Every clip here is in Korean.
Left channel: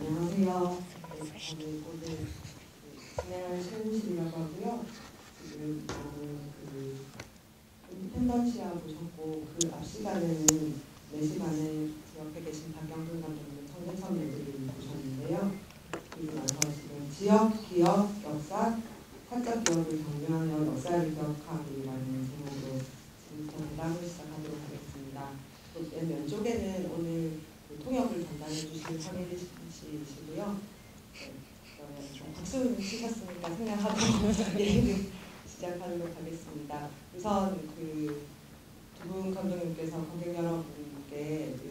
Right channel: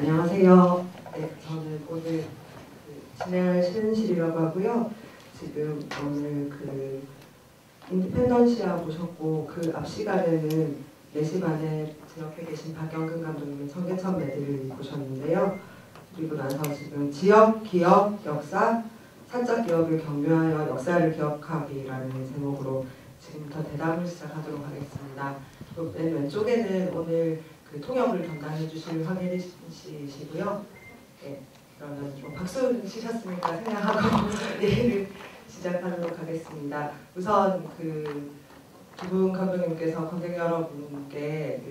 안녕하세요. 네, 저는 오늘 진행할 신은실이라고 하고요. 지금 오늘 인디펜던시아 보셨고 그 앞 시간에는 4시 반에 제 옆에 계신 박영근 감독님의 청계천 매드를 보셨는데요. 그리고 나서 지금 지역, 기업, 역사, 사적 기업을 경유하여 역사를 기억하기라는 제목으로 지금부터 대담을 시작하도록 하겠습니다. 또 맨 왼쪽에는 오늘 통역을 담당해 주실 황혜리 씨시고요. 네, 그러면 박수 치셨으니까 생각하고 얘기를 시작하도록 하겠습니다. 우선 두 분 감독님께서 관객 여러분께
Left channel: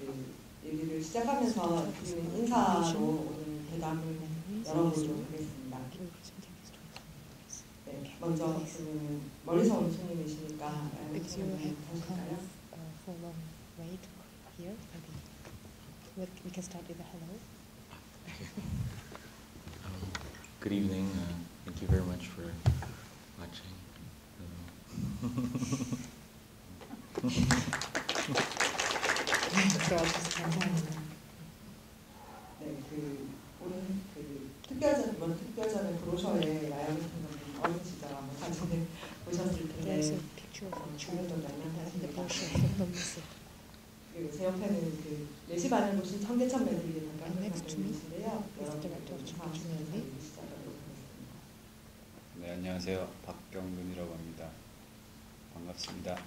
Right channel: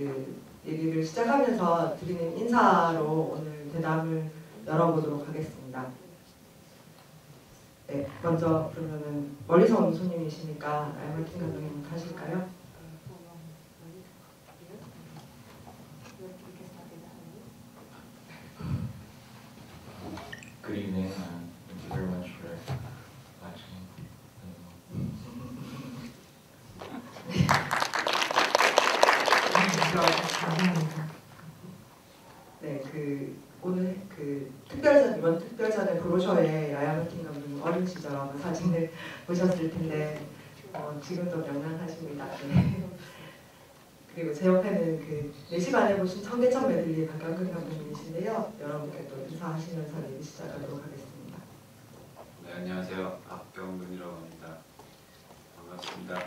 얘기를 시작하면서 드리는 인사로 오늘 대담을 열어보도록 하겠습니다. 네, 먼저 그러면은 멀리서 온 손님이시니까 알맞은 감독님 하실까요? We can start with the hello. Good evening. Thank you very much for watching. 네, 오늘 이번 특별전의 브로셔에 야야버틴 감독님 어린 시절 아마 사진을 보셨을 텐데 지금도 명랑하십니다. 네. 그리고 제 옆에는 4시 반에 보신 청계천 메들리 박영근 감독님이신데요. 여러분께도 인사하시면서 시작하도록 하겠습니다. 네, 안녕하세요. 박경근이라고 합니다. 반갑습니다.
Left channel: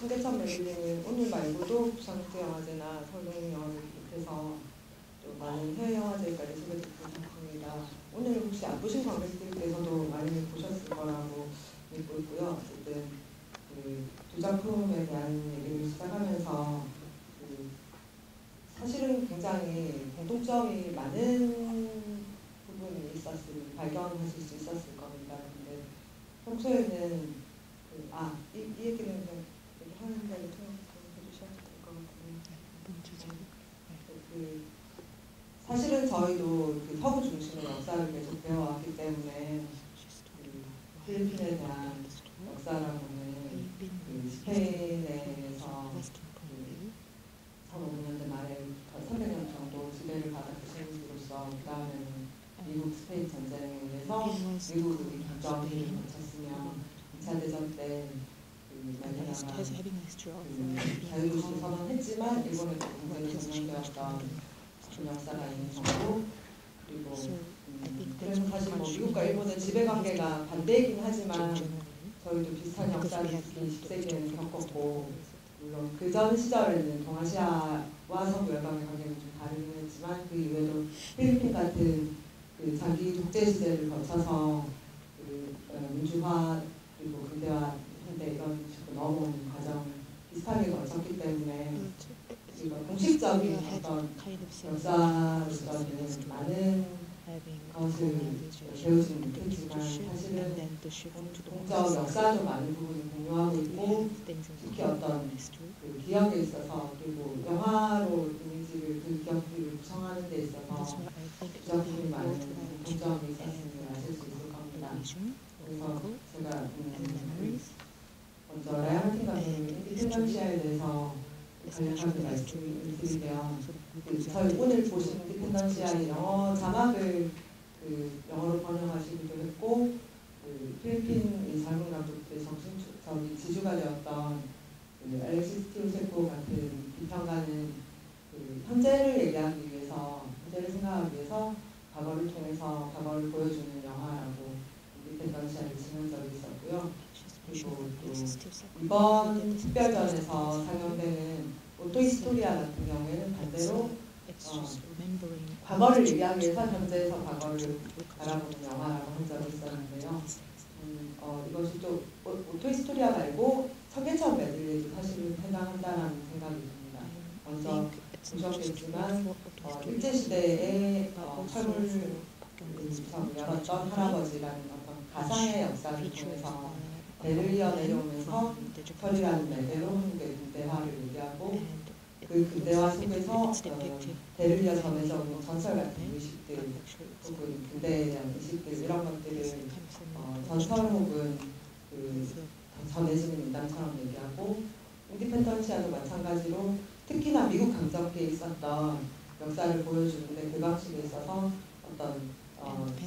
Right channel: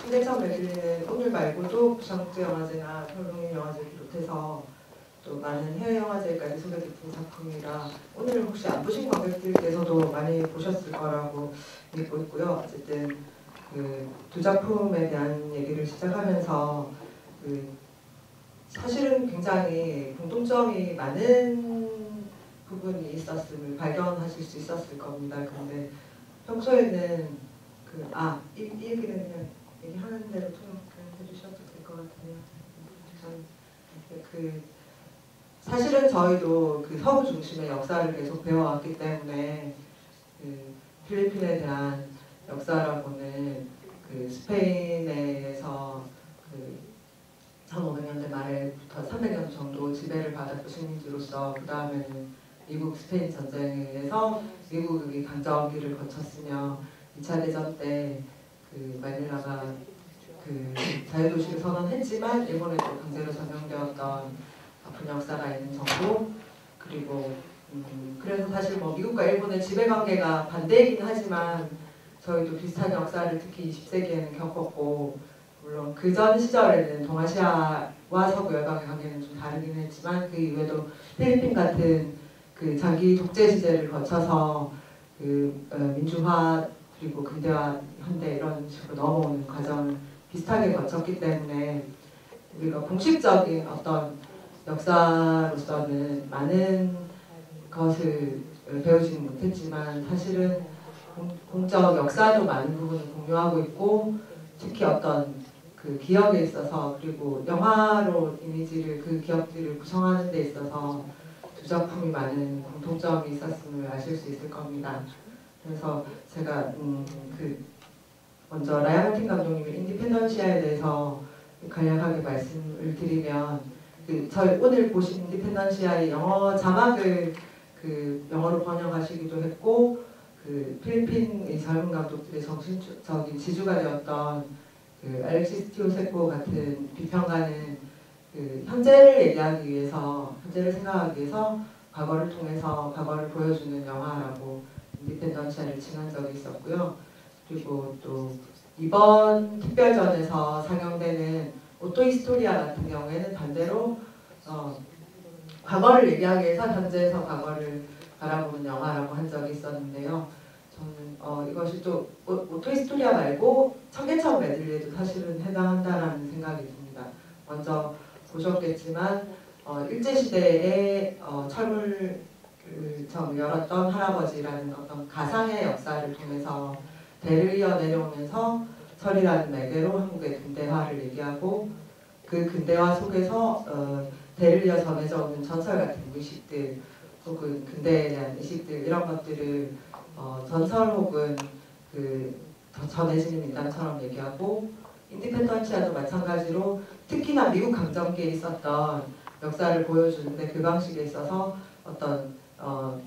청계천 메들리는 오늘 말고도 부산국제영화제나 서울국립영화제를 비롯해서 또 많은 해외 영화제까지 소개됐던 작품이라 오늘 혹시 안 보신 관객들께서도 많이 보셨을 거라고 믿고 있고요. 어쨌든 두 작품에 대한 얘기를 시작하면서 사실은 굉장히 공통점이 많은 부분이 있었음을 발견하실 수 있었을 겁니다. 그런데 평소에는 이 얘기는 그냥 얘기하는 대로 해주셔도 될 것 같아요. 사실은 저희도 서부 중심의 역사를 계속 배워왔기 때문에 필리핀에 대한 역사라고는 스페인에서 1500년대 말에부터 300년 정도 지배를 받았던 식민지로서 그 다음에는 미국 스페인 전쟁에 의해서 미국이 강점기를 거쳤으며 2차 대전 때 마닐라가 자유도시를 선언했지만 일본에서 강제로 점령되었던 그 역사가 있는 정도. 그리고 그래서 사실 미국과 일본의 지배관계가 반대이긴 하지만 저희도 비슷한 역사를 특히 20세기에는 겪었고 물론 그전 시절에는 동아시아와 서구 열강의 관계는 좀 다르긴 했지만 그 이후에도 필리핀 같은 자기 독재 시대를 거쳐서 민주화 그리고 근대화 현대 이런 식으로 넘어오는 과정을 비슷하게 거쳤기 때문에 우리가 공식적인 어떤 역사로서는 많은 것을 배우지는 못했지만 사실은 공적 역사도 많은 부분을 공유하고 있고 특히 어떤 기억에 있어서 그리고 영화로 이미지를 기억들을 구성하는 데 있어서 두 작품이 많은 공통점이 있었음을 아실 수 있을 겁니다. 그래서 제가 먼저 라이언 감독님의 인디펜던시아에 대해서 간략하게 말씀을 드리면 저희 오늘 보신 인디펜던시아의 영어 자막을 영어로 번역하시기도 했고 필리핀의 젊은 감독들의 정신적인 지주가 되었던 알렉시스 티오세코 같은 비평가는 현재를 얘기하기 위해서 현재를 생각하기 위해서 과거를 통해서 과거를 보여주는 영화라고 인디펜던시아를 칭한 적이 있었고요. 그리고 또 이번 특별전에서 상영되는 오토히스토리아 같은 경우에는 반대로 과거를 얘기하기 위해서 현재에서 과거를 바라보는 영화라고 한 적이 있었는데요. 저는 이것이 또 오토히스토리아 말고 청계천 메들리에도 사실은 해당한다라는 생각이 듭니다. 먼저 보셨겠지만 일제시대에 철물점 열었던 할아버지라는 어떤 가상의 역사를 통해서 대를 이어 내려오면서 철이라는 매개로 한국의 근대화를 얘기하고 그 근대화 속에서 대를 이어 전해져 오는 전설 같은 의식들 혹은 근대에 대한 의식들 이런 것들을 전설 혹은 전해지는 민담처럼 얘기하고 인디펜던치아도 마찬가지로 특히나 미국 강점기에 있었던 역사를 보여주는데 그 방식에 있어서 어떤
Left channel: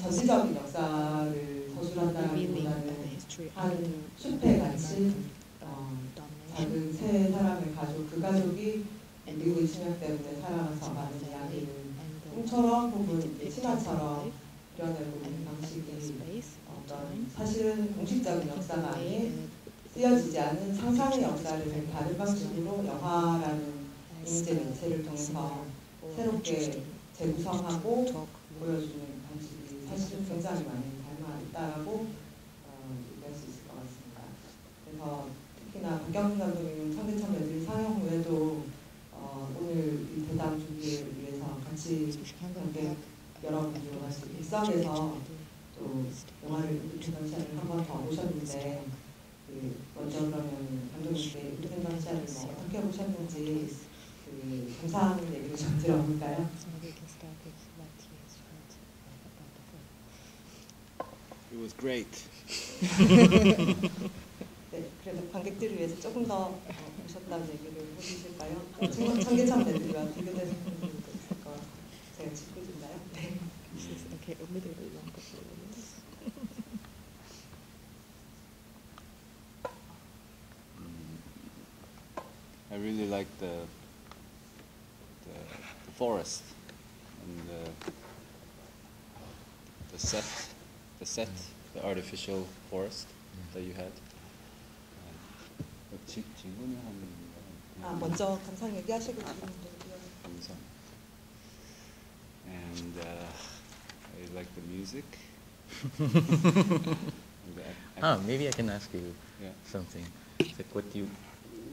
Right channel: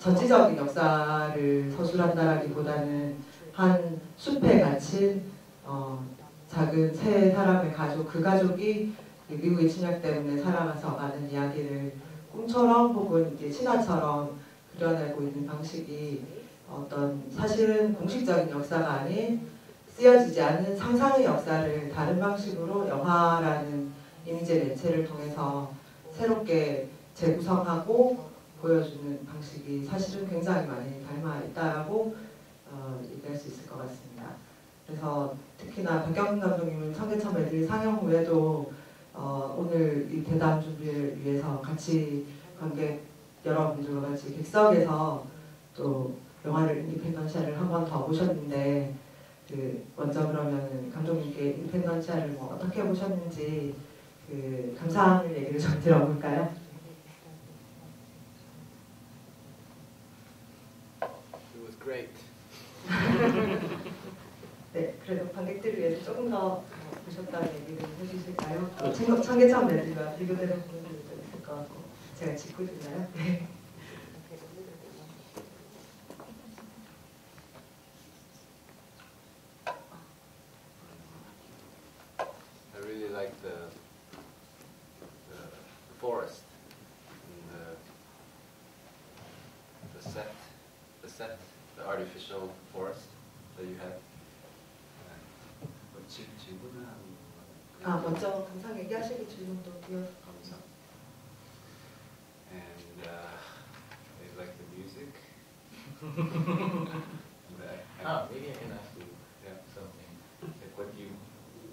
전시적인 역사를 서술한다기보다는 한 숲에 갇힌 작은 세 사람의 가족, 그 가족이 미국의 침략 때문에 살아가서 가는 이야기를 꿈처럼 혹은 이게 신화처럼 그려내고 있는 방식이 어떤 사실은 공식적인 역사가 아닌 쓰여지지 않은 상상의 역사를 다른 방식으로 영화라는 임재 매체를 통해서 새롭게 재구성하고 보여주는 방식이 사실은 굉장히 많이 닮아 있다라고 얘기할 수 있을 것 같습니다. 그래서 특히나 박영훈 감독님은 청계천 매질 상영 후에도 오늘 이 대담 준비를 위해서 같이 관객 여러분들과 같이 객석에서 또 영화를 인디펜던시아를 한 번 더 보셨는데 먼저 그러면 감독님께 인디펜던시아를 뭐 어떻게 보셨는지 감상을 얘기를 좀 들어볼까요? It was great. 네, 그래도 관객들을 위해서 조금 더 보셨다는 얘기를 해주실까요? 청계천 매질과 비교돼서 보는 것도 있을 것 같고 제가 짚고 있나요? 네. I really liked the forest and the artificial forest that you had. 먼저 감상 얘기하시고 질문도 감사. And I like the music. Maybe I can ask you Yeah. something.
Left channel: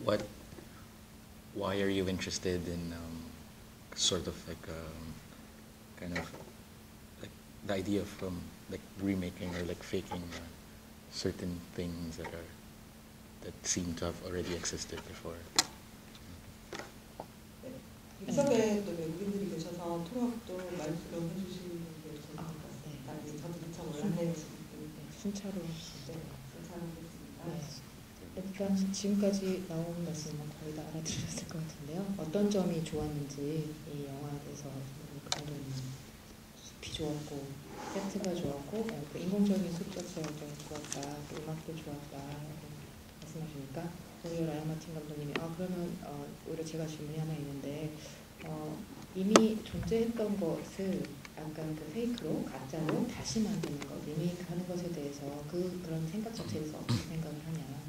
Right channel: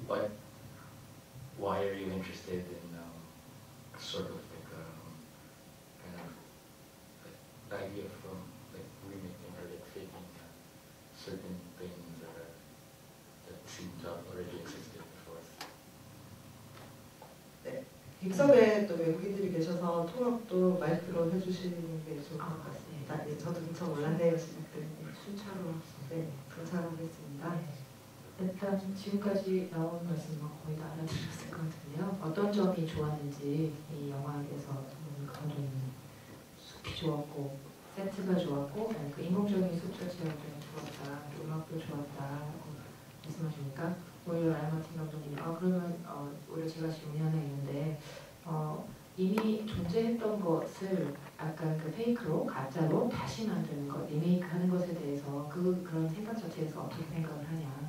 Like why are you interested in sort of like kind of like the idea of like remaking or like faking certain things that seem to have already existed before? 객석에 또 외국인들이 계셔서 통역도 마이크로 해주시는 게 좋을 것 같습니다. 네, 저도 엄청 놀랐네요. 순차로 네, 감사하겠습니다. 일단 지금까지 나온 말씀 거의 다 알아들었을 것 같은데요. 어떤 점이 좋았는지 이 영화에 대해서 감독님 숲이 좋았고 세트가 좋았고 그 인공적인 숲 자체가 좀 좋았다. 음악도 좋았다. 말씀하시니까 오히려 라이마틴 감독님이 그러면 올해 제가 질문이 하나 있는데 이미 존재했던 것을 약간 그 페이크로 가짜로 다시 만드는 것, 리메이크하는 것에 대해서 그런 생각 자체에서 어떻게 생각을 하냐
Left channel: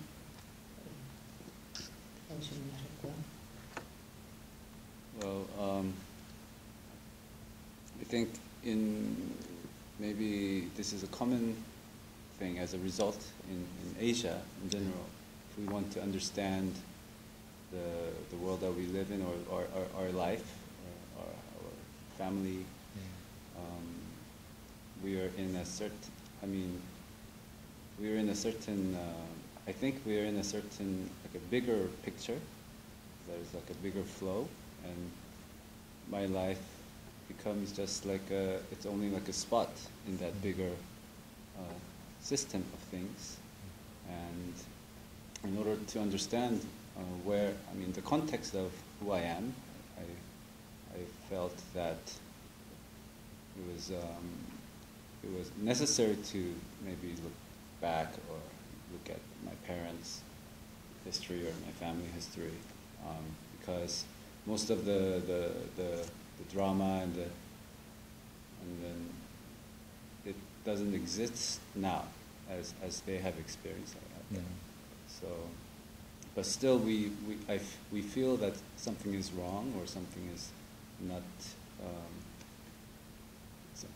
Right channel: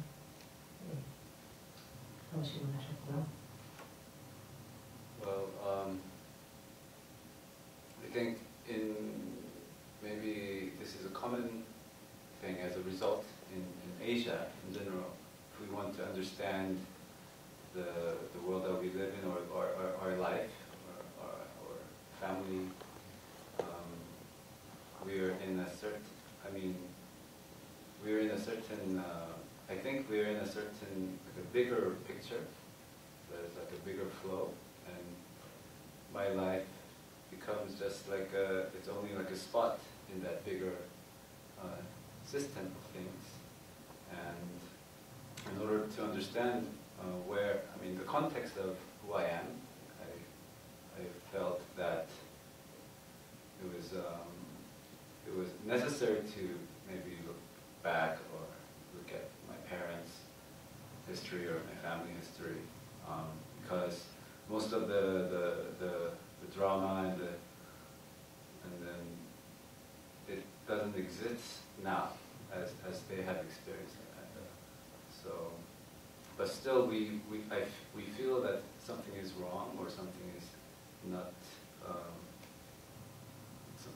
라고 질문하셨고요. Well, I think maybe this is a common thing as a result in Asia in general. If we want to understand the world that we live in, or our life, or our family, we are in a certain. I mean, we are in a certain. I think we are in a certain like a bigger picture. There's like a bigger flow, and my life becomes just like it's only like a spot in that bigger system of things. And in order to understand the context of who I am, I felt that it was necessary to maybe look back or look at my parents' history or my family history, because most of the drama and then it doesn't exist now as they have experienced it. So, but still we feel that something is wrong or something is not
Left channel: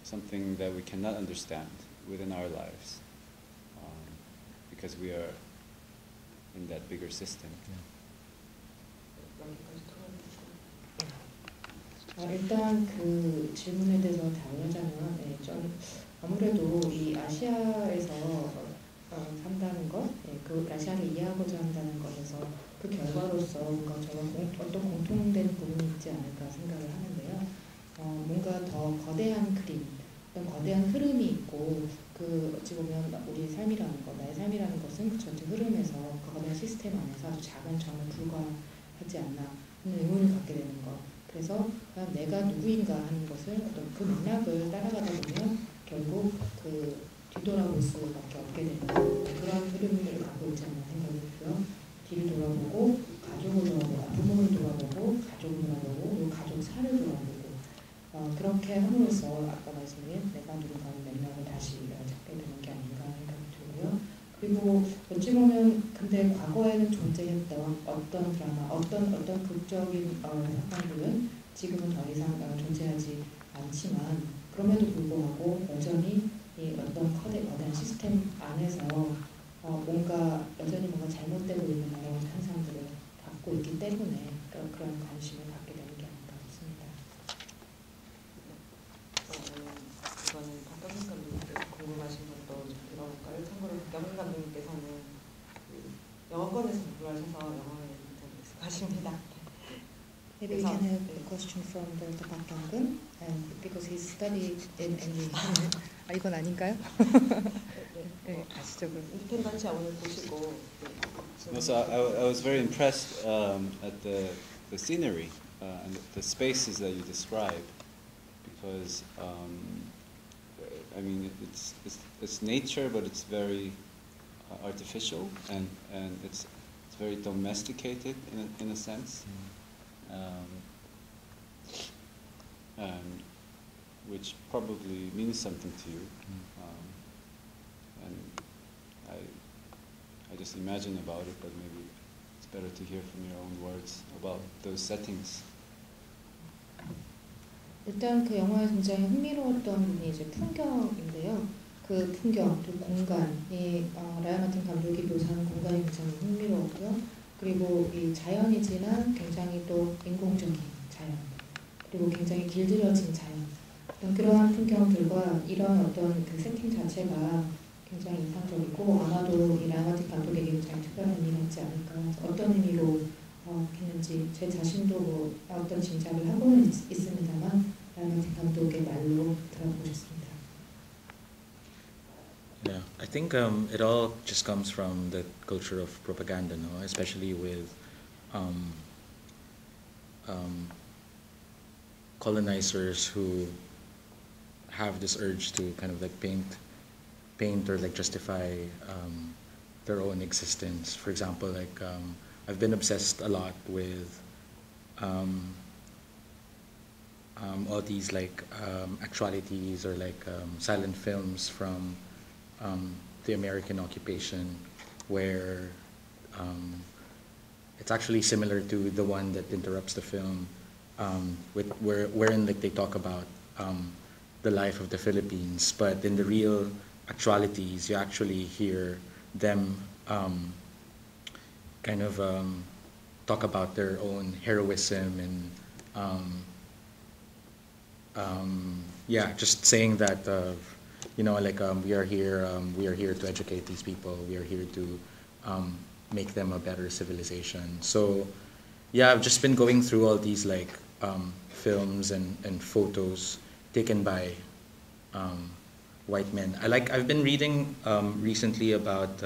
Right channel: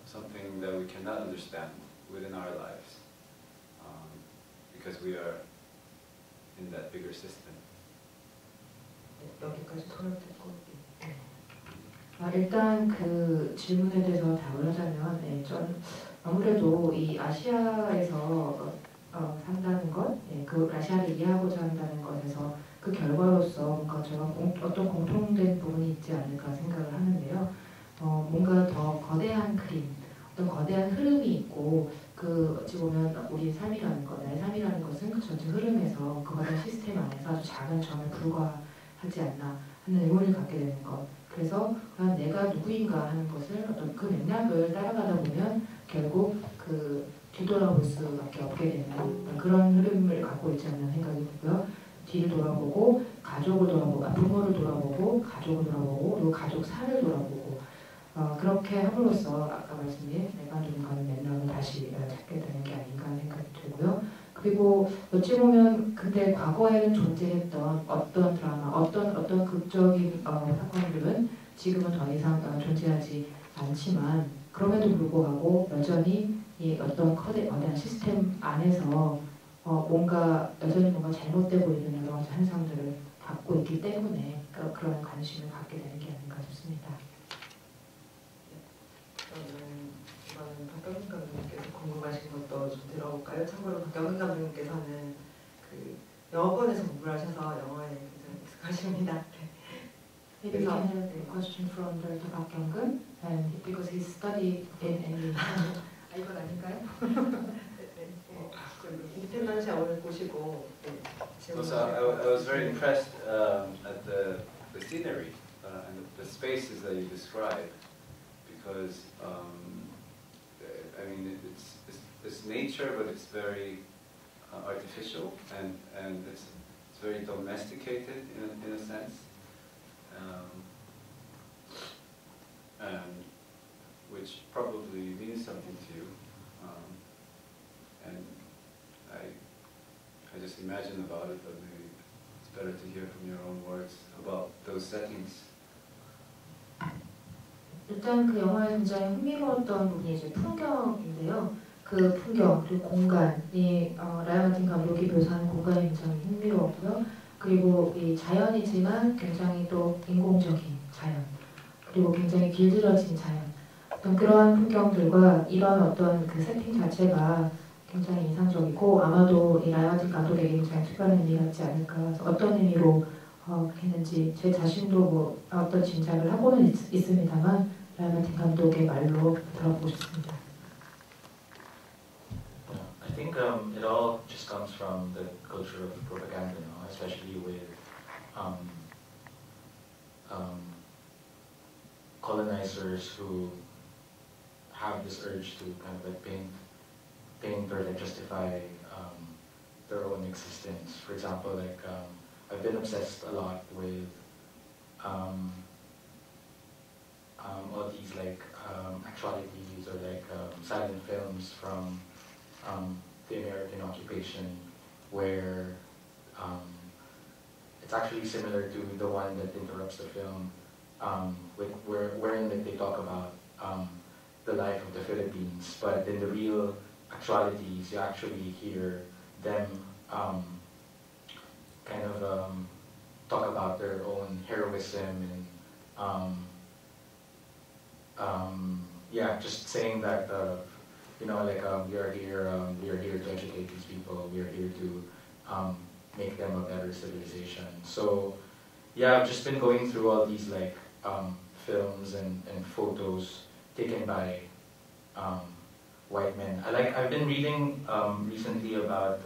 something that we cannot understand within our lives, because we are in that bigger system. 여기까지 손을 뻗고. 일단 그 질문에 대해서 답을 하자면, 저는 아무래도 이 아시아에서 산다는 것, 그 아시아를 이해하고자 한다는 것에서 그 결과로서 뭔가 저와 어떤 공통된 부분이 있지 않을까 생각을 하는데요. 뭔가 더 거대한 그림, 어떤 거대한 흐름이 있고, 어찌 보면 우리 삶이라는 것, 나의 삶이라는 것은 그 전체 흐름에서 그 거대한 시스템 안에서 아주 작은 점에 불과한 하는 의문을 갖게 되는 것. 그래서 과연 내가 누구인가 하는 것을 어떤 그 맥락을 따라가다 보면 결국 그 뒤돌아볼 수밖에 없게 되는 그런 흐름을 갖고 있지 않나 생각이 들고요. 뒤를 돌아보고 가족을 돌아보고 부모를 돌아보고 가족을 돌아보고 그리고 가족 사를 돌아보고 그렇게 함으로써 아까 말씀드린 내가 누군가는 맥락을 다시 찾게 되는 게 아닌가 생각이 들고요. 그리고 어찌 보면 근데 과거에는 존재했던 어떤 드라마, 어떤 극적인 상황들은 지금은 더 이상 존재하지 않지만 그럼에도 불구하고 여전히 이 어떤 어떤 시스템 안에서 여전히 뭔가 잘못되고 있는 여러 가지 현상들을 갖고 있기 때문에 그런 관심을 갖게 되는 게 아닌가 싶습니다. 저는 박경훈 감독님께서 궁금하신 것도 좀 들어볼까요? 참고로 박경훈 감독님께서는 그 영어권에서 공부를 하셔서 영어에 굉장히 익숙하십니다. Maybe we can have a question from the Park Kyung-gun, because he studied in a 이건 아닌가요? 네, 가시죠 그럼. 인터넷 오늘 보시고 Also, I was very impressed at the scenery and the spaces that you describe, because I mean it's nature, but it's very artificial and it's very domesticated in a sense, and which probably means something to you. And I just imagine about it, but maybe it's better to hear from your own words about those settings. 일단 그 영화에 굉장히 흥미로웠던 부분이 이제 풍경인데요. 그 풍경 그리고 공간이 라이언 감독이 묘사하는 공간이 굉장히 흥미로웠고요. 그리고 이 자연이지만 굉장히 또 인공적인 자연 그리고 굉장히 길들여진 자연 그런 풍경들과 이런 어떤 그 세팅 자체가 굉장히 인상적이고 아마도 이 라이언 감독에게 굉장히 특별한 의미였지 않을까 어떤 의미로 했는지 제 자신도 뭐 어떤 짐작을 하고는 있습니다만 라이언 감독의 말로 들어보고 싶습니다. Yeah, I think it all just comes from the culture of propaganda, no? Especially with colonizers who have this urge to kind of like paint or like justify their own existence. For example, like I've been obsessed a lot with all these like actualities or like silent films from the American occupation, where it's actually similar to the one that interrupts the film, wherein like they talk about the life of the Philippines, but in the real actualities, you actually hear them kind of talk about their own heroism and yeah, just saying that you know, like we are here to educate these people. We are here to make them a better civilization. So yeah, I've just been going through all these like films and photos taken by white men. I've been reading recently about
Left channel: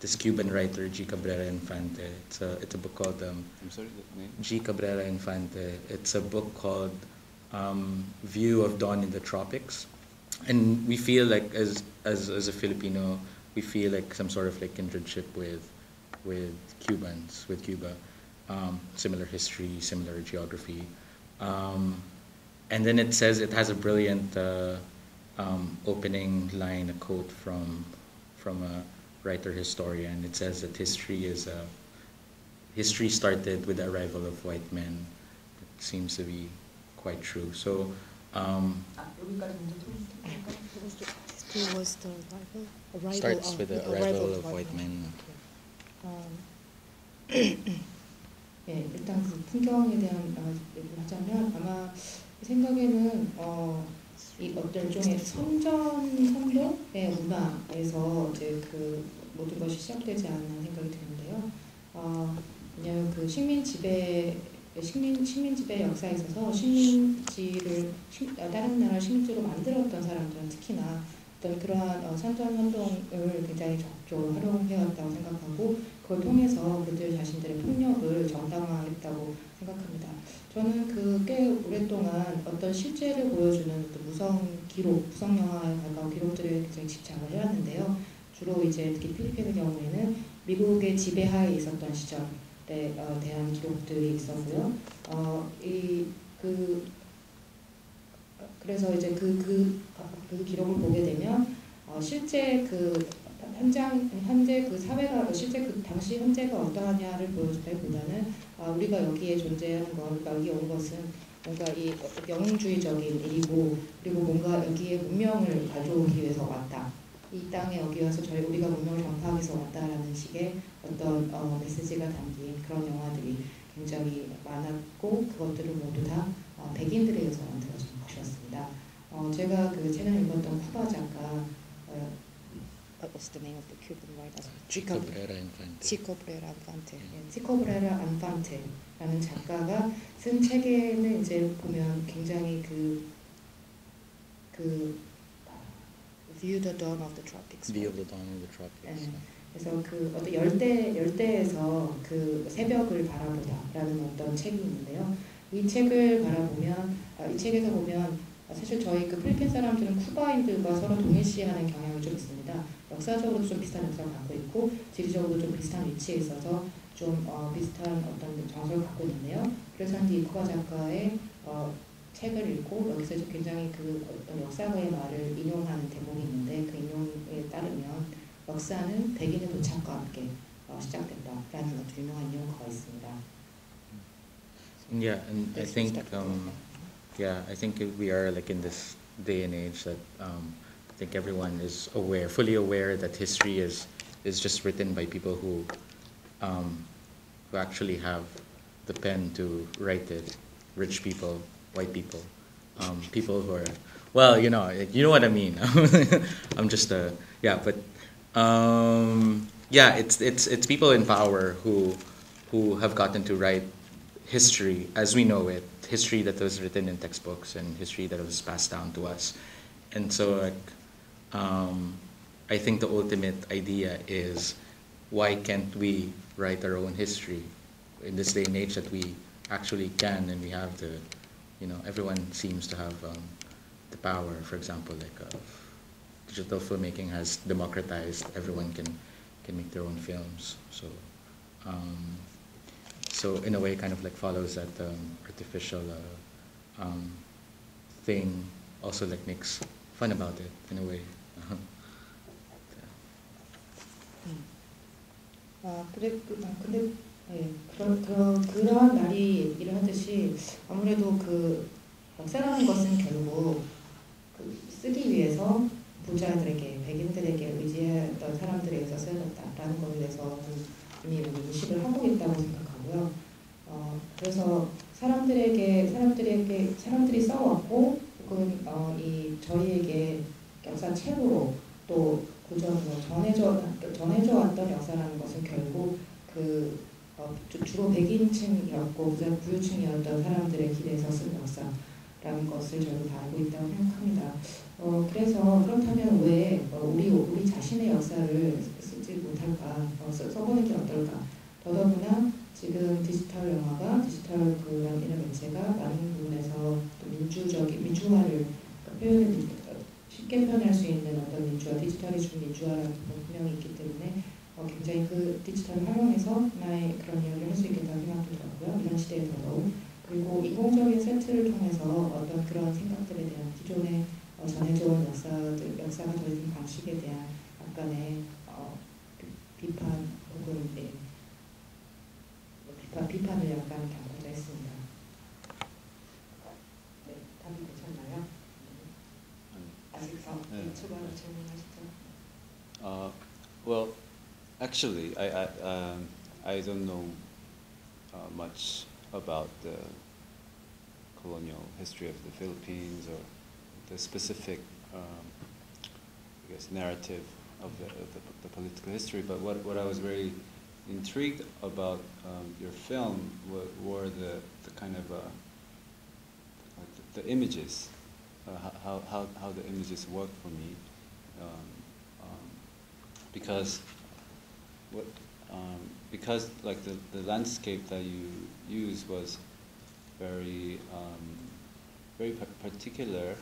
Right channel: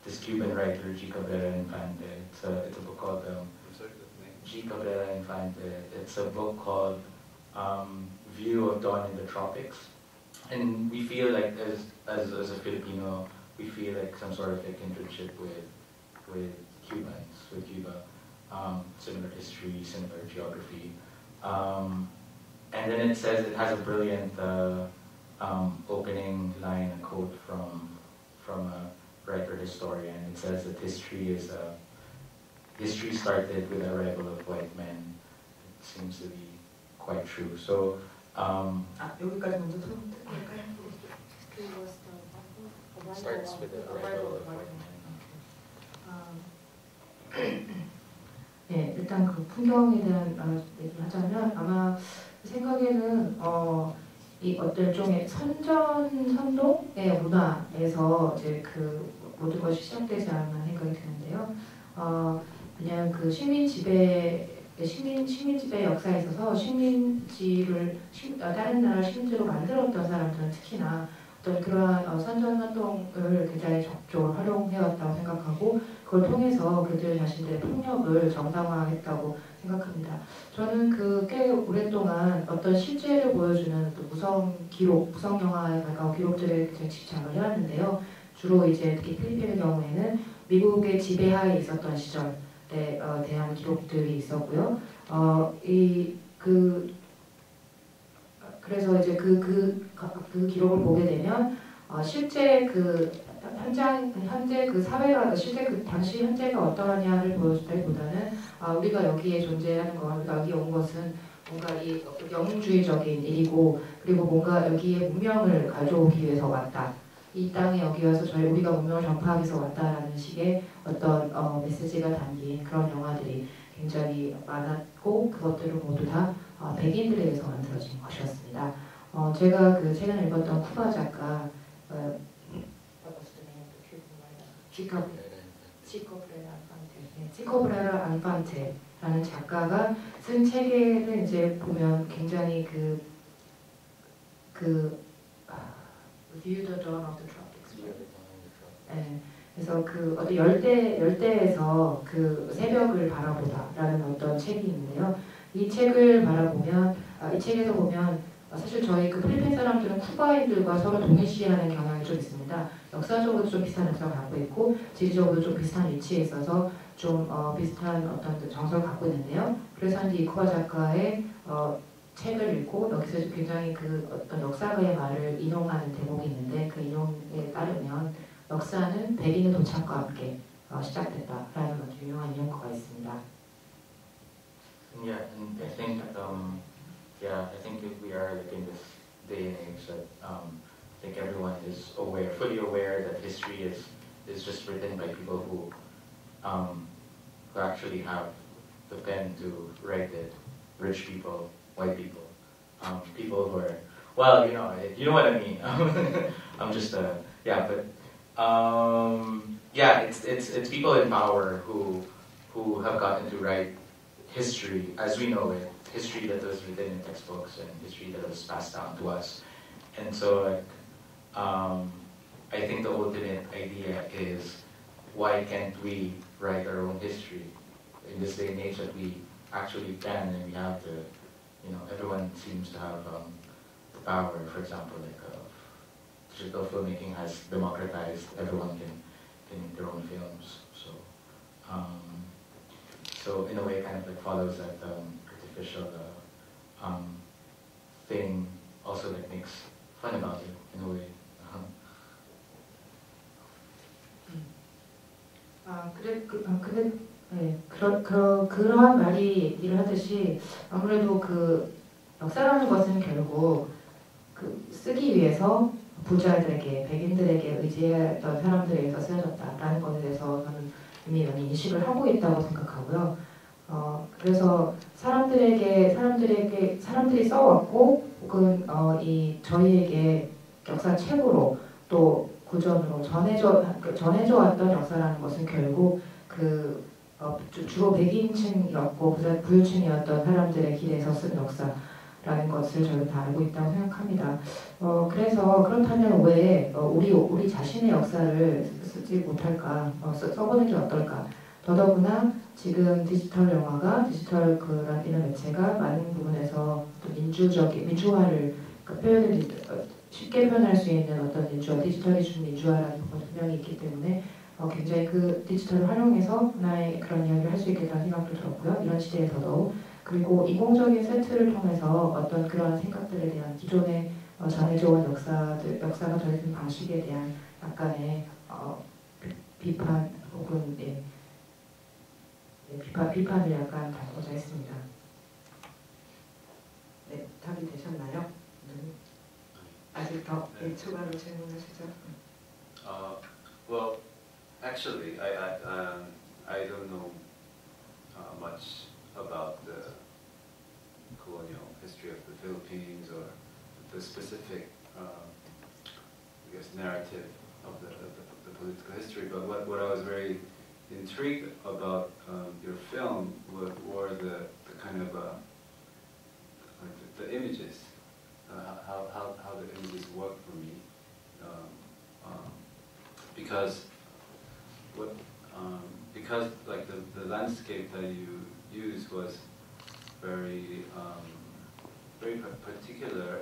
this Cuban writer G. Cabrera Infante. It's a book called I'm sorry, the name? G. Cabrera Infante. It's a book called View of Dawn in the Tropics, and we feel like as a Filipino, we feel like some sort of like kindredship with Cubans, with Cuba, similar history, similar geography, and then it says it has a brilliant opening line, a quote from a writer historian. It says that history started with the arrival of white men. It seems to be quite true. So 여기까지 먼저 It was the arrival starts with the arrival of white men. 예, 일단 그 풍경에 대한 얘기를 하자면 아마 생각에는 이 어떤 일종의 선종의 문화에서 이제 그 모든 것이 시작되지 않았나 생각이 드는데요. 그냥 그 시민 지배 역사에 있어서 다른 나라 식민지로 만들었던 사람들은 특히나 어떤 그러한 선전 활동을 굉장히 적극적으로 활용해왔다고 생각하고 그걸 통해서 그들 자신들의 폭력을 정당화했다고 생각합니다. 저는 그 꽤 오랫동안 어떤 실제를 보여주는 무성 기록, 무성 영화에 가까운 기록들에 굉장히 집착을 해왔는데요. 주로 이제 특히 필리핀의 경우에는 미국의 지배하에 있었던 시절에 대한 기록들이 있었고요. 그래서 이제 그 기록을 보게 되면 실제 그 현재 그 사회가 실제 그 당시 현재가 어떠하냐를 보여준다기보다는 우리가 여기에 존재하는 건 여기에 온 것은 뭔가 이 영웅주의적인 일이고 그리고 뭔가 여기에 문명을 가져오기 위해서 왔다. 이 땅에 여기 와서 우리가 문명을 전파하기 위해서 왔다라는 식의 어떤 메시지가 담긴 그런 영화들이 굉장히 많았고 그것들을 모두 다 백인들에 의해서 만들어진 것이었습니다. 제가 그 최근에 읽었던 쿠바 작가 What was the name of the Cuban writer? Chico Brera Infante. Chico Brera Infante. Chico Brera Infante라는 작가가 쓴 책에는 이제 보면 굉장히 View the Dawn of the Tropics. View the Dawn of the Tropics. 네. 그래서 그 어떤 열대에서 그 새벽을 바라보다라는 어떤 책이 있는데요. 이 책을 바라보면 이 책에서 보면 사실 저희 그 필리핀 사람들은 쿠바인들과 서로 동일시하는 경향이 좀 있습니다. 역사적으로 좀 비슷한 역사를 갖고 있고 지리적으로 좀 비슷한 위치에 있어서 좀 비슷한 어떤 정서를 갖고 있는데요. 그래서 이 쿠바 작가의 책을 읽고 여기서 굉장히 그 어떤 역사가의 말을 인용하는 대목이 있는데 그 인용에 따르면 역사는 백인의 도착과 함께 시작된다라는 아주 유명한 인용어가 있습니다. Yeah, and I think I think we are like in this day and age that I think everyone is fully aware that history is just written by people who actually have the pen to write it. Rich people, white people, people who are, well, you know what I mean. I'm just it's people in power who have gotten to write history as we know it, history that was written in textbooks and history that was passed down to us. And so I think the ultimate idea is, why can't we write our own history in this day and age that we actually can, and we have the, everyone seems to have the power. For example, like digital filmmaking has democratized, everyone can make their own films. So in a way, kind of like follows that artificial thing, also that makes fun about it in a way. 그러한 말이 얘기를 하듯이 아무래도 그 역사라는 것은 결국 쓰기 위해서 부자들에게, 백인들에게 의지했던 사람들에 의해서 쓰여졌다라는 것에 대해서 이미 인식을 하고 있다고 생각하고요. 그래서 사람들이 써왔고 혹은 저희에게 역사책으로 또 구전으로 전해져 왔던 역사라는 것은 결국 주로 백인층이었고 부유층이었던 사람들의 길에서 쓴 역사라는 것을 저는 다 알고 있다고 생각합니다. 그래서 그렇다면 왜 우리 자신의 역사를 쓰지 못할까, 써보는 게 어떨까? 더더구나 지금 디지털 영화가, 디지털 이런 매체가 많은 부분에서 또 민주화를 쉽게 표현할 수 있는 어떤 디지털이 준 민주화라는 부분 분명히 있기 때문에 굉장히 그 디지털을 활용해서 하나의 그런 이야기를 할 수 있겠다는 생각도 들었고요. 이런 시대에 더더욱. 그리고 인공적인 세트를 통해서 어떤 그런 생각들에 대한 기존의 전해져온 역사가 전해진 방식에 대한 약간의 비판 혹은 비판을 약간 갖고자 했습니다. 네, 답이 되셨나요? 아직 더 추가로 질문하시죠? Well, actually, I don't know much about the colonial history of the Philippines or the specific, I guess, narrative of the political history. But what I was very intrigued about your film were the kind of the images, how the images work for me, because because like the landscape that you use was very very particular,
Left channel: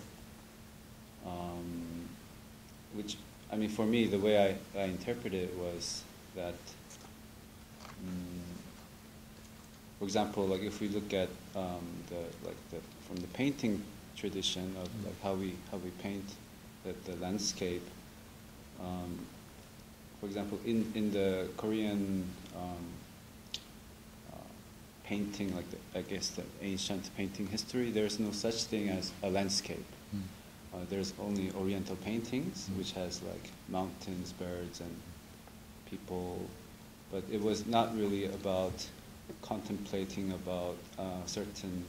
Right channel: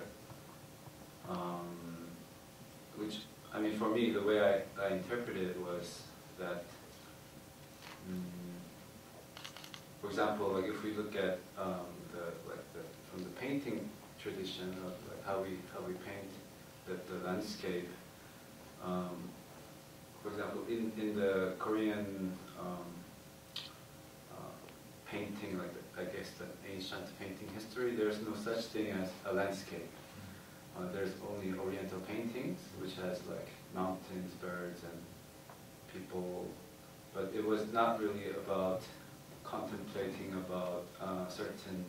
which I mean for me the way I interpreted it was that, for example, like if we look at from the painting tradition of like how we paint the landscape. For example, in the Korean painting, like I guess the ancient painting history, there is no such thing as a landscape. There's only Oriental paintings, which has like mountains, birds, and people, but it was not really about contemplating about certain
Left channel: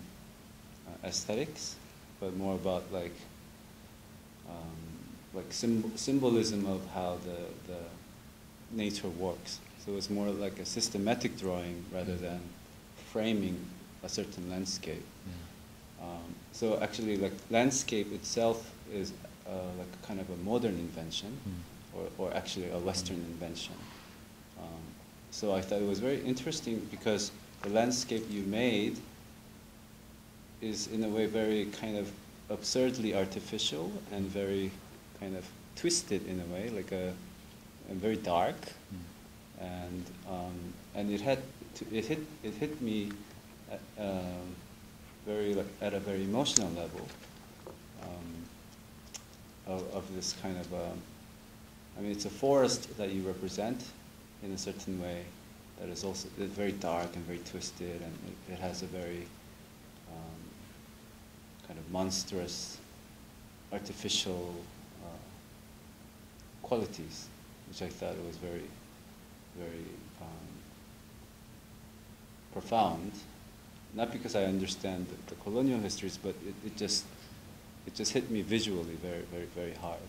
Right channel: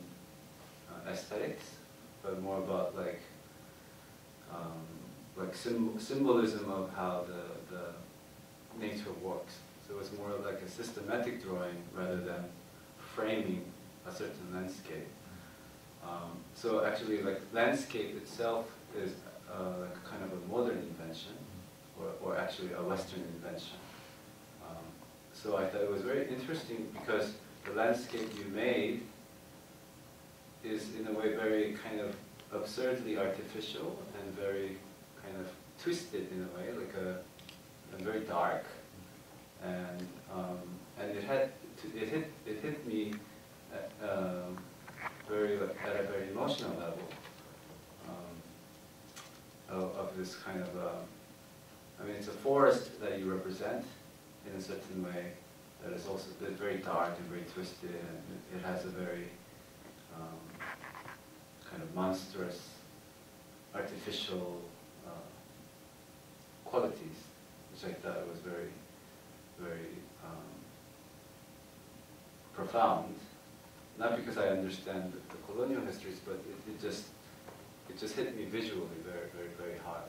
aesthetics, but more about like symbolism of how the nature works. So it was more like a systematic drawing rather than framing a certain landscape. So actually, like landscape itself is like kind of a modern invention, or actually a Western invention. So I thought it was very interesting because the landscape you made is in a way very kind of absurdly artificial and very kind of twisted in a way, like and very dark, and it hit me at a very emotional level of this kind of I mean it's a forest that you represent in a certain way that is also very dark and very twisted, and it has a very kind of monstrous, artificial qualities, which I thought was very, very profound. Not because I understand the colonial histories, but it just hit me visually very, very, very hard.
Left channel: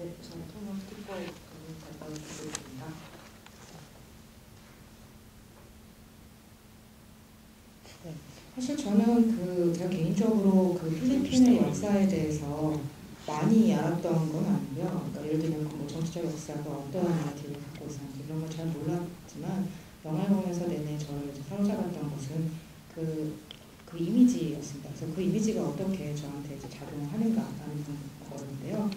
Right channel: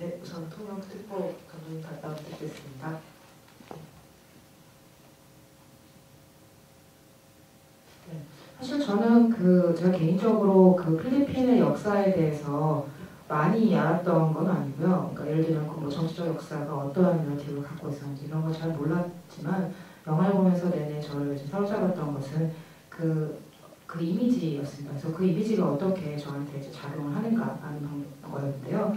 네, 우선 통역 듣고 한번 갔다 오겠습니다. 사실 저는 제가 개인적으로 필리핀의 역사에 대해서 많이 알았던 건 아니고요. 그러니까 예를 들면 정치적 역사가 어떠한 나라티브를 갖고 있었는지 이런 걸 잘 몰랐지만 영화를 보면서 내내 저를 사로잡았던 것은 그 이미지였습니다. 그래서 그 이미지가 어떻게 저한테 이제 작용을 하는가라는 거였는데요.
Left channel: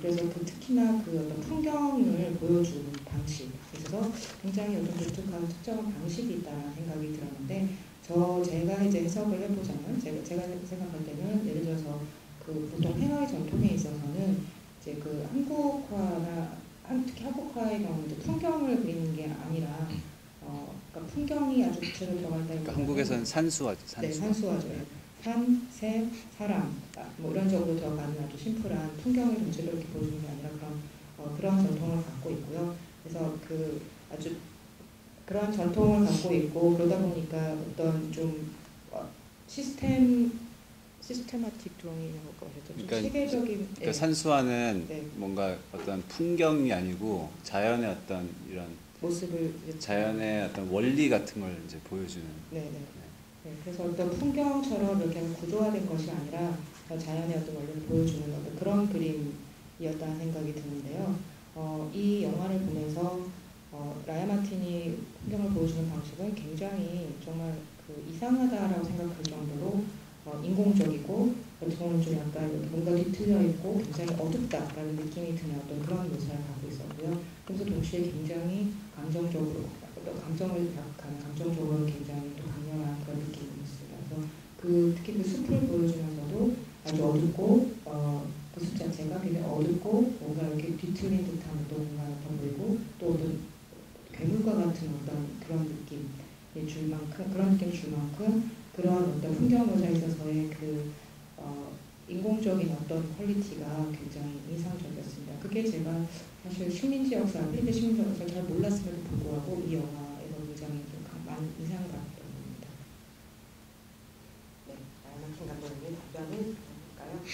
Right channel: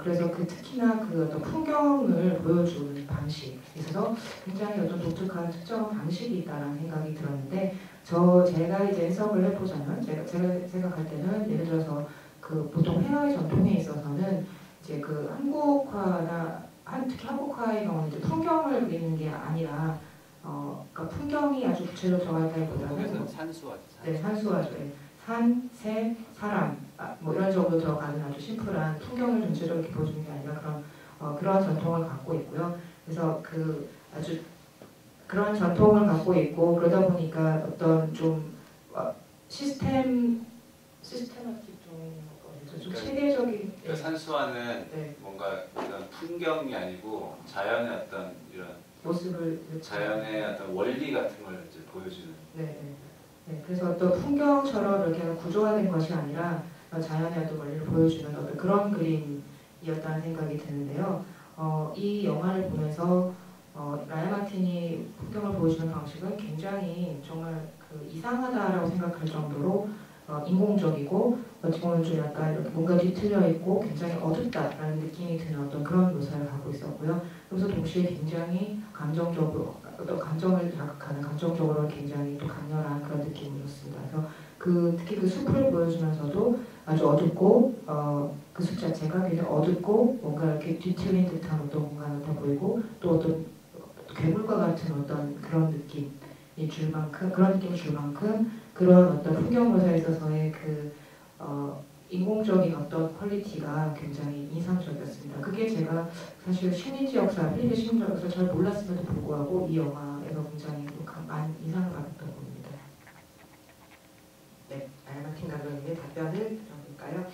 그래서 특히나 어떤 풍경을 보여준 방식에 있어서 굉장히 어떤 독특한 특정 방식이 있다는 생각이 들었는데 제가 이제 해석을 해보자면 제가 생각할 때는 예를 들어서 보통 회화의 전통에 있어서는 이제 한국화나 특히 한국화의 경우는 이제 풍경을 그리는 게 아니라 그러니까 풍경이 아주 구체로 정하는 한국에서는 산수화죠. 네, 산수화죠. 산, 새, 사람 뭐 이런 식으로 들어가는 아주 심플한 풍경을 전체적으로 보여주는 게 아니라 그런 전통을 갖고 있고요. 그래서 아주 그런 전통을 갖고 있고 그러다 보니까 어떤 좀 시스테마틱 드로잉이라고 그러죠. 그러니까, 체계적인 그러니까 산수화는 네. 뭔가 어떤 풍경이 아니고 자연의 어떤 이런 모습을 자연의 어떤 원리 같은 걸 이제 보여주는. 네, 그래서 어떤 풍경처럼 이렇게 구조화된 것이 아니라 자연의 어떤 원리를 보여주는 그런 그림이었다는 생각이 드는데요. 이 영화를 보면서 라이언 마틴이 풍경을 보여주는 방식은 굉장히 정말 이상하다라고 생각할 정도로 인공적이고 어떻게 보면 좀 약간 뭔가 뒤틀려 있고 굉장히 어둡다라는 느낌이 드는 어떤 그런 묘사를 갖고 있었고요. 그래서 동시에 굉장히 감정적으로 감정을 자극하는 감정적으로 굉장히 또 강렬한 그런 느낌이었습니다. 그래서 특히 숲을 보여주면서도 아주 어둡고 그 숲 자체가 굉장히 어둡고 뭔가 이렇게 뒤틀린 듯한 어떤 공간을 더 보이고 또 어떤 괴물과 같은 어떤 그런 느낌이 줄 만큼 그런 어떤 풍경 묘사에 있어서의 인공적인 어떤 퀄리티가 굉장히 인상적이었습니다. 그게 제가 사실 식민지 역사, 필리핀 식민지 역사를 잘 몰랐음에도 불구하고 이 영화에서 굉장히 많이 인상을 받았던 겁니다. 네, 라이언 마틴 감독님의 답변을 들어볼까요?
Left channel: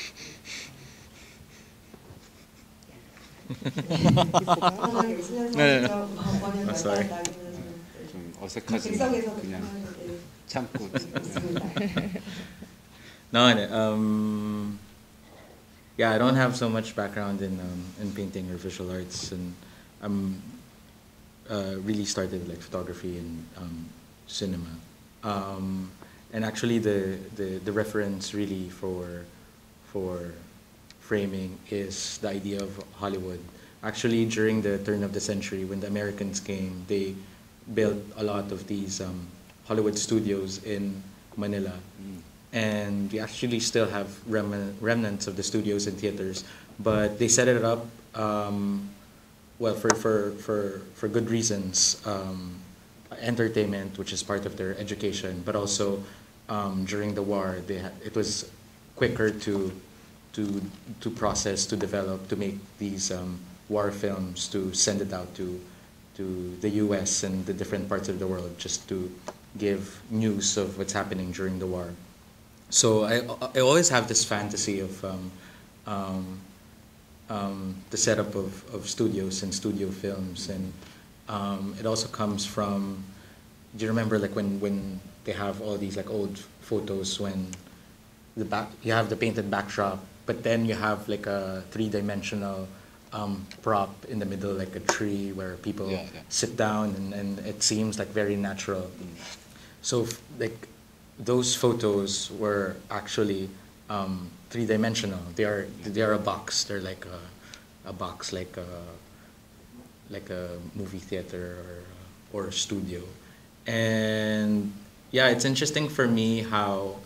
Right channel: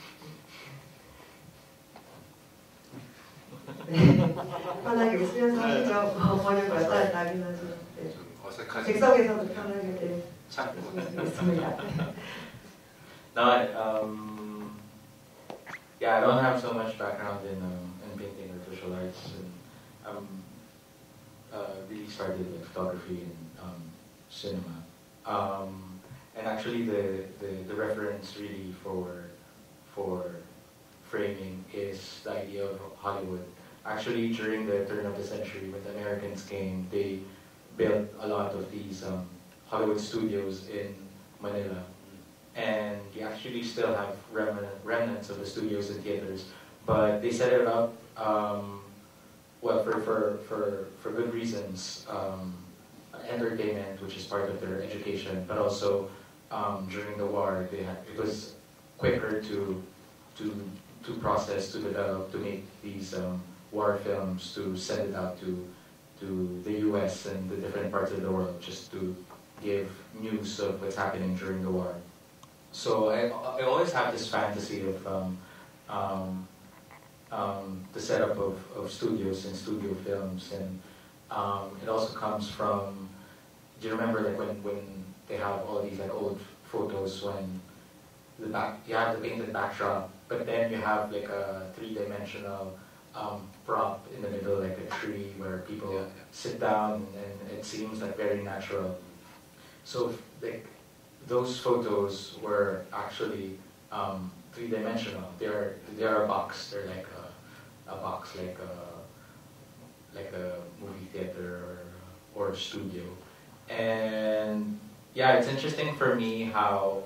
편하게 수행하시죠. 번역을 아니면 좀 어색하지. 객석에서도 그냥 편하게 참고. 있습니다. No, yeah, I don't have so much background in painting or visual arts, and really started like photography and cinema. And actually, the reference really for framing is the idea of Hollywood. Actually, during the turn of the century, when the Americans came, they built a lot of these Hollywood studios in Manila. And we actually still have remnants of the studios and theaters, but they set it up well for good reasons. Entertainment, which is part of their education, but also during the war, it was quicker to process, to develop, to make these war films, to send it out to the U.S. and the different parts of the world, just to give news of what's happening during the war. So I always have this fantasy of the setup of studios and studio films, and it also comes from, do you remember like when they have all these like old photos when you have the painted backdrop, but then you have like a three-dimensional prop in the middle, like a tree where people sit down, and it seems like very natural. So like those photos were actually three-dimensional. They are a box. They're like a box, like a movie theater or a studio. And yeah, it's interesting for me how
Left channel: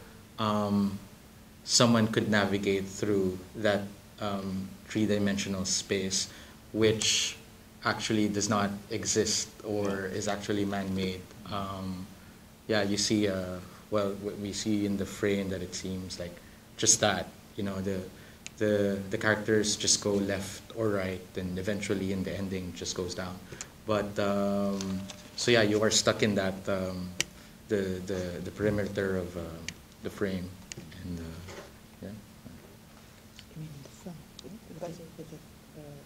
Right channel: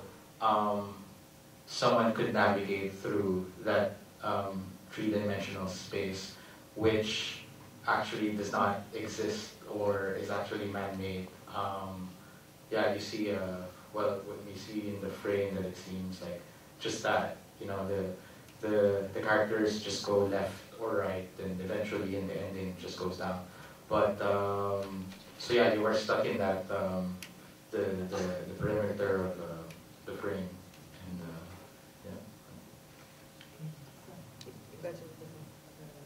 someone could navigate through that three-dimensional space, which actually does not exist or is actually man-made. Yeah, you see, well, what we see in the frame, that it seems like just that, you know, the characters just go left or right, and eventually in the ending just goes down. But so yeah, you are stuck in that the perimeter of the frame, and yeah. You mean the film? With the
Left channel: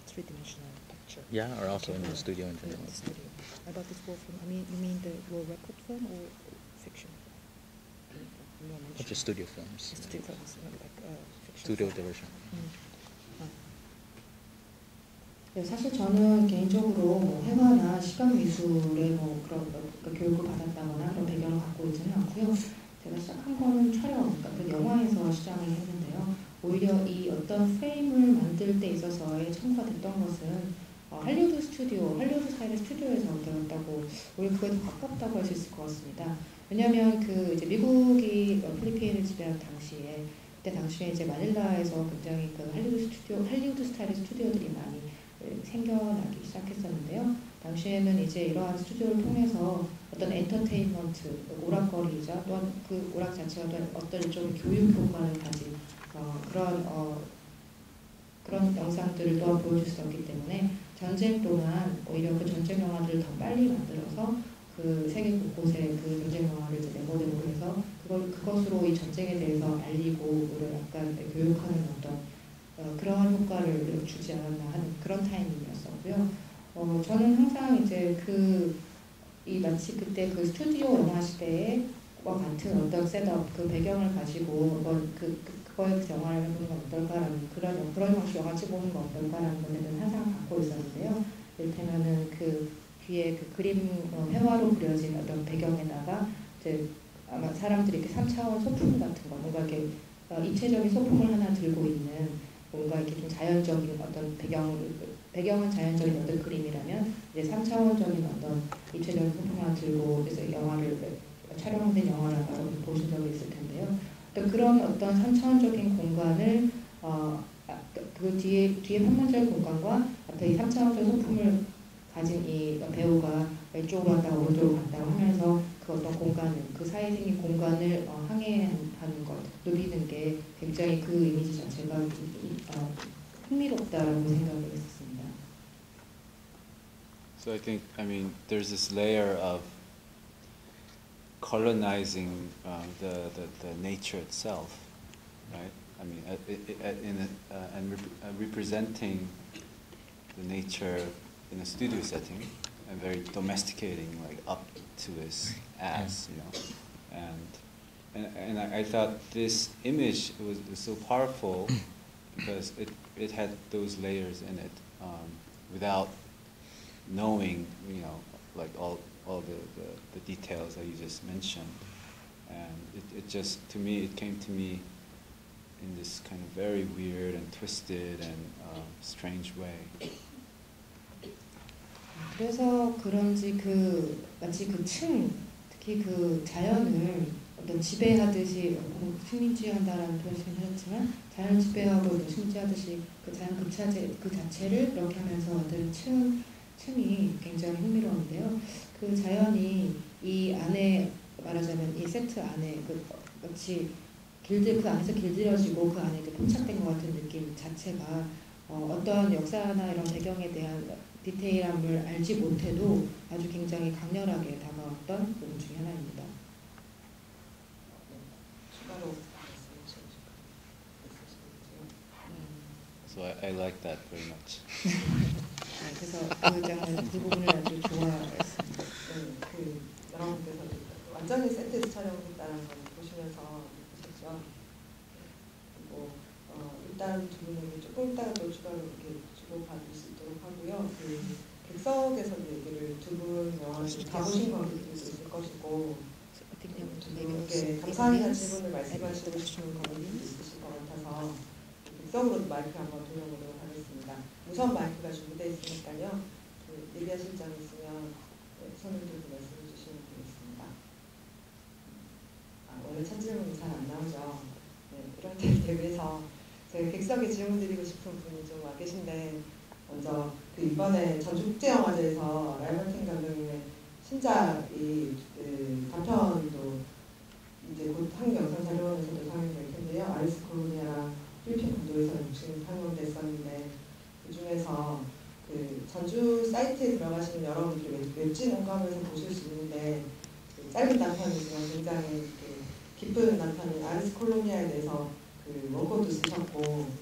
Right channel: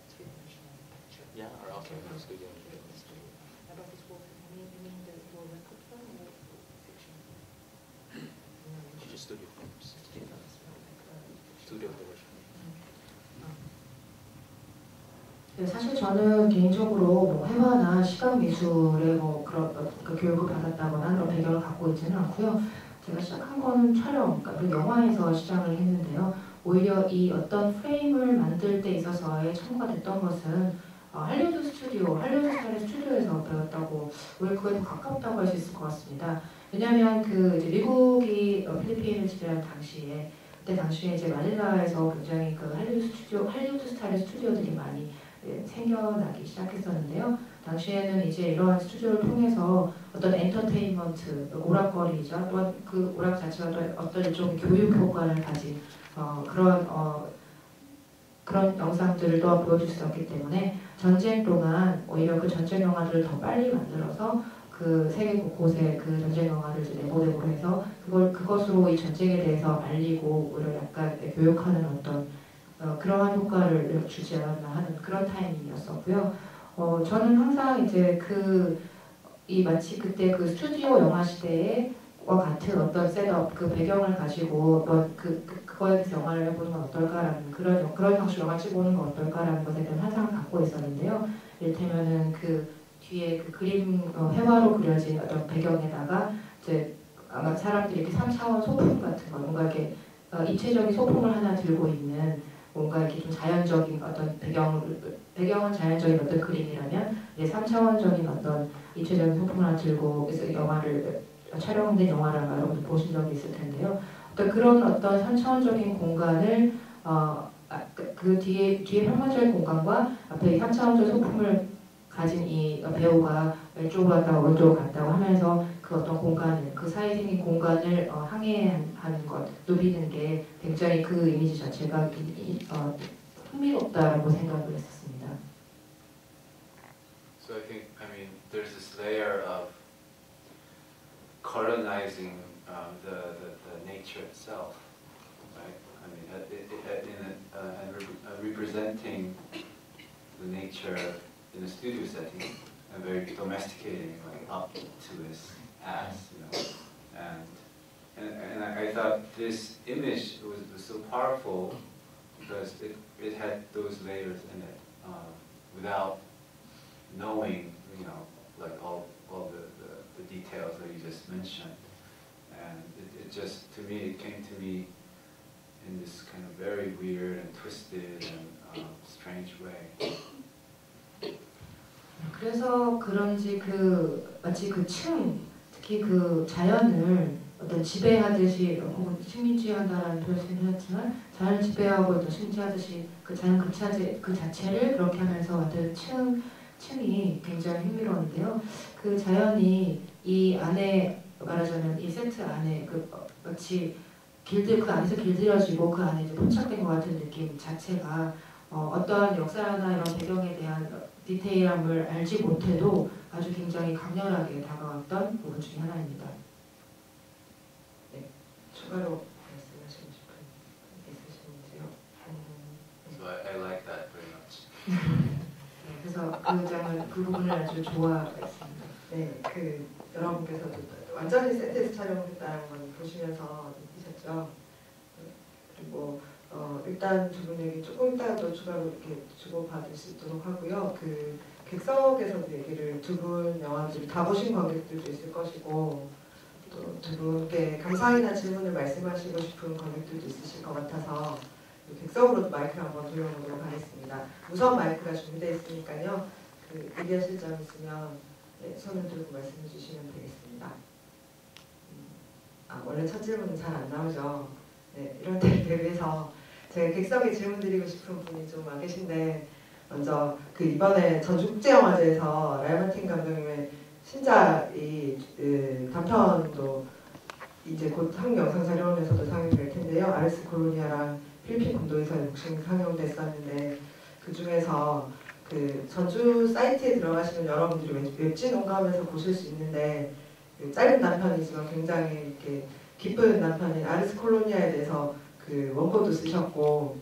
three-dimensional picture. Yeah, or also in the studio in general. In the studio. About this whole film, I mean, you mean your record film or fiction? Or just studio films. Studio films, maybe like fiction. Studio version. 네, 사실 저는 개인적으로 뭐 회화나 시각 미술에 뭐 그런 교육을 받았다거나 그런 배경을 갖고 있지는 않고요. 제가 시작한 거는 촬영, 그 영화에서 시작을 했는데요. 오히려 이 어떤 프레임을 만들 때 있어서의 첨가됐던 것은 할리우드 스타일의 스튜디오에서 배웠다고, 오히려 그거에 더 가깝다고 할 수 있을 것 같습니다. 왜냐하면 그 이제 미국이 필리핀을 지배한 당시에, 그때 당시에 이제 마닐라에서 굉장히 그 할리우드 스타일의 스튜디오들이 많이 생겨나기 시작했었는데요. 당시에는 이제 이러한 스튜디오를 통해서 어떤 엔터테인먼트, 오락거리죠. 또한 그 오락 자체가 어떤 좀 교육 효과를 가진 그런 영상들을 또 보여줄 수 있었기 때문에 전쟁 동안 오히려 그 전쟁 영화들을 더 빨리 만들어서 그 세계 곳곳에 그 전쟁 영화를 내보내고 해서 그것으로 이 전쟁에 대해서 알리고 오히려 약간 교육하는 어떤 그러한 효과를 주지 않았나 하는 그런 타이밍이었었고요. 저는 항상 이제 마치 그때 그 스튜디오 영화 시대와 같은 어떤 셋업, 그 배경을 가지고 그거에 대해서 영화를 해보는 건 어떨까라는 그런 방식으로 영화 찍어보는 건 어떨까라는 것에 대한 환상을 갖고 있었는데요. 이를테면은 그 뒤에 그 그림 회화로 그려진 어떤 배경에다가 이제 아마 사람들이 이렇게 3차원 소품 같은 거, 뭔가 이렇게 입체적인 소품을 하나 들고 있는 뭔가 이렇게 좀 자연적인 어떤 배경은 자연적인 어떤 그림이라면 이제 3차원적인 어떤 입체적인 소품을 하나 들고 그래서 영화를 촬영된 영화를 아마 여러분 보신 적이 있을 텐데요. 그런 어떤 3차원적인 공간을 그 뒤에 평면적인 공간과 앞에 3차원적 소품을 가진 이 배우가 왼쪽으로 갔다가 오른쪽으로 갔다고 하면서 그 어떤 공간을, 그 사이에 생긴 공간을 항해하는 것, 누리는 게 굉장히 그 이미지 자체가 흥미롭다라고 생각을 했었습니다. So I mean, there's this layer of colonizing the nature itself, right? I mean, and representing the nature in a studio setting and very domesticating, like up to his ass, you know. And I thought this image was so powerful because it had those layers in it, without knowing, you know, like all the details that you just mentioned. And it just, to me, it came to me in this kind of very weird and twisted and strange way. 그래서 그런지 마치 특히 자연을 어떤 지배하듯이 승리주의한다라는 표현을 쓰셨지만 자연 지배하고 또 승리하듯이 자연 그 자체를 그렇게 하면서 만든 층이 굉장히 흥미로운데요. 그 자연이 이 안에 말하자면 이 세트 안에 마치 그 안에서 길들여지고 그 안에 포착된 것 같은 느낌 자체가 어떤 역사나 이런 배경에 대한 디테일함을 알지 못해도 아주 굉장히 강렬하게 다가왔던 부분 중에 하나입니다. 네, 추가로 말씀하시고 싶은 있으신지요? So I like that very much. 그래서 그 부분을 아주 좋아했습니다. 네, 여러분께서도 완전히 세트 촬영했다는 걸 보시면서 느끼셨죠? 네, 그리고 일단 두 분 얘기 조금 이따가 또 추가로 이렇게 주고받을 수 있도록 하고요. 객석에서 얘기를 두 분 영화를 가보신 관객들도 있을 것이고 두 분께 감사합니다 질문을 말씀하시고 싶은 관객들도 있으실 것 같아서 객석으로 마이크 한번 돌려보도록 하겠습니다. 우선 마이크가 준비되어 있으니까요. 얘기하실 점 있으면 손을 들고 말씀해 주시면 되겠습니다. 원래 첫 질문은 잘 안 나오죠. 네, 이런 때를 대비해서 제가 객석에 질문 드리고 싶은 분이 좀 와 계신데 먼저 이번에 전국제영화제에서 라이언킹 감독님의 신작이 단편도 이제 곧 한국 영상자료원에서도 상영될 텐데요. 아리스 콜로니아랑 필리핀 구도에서 지금 상영됐었는데 그 중에서 전주 사이트에 들어가시면 여러분들이 웹진 공감에서 보실 수 있는데 짧은 단편이지만 굉장히 이렇게 깊은 단편인 아리스 콜로니아에 대해서 원고도 쓰셨고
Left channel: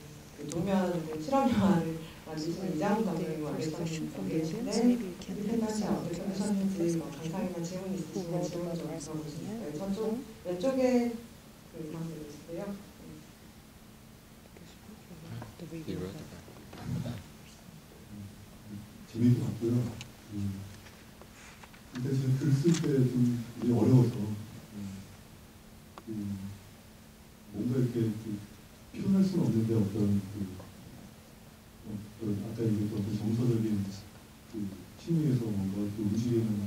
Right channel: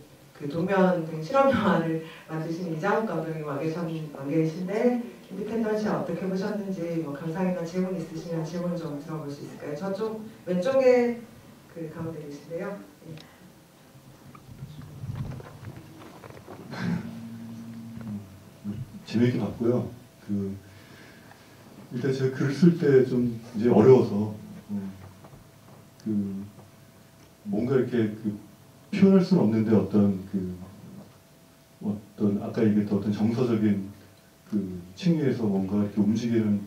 도면 등 실험 영화를 만드신 이장훈 감독님 와 계신데 인디펜던시 어떻게 보셨는지 감상이나 질문 있으시면 질문 좀 들어볼 수 있을까요? 저쪽 왼쪽에 가운데 계신데요. 재미있게 봤고요. 일단 제가 글을 쓸 때 좀 이제 어려워서 뭔가 이렇게 표현할 수는 없는데 어떤 아까 얘기했던 어떤 정서적인 층위에서 뭔가 이렇게 움직이는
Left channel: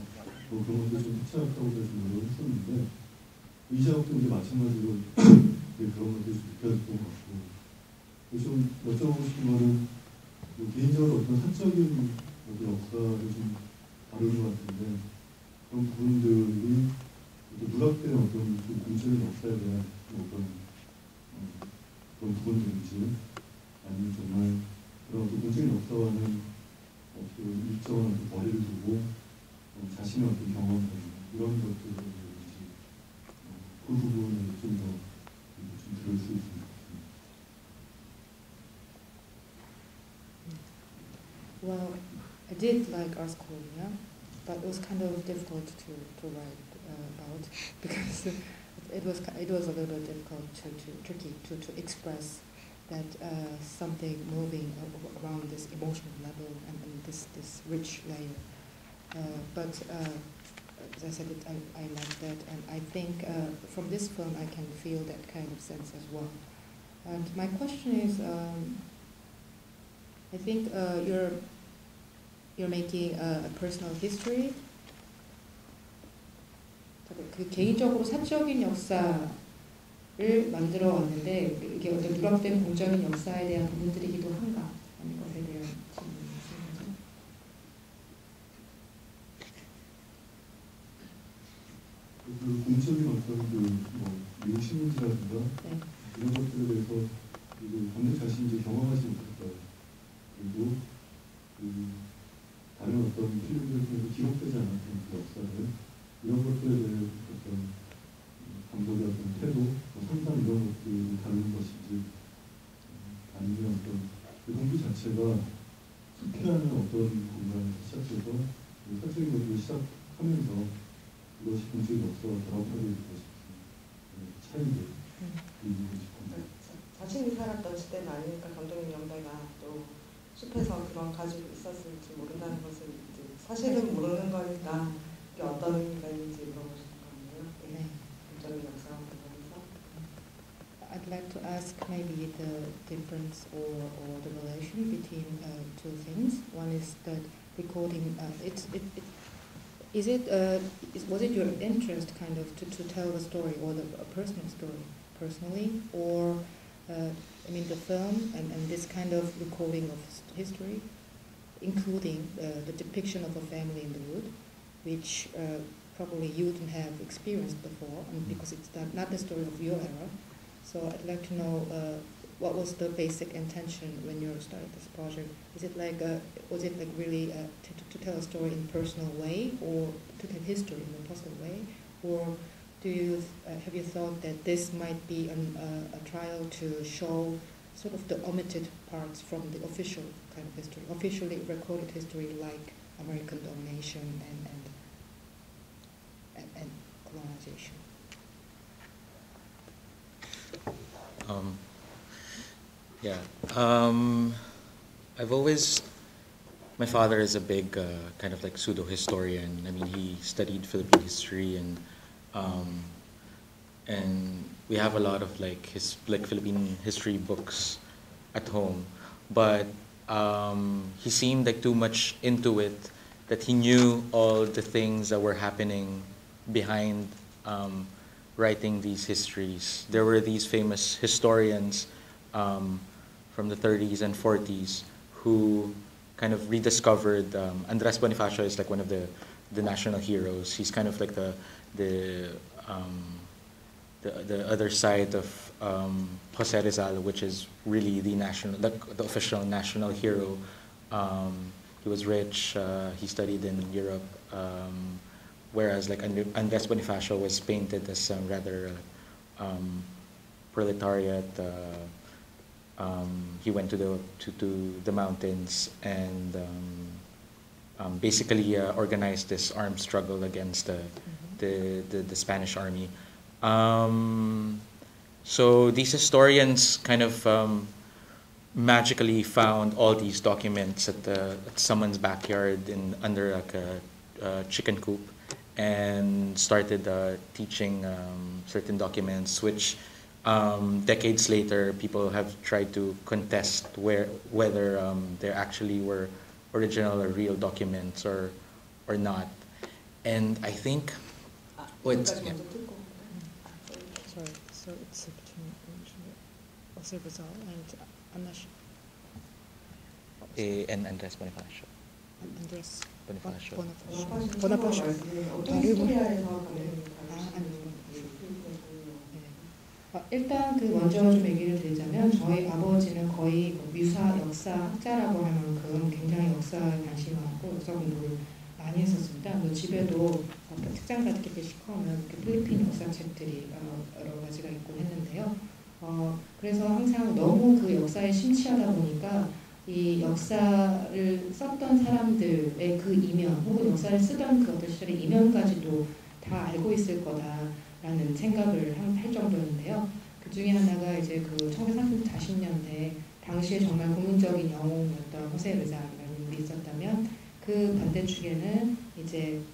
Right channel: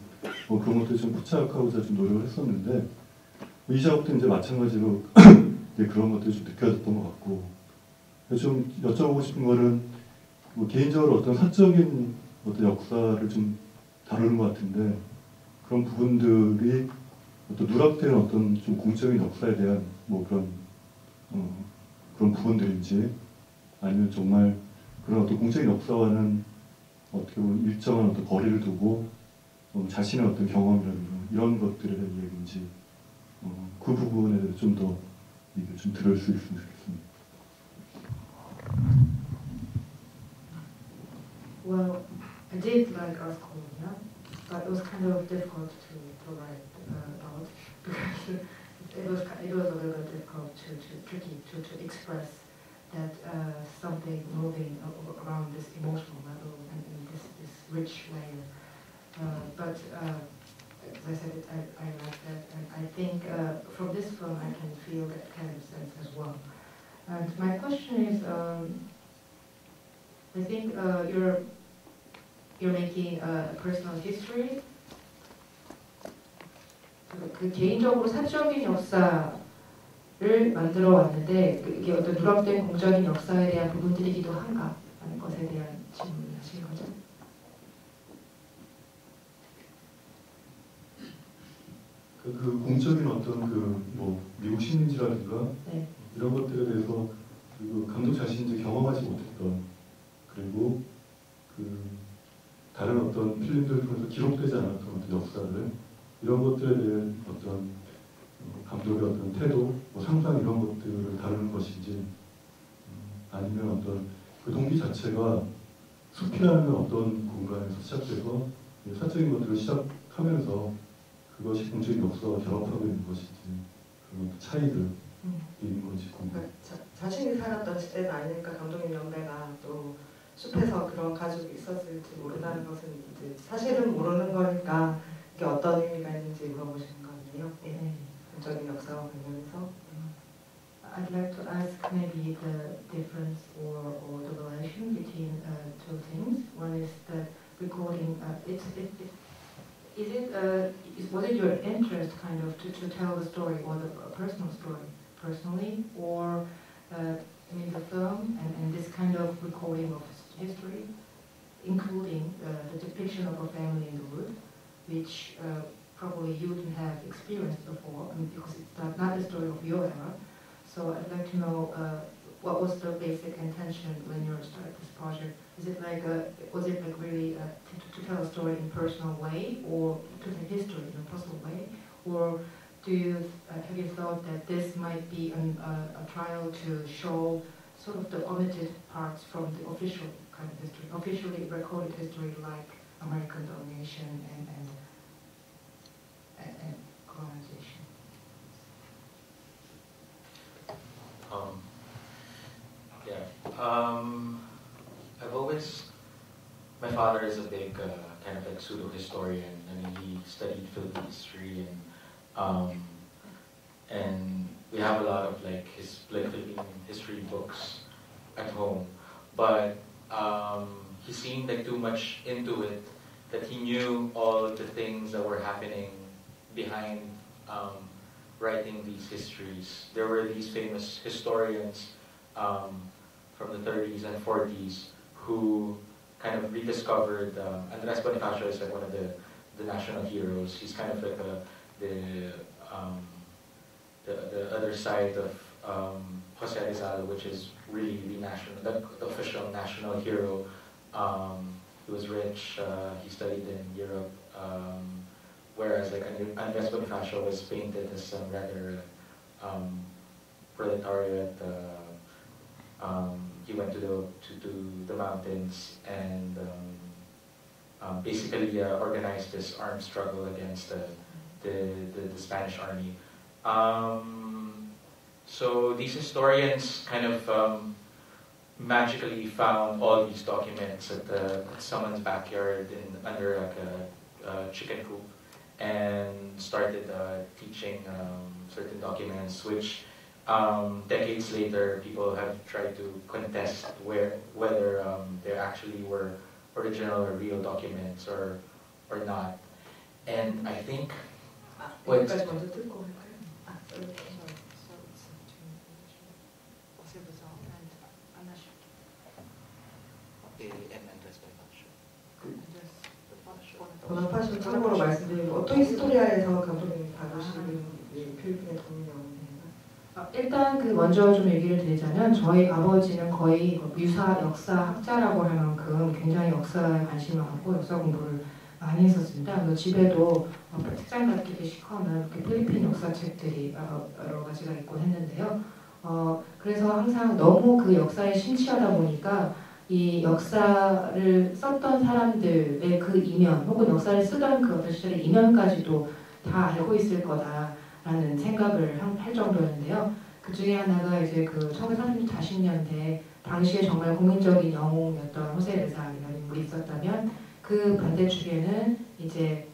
그런 것들 좀 포착하고자 좀 노력을 했었는데 이 작업도 이제 마찬가지로 이제 그런 것들이 좀 느껴졌던 것 같고 좀 여쭤보고 싶은 거는 개인적으로 어떤 사적인 어떤 역사를 좀 다루는 것 같은데 그런 부분들이 어떤 누락되는 어떤 좀 공적인 역사에 대한 그런 부분들인지 아니면 정말 그런 어떤 공적인 역사와는 어떻게 보면 일정한 어떤 거리를 두고 자신의 어떤 경험이라든가 이런 것들에 대한 얘기인지 그 부분에 대해서 좀 더 얘기를 좀 들을 수 있으면 좋겠습니다. Well, I did like Ars Colonia, but it was kind of difficult to provide out because it was a little bit difficult tricky to express that something moving around this emotional level and this rich layer. But as I said, I like that, and I think from this film I can feel that kind of sense as well. And my question is, I think you're making a personal history. 개인적으로 사적인 역사를 만들어 왔는데 이게 어떤 누락된 공적인 역사에 대한 부분들이기도 한가 하는 것에 대한 질문이신 거죠. 그 공적인 어떤 미국 식민지라든가 네. 이런 것들에 대해서 감독 자신이 이제 경험하지 못했던 그리고 다른 어떤 필름들을 통해서 기록되지 않았던 어떤 역사를 이런 것들에 대한 어떤 감독의 어떤 태도, 상상 이런 것들을 다루는 것인지 아니면 어떤 그 동기 자체가 숲이라는 어떤 공간에서 시작돼서 사적인 것들을 시작하면서 그것이 공적인 역사와 결합하고 있는 것인지 그런 차이들이 있는 건지 궁금해요. 자신이 살았던 시대는 아니니까 감독님 연배가 또 숲에서 그런 가족이 있었을지 모른다는 것은 이제 사실은 모르는 거니까 이게 어떤 의미가 있는지 물어보시는 거 아니에요? 네. 적인 역사와 관련해서. I'd like to ask maybe the difference or the relation between two things. One is that recording. Was it your interest kind of to tell the story or a personal story personally, or I mean the film and this kind of recording of history, including the depiction of a family in the wood, which probably you didn't have experienced before, I mean, because it's not the story of your era. So I'd like to know what was the basic intention when you started this project. Is it like was it like really to tell a story in a personal way, or to tell history in a personal way, or do you have you thought that this might be a trial to show sort of the omitted parts from the official kind of history, officially recorded history like American domination and colonization? I've always, my father is a big kind of like pseudo-historian. I mean, he studied Philippine history, and we have a lot of like Philippine history books at home. But he seemed like too much into it, that he knew all the things that were happening behind writing these histories. There were these famous historians from the 30s and 40s who kind of rediscovered Andres Bonifacio is like one of the national heroes. He's kind of like the other side of Jose Rizal, which is really the official national hero. He was rich. He studied in Europe. Whereas like Andres Bonifacio was painted as a rather proletariat. He went to the mountains and basically organized this armed struggle against the Spanish army. So these historians kind of magically found all these documents at someone's backyard under like a chicken coop, and started teaching certain documents, which decades later people have tried to contest whether there actually were original or real documents or not. And I think what Sorry, so it's between Jose Rizal and and Andres Bonifacio. Andres Bonifacio. 번호파시 참고로 말씀드리면 어떤 히스토리아에서 감독님이 받으시는 필기였군요. 일단 먼저 좀 얘기를 드리자면 저희 아버지는 거의 유사 역사학자라고 할 만큼 굉장히 역사에 관심이 많고 역사 공부를 많이 했었습니다. 그래서 집에도 책장 같은 게 시커먼 필리핀 역사책들이 여러 가지가 있고 했는데요. 그래서 항상 너무 그 역사에 심취하다 보니까 이 역사를 썼던 사람들의 그 이면 혹은 역사를 쓰던 그 어떤 시절의 이면까지도 다 알고 있을 거다라는 생각을 할 정도였는데요. 그 중에 하나가 이제 그 1940년대 당시에 정말 국민적인 영웅이었던 호세 르잔이라는 분이 있었다면 그 반대쪽에는 이제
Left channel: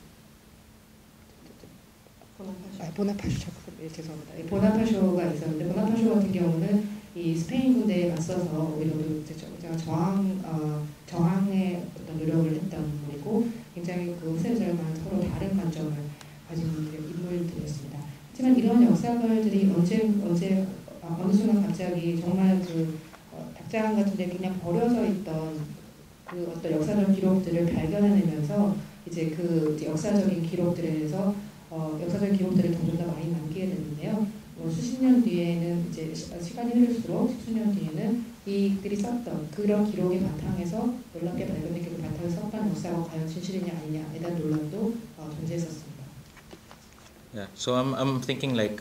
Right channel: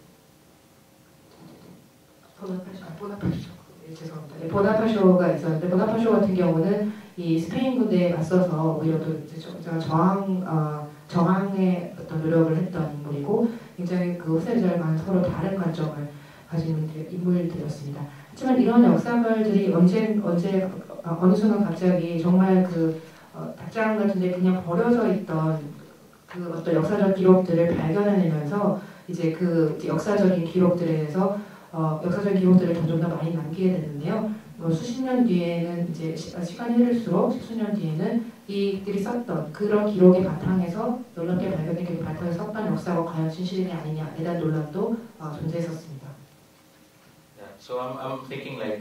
보나파쇼가 있었는데 보나파쇼 같은 경우는 이 스페인 군대에 맞서서 오히려 제가 저항의 어떤 노력을 했던 분이고 굉장히 그 호세르잔과는 서로 다른 관점을 가진 인물들이었습니다. 하지만 이런 역사물들이 어느 순간 갑자기 정말 그 닭장 같은데 그냥 버려져 있던 그 어떤 역사적 기록들을 발견해내면서 이제 그 역사적인 기록들에 대해서 역사적 기록들을 점점 더 많이 남기게 되는데요. 수십 년 뒤에는 이제 시간이 흐를수록 수년 뒤에는 이들이 썼던 그런 기록의 바탕에서 논란의 발견의 기록 바탕에서 썼던 역사가 과연 진실이냐 아니냐에 대한 논란도 존재했었습니다. Yeah, so I'm thinking like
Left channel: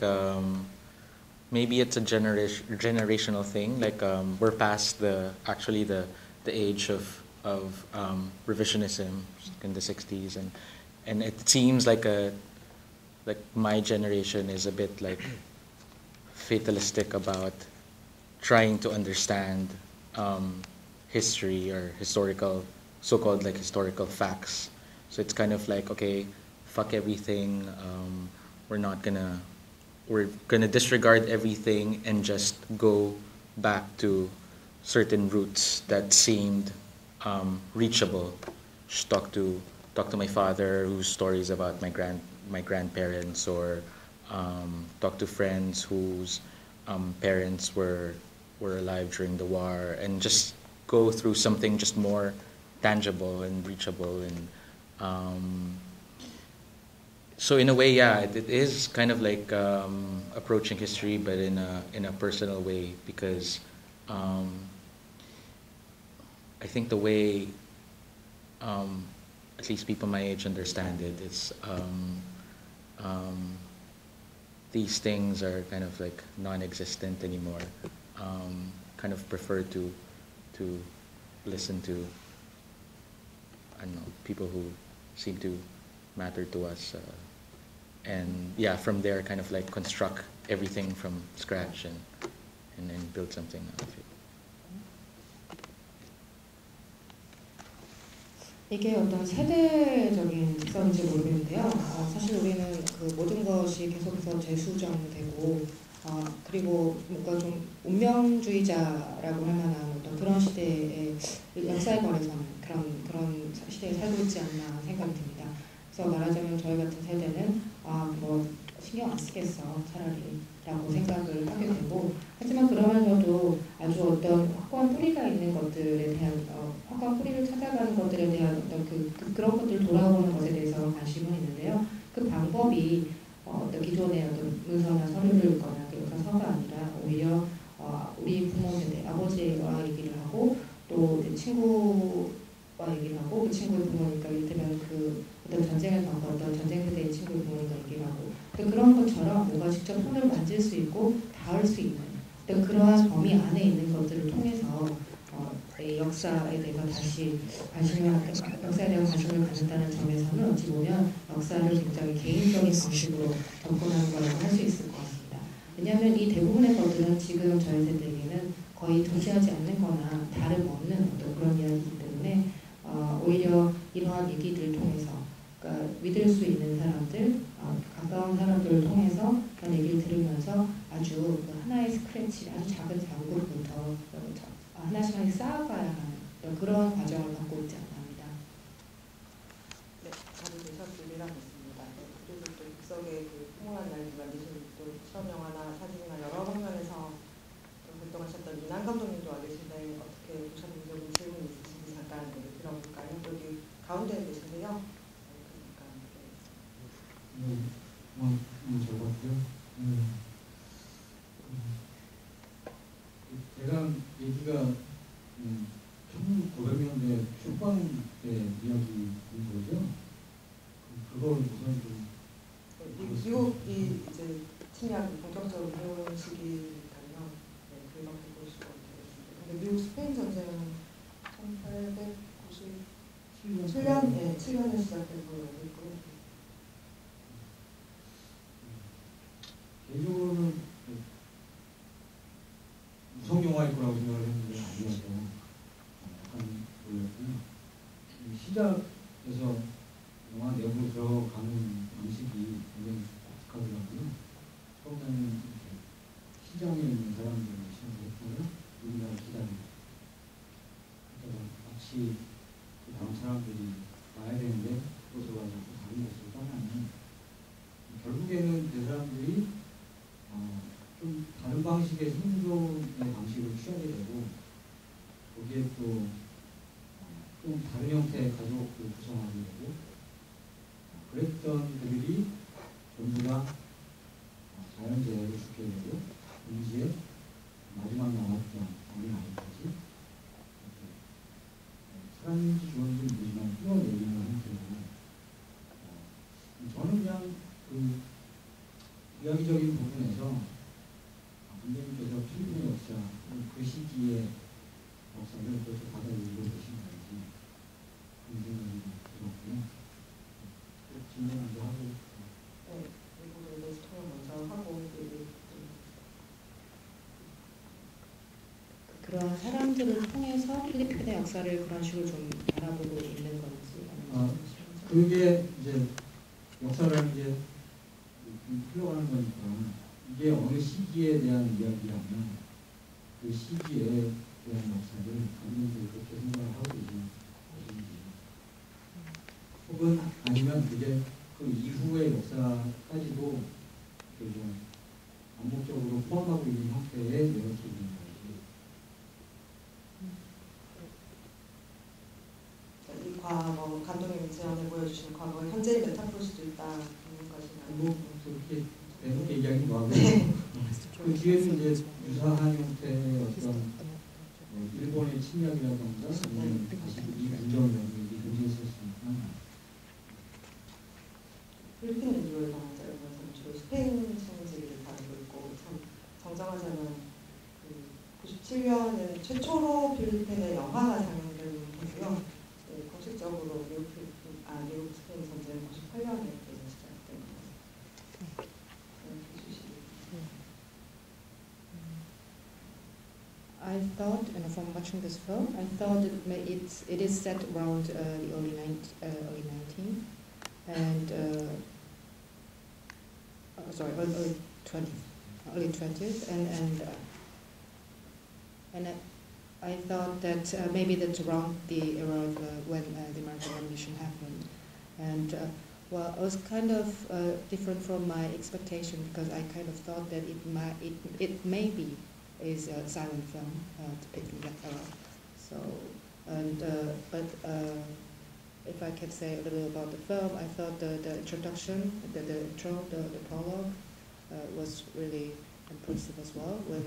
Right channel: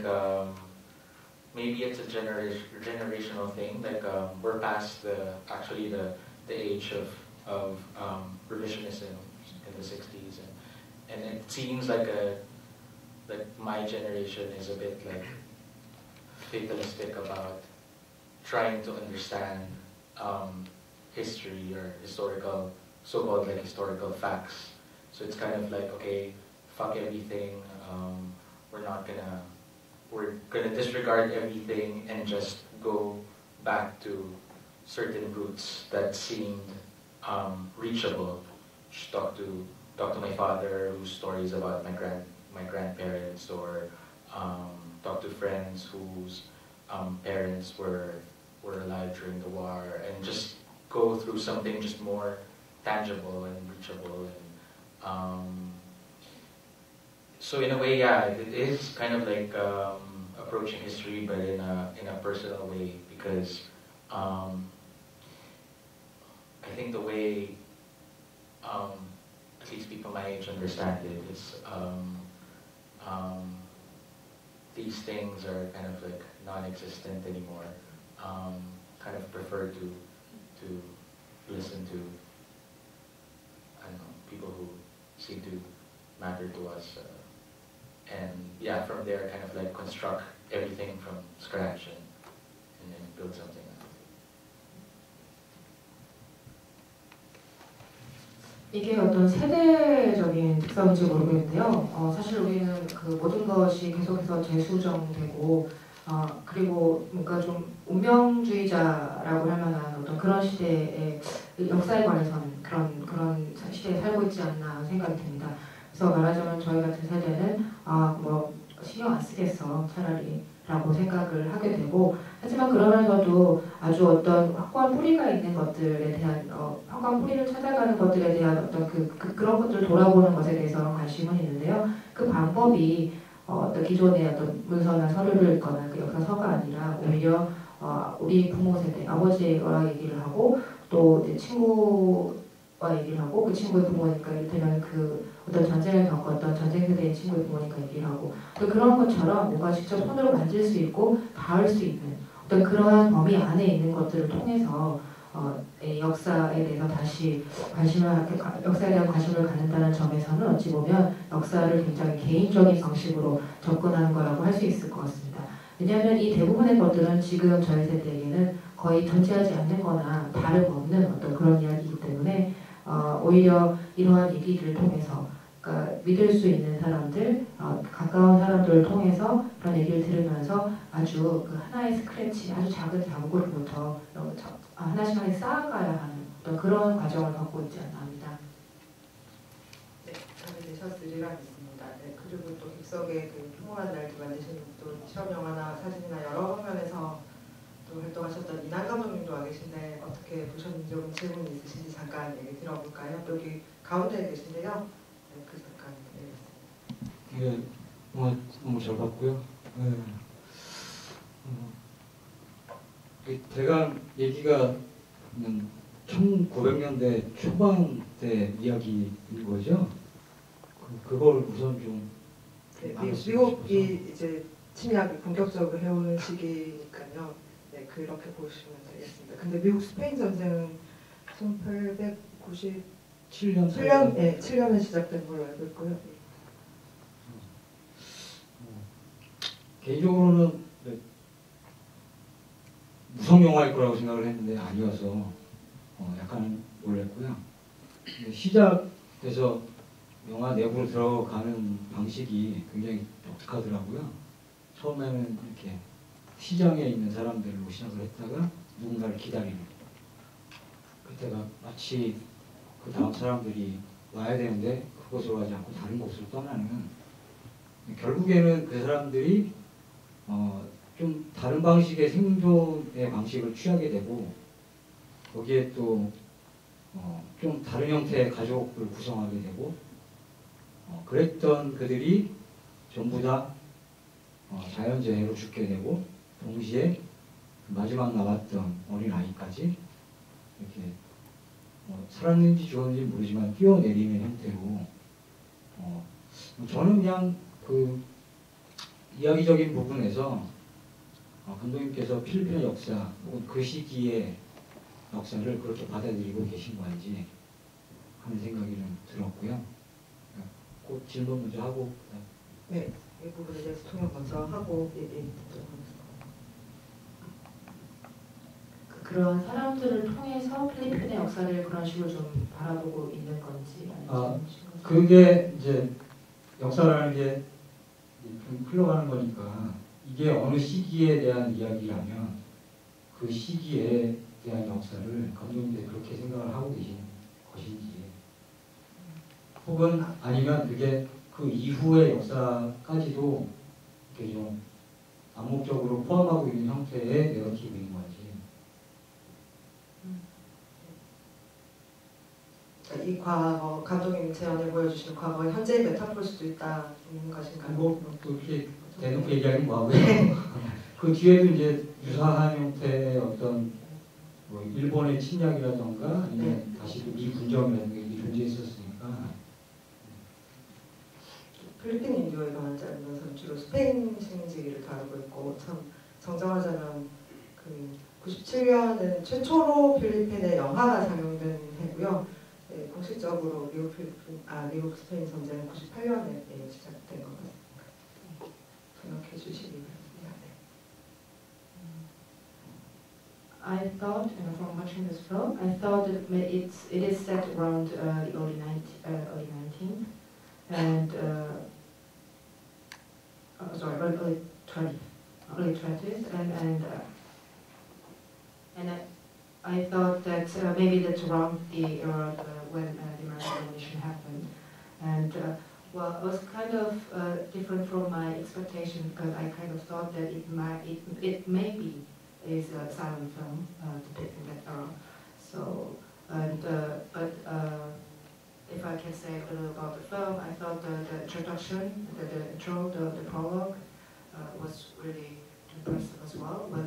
maybe it's a generational thing. Like we're past the age of revisionism in the 60s, and it seems like my generation is a bit like fatalistic about trying to understand history or historical, so-called like historical facts So it's kind of like, okay, fuck everything. We're gonna disregard everything and just go back to certain roots that seemed reachable. Just talk to my father, whose stories about my grandparents, or talk to friends whose parents were alive during the war, and just go through something just more tangible and reachable. And so in a way, yeah, it is kind of like approaching history, but in a personal way, because I think the way at least people my age understand it is these things are kind of like non-existent anymore. Kind of prefer to listen to, I don't know, people who seem to matter to us, and yeah, from there kind of like construct everything from scratch and then build something out of it. 이게 어떤 세대적인 특성인지 모르겠는데요. 사실 우리는 그 모든 것이 계속해서 재수정되고, 그리고 뭔가 좀 운명주의자라고 할 만한 어떤 그런 시대의 역사에 관해서는 그런 시대에 살고 있지 않나 생각이 듭니다. 그래서 말하자면 저희 같은 세대는 뭐 신경 안 쓰겠어 차라리라고 생각을 하게 되고, 하지만 그러면서도 아주 어떤 확고한 뿌리가 있는 것들에 대한 확고한 뿌리를 찾아가는 것들에 대한 어떤 그런 것들을 돌아보는 것에 대해서 관심은 있는데요. 그 방법이 어떤 기존의 어떤 문서나 서류를 읽거나 그 역사서가 아니라 오히려 우리 부모 세대, 아버지와 얘기를 하고, 또 이제 친구와 얘기를 하고, 그 친구의 부모니까 이를테면 그 어떤 전쟁을 겪었던 전쟁 세대의 친구의 부모니까 얘기를 하고, 또 그런 것처럼 뭔가 직접 손으로 만질 수 있고 닿을 수 있는 어떤 그러한 범위 안에 있는 것들을 통해서 역사에 대해서 다시 역사에 대한 관심을 갖는다는 점에서는 어찌 보면 역사를 굉장히 개인적인 방식으로 접근하는 거라고 할 수 있을 것 같습니다. 왜냐하면 이 대부분의 것들은 지금 저희 세대에게는 거의 존재하지 않는 거나 다름없는 어떤 그런 이야기이기 때문에 오히려 이러한 얘기들을 통해서 믿을 수 있는 사람들, 가까운 사람들을 통해서 그런 얘기를 들으면서 아주 그 하나의 스크래치, 아주 작은 자국으로부터 하나씩 하나씩 쌓아가야 하는 그런 과정을 갖고 있지 않나 합니다. 네, 저는 첫 질의가 있습니다. 네, 그리고 또 객석의 그 풍부한 날도 만드시는 또 시험 영화나 사진이나 여러 방면에서 또 활동하셨던 이난 감독님도 와 계신데 어떻게 보셨는지 혹은 질문 있으신지 잠깐 얘기 들어볼까요? 여기 가운데 계신데요. 네, 그 잠깐. 네. 예, 너무 잘 봤고요. 대강 얘기가 1900년대 초반 때 이야기인 거죠. 그걸 우선 좀 미국이 이제 침략을 본격적으로 해오는 시기니까요. 네, 그렇게 보시면 되겠습니다. 근데 미국 스페인 전쟁은 1897년, 네, 7년에 시작된 걸로 알고 있고요. 개인적으로는 무성 영화일 거라고 생각을 했는데 아니어서 약간 놀랐고요. 시작돼서 영화 내부로 들어가는 방식이 굉장히 독특하더라고요. 처음에는 이렇게 시장에 있는 사람들로 시작을 했다가 누군가를 기다리는, 그때가 마치 그 다음 사람들이 와야 되는데 그곳으로 가지 않고 다른 곳으로 떠나는, 결국에는 그 사람들이 좀 다른 방식의 생존의 방식을 취하게 되고, 거기에 또 좀 다른 형태의 가족을 구성하게 되고, 그랬던 그들이 전부 다 자연재해로 죽게 되고, 동시에 마지막 남았던 어린아이까지 이렇게 살았는지 죽었는지 모르지만 뛰어내리는 형태로, 저는 그냥 그 이야기적인 부분에서 감독님께서 필리핀의 역사, 그 시기의 역사를 그렇게 받아들이고 계신 거 아닌지 하는 생각이 좀 들었고요. 그 질문 먼저 하고. 네, 이 부분에 대해서 통역 먼저 하고 그런 사람들을 통해서 필리핀의 역사를 그런 식으로 좀 바라보고 있는 건지. 그게 이제 역사라는 게 흘러가는 거니까 이게 어느 시기에 대한 이야기라면 그 시기에 대한 역사를 감독님들이 그렇게 생각을 하고 계신 것인지 혹은 아니면 그게 그 이후의 역사까지도 이렇게 좀 암묵적으로 포함하고 있는 형태의 내러티브인 건지. 이 과거 감독님 제안을 보여주신 과거 현재의 메타포일 수도 있다 있는 것인가요? 뭐 그렇게 대놓고 얘기하긴 뭐하고요. 그 뒤에도 이제 유사한 형태의 어떤 뭐 일본의 침략이라던가 아니면 다시 이 군정이라든가 이게 존재했었으니까. 필리핀 인도에 관한 짧으면서 주로 스페인 식민지를 다루고 있고 참 정정하자면 그 97년은 최초로 필리핀에 영화가 상영된 해고요. 네, 공식적으로 미국 스페인 전쟁은 98년에 시작된 것 같습니다. 생각해 주시기 바랍니다. I thought, from watching this film, I thought it is set around the early 19, and early 20s, and I thought that maybe that's around the era when the American Revolution happened, and well, it was kind of different from my expectation because I kind of thought that it maybe is a silent film depicting that era. So, but if I can say a little about the film, I thought the introduction, the intro, the prologue was really impressive as well. When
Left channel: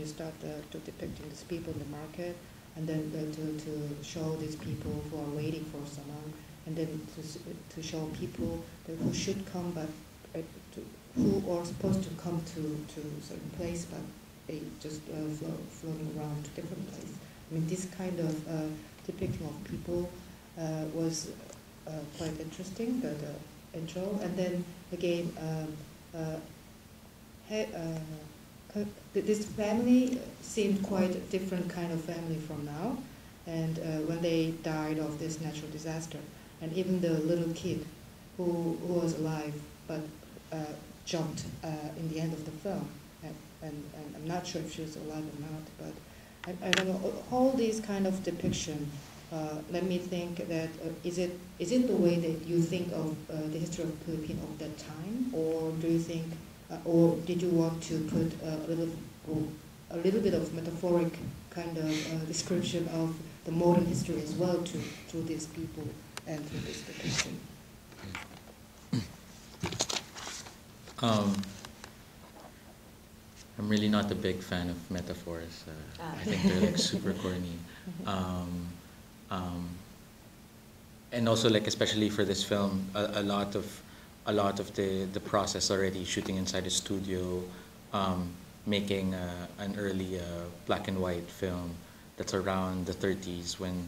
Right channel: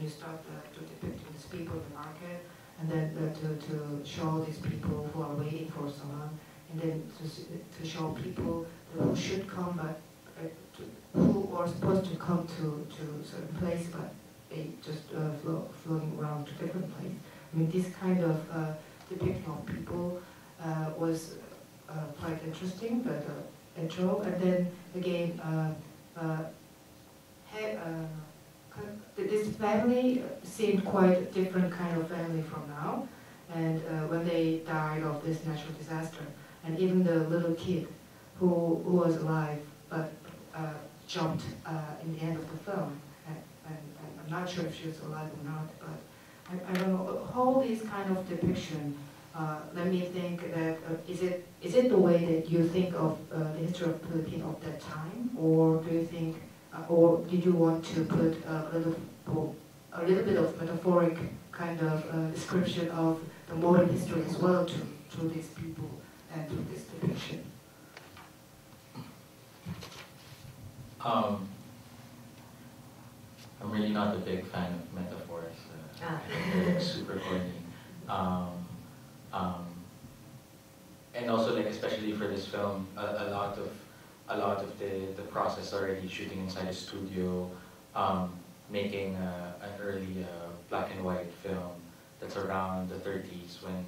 you start to depicting these people in the market, and then to show these people who are waiting for someone, and then to show people who should come, but who are supposed to come to a certain place, but they just floating around to different places. I mean, this kind of depicting of people was quite interesting, the intro, and then again, this family seemed quite a different kind of family from now, and when they died of this natural disaster, and even the little kid who was alive but jumped in the end of the film, and I'm not sure if she was alive or not, but I don't know, all these kind of depiction let me think that is it the way that you think of the history of Philippines of that time, or do you think, or did you want to put a little bit of metaphoric kind of description of the modern history as well to these people and to this depiction? I'm really not a big fan of metaphors. I think they're like super corny. And also, like, especially for this film, a lot of the process already shooting inside a studio, making an early black and white film that's around the 30s when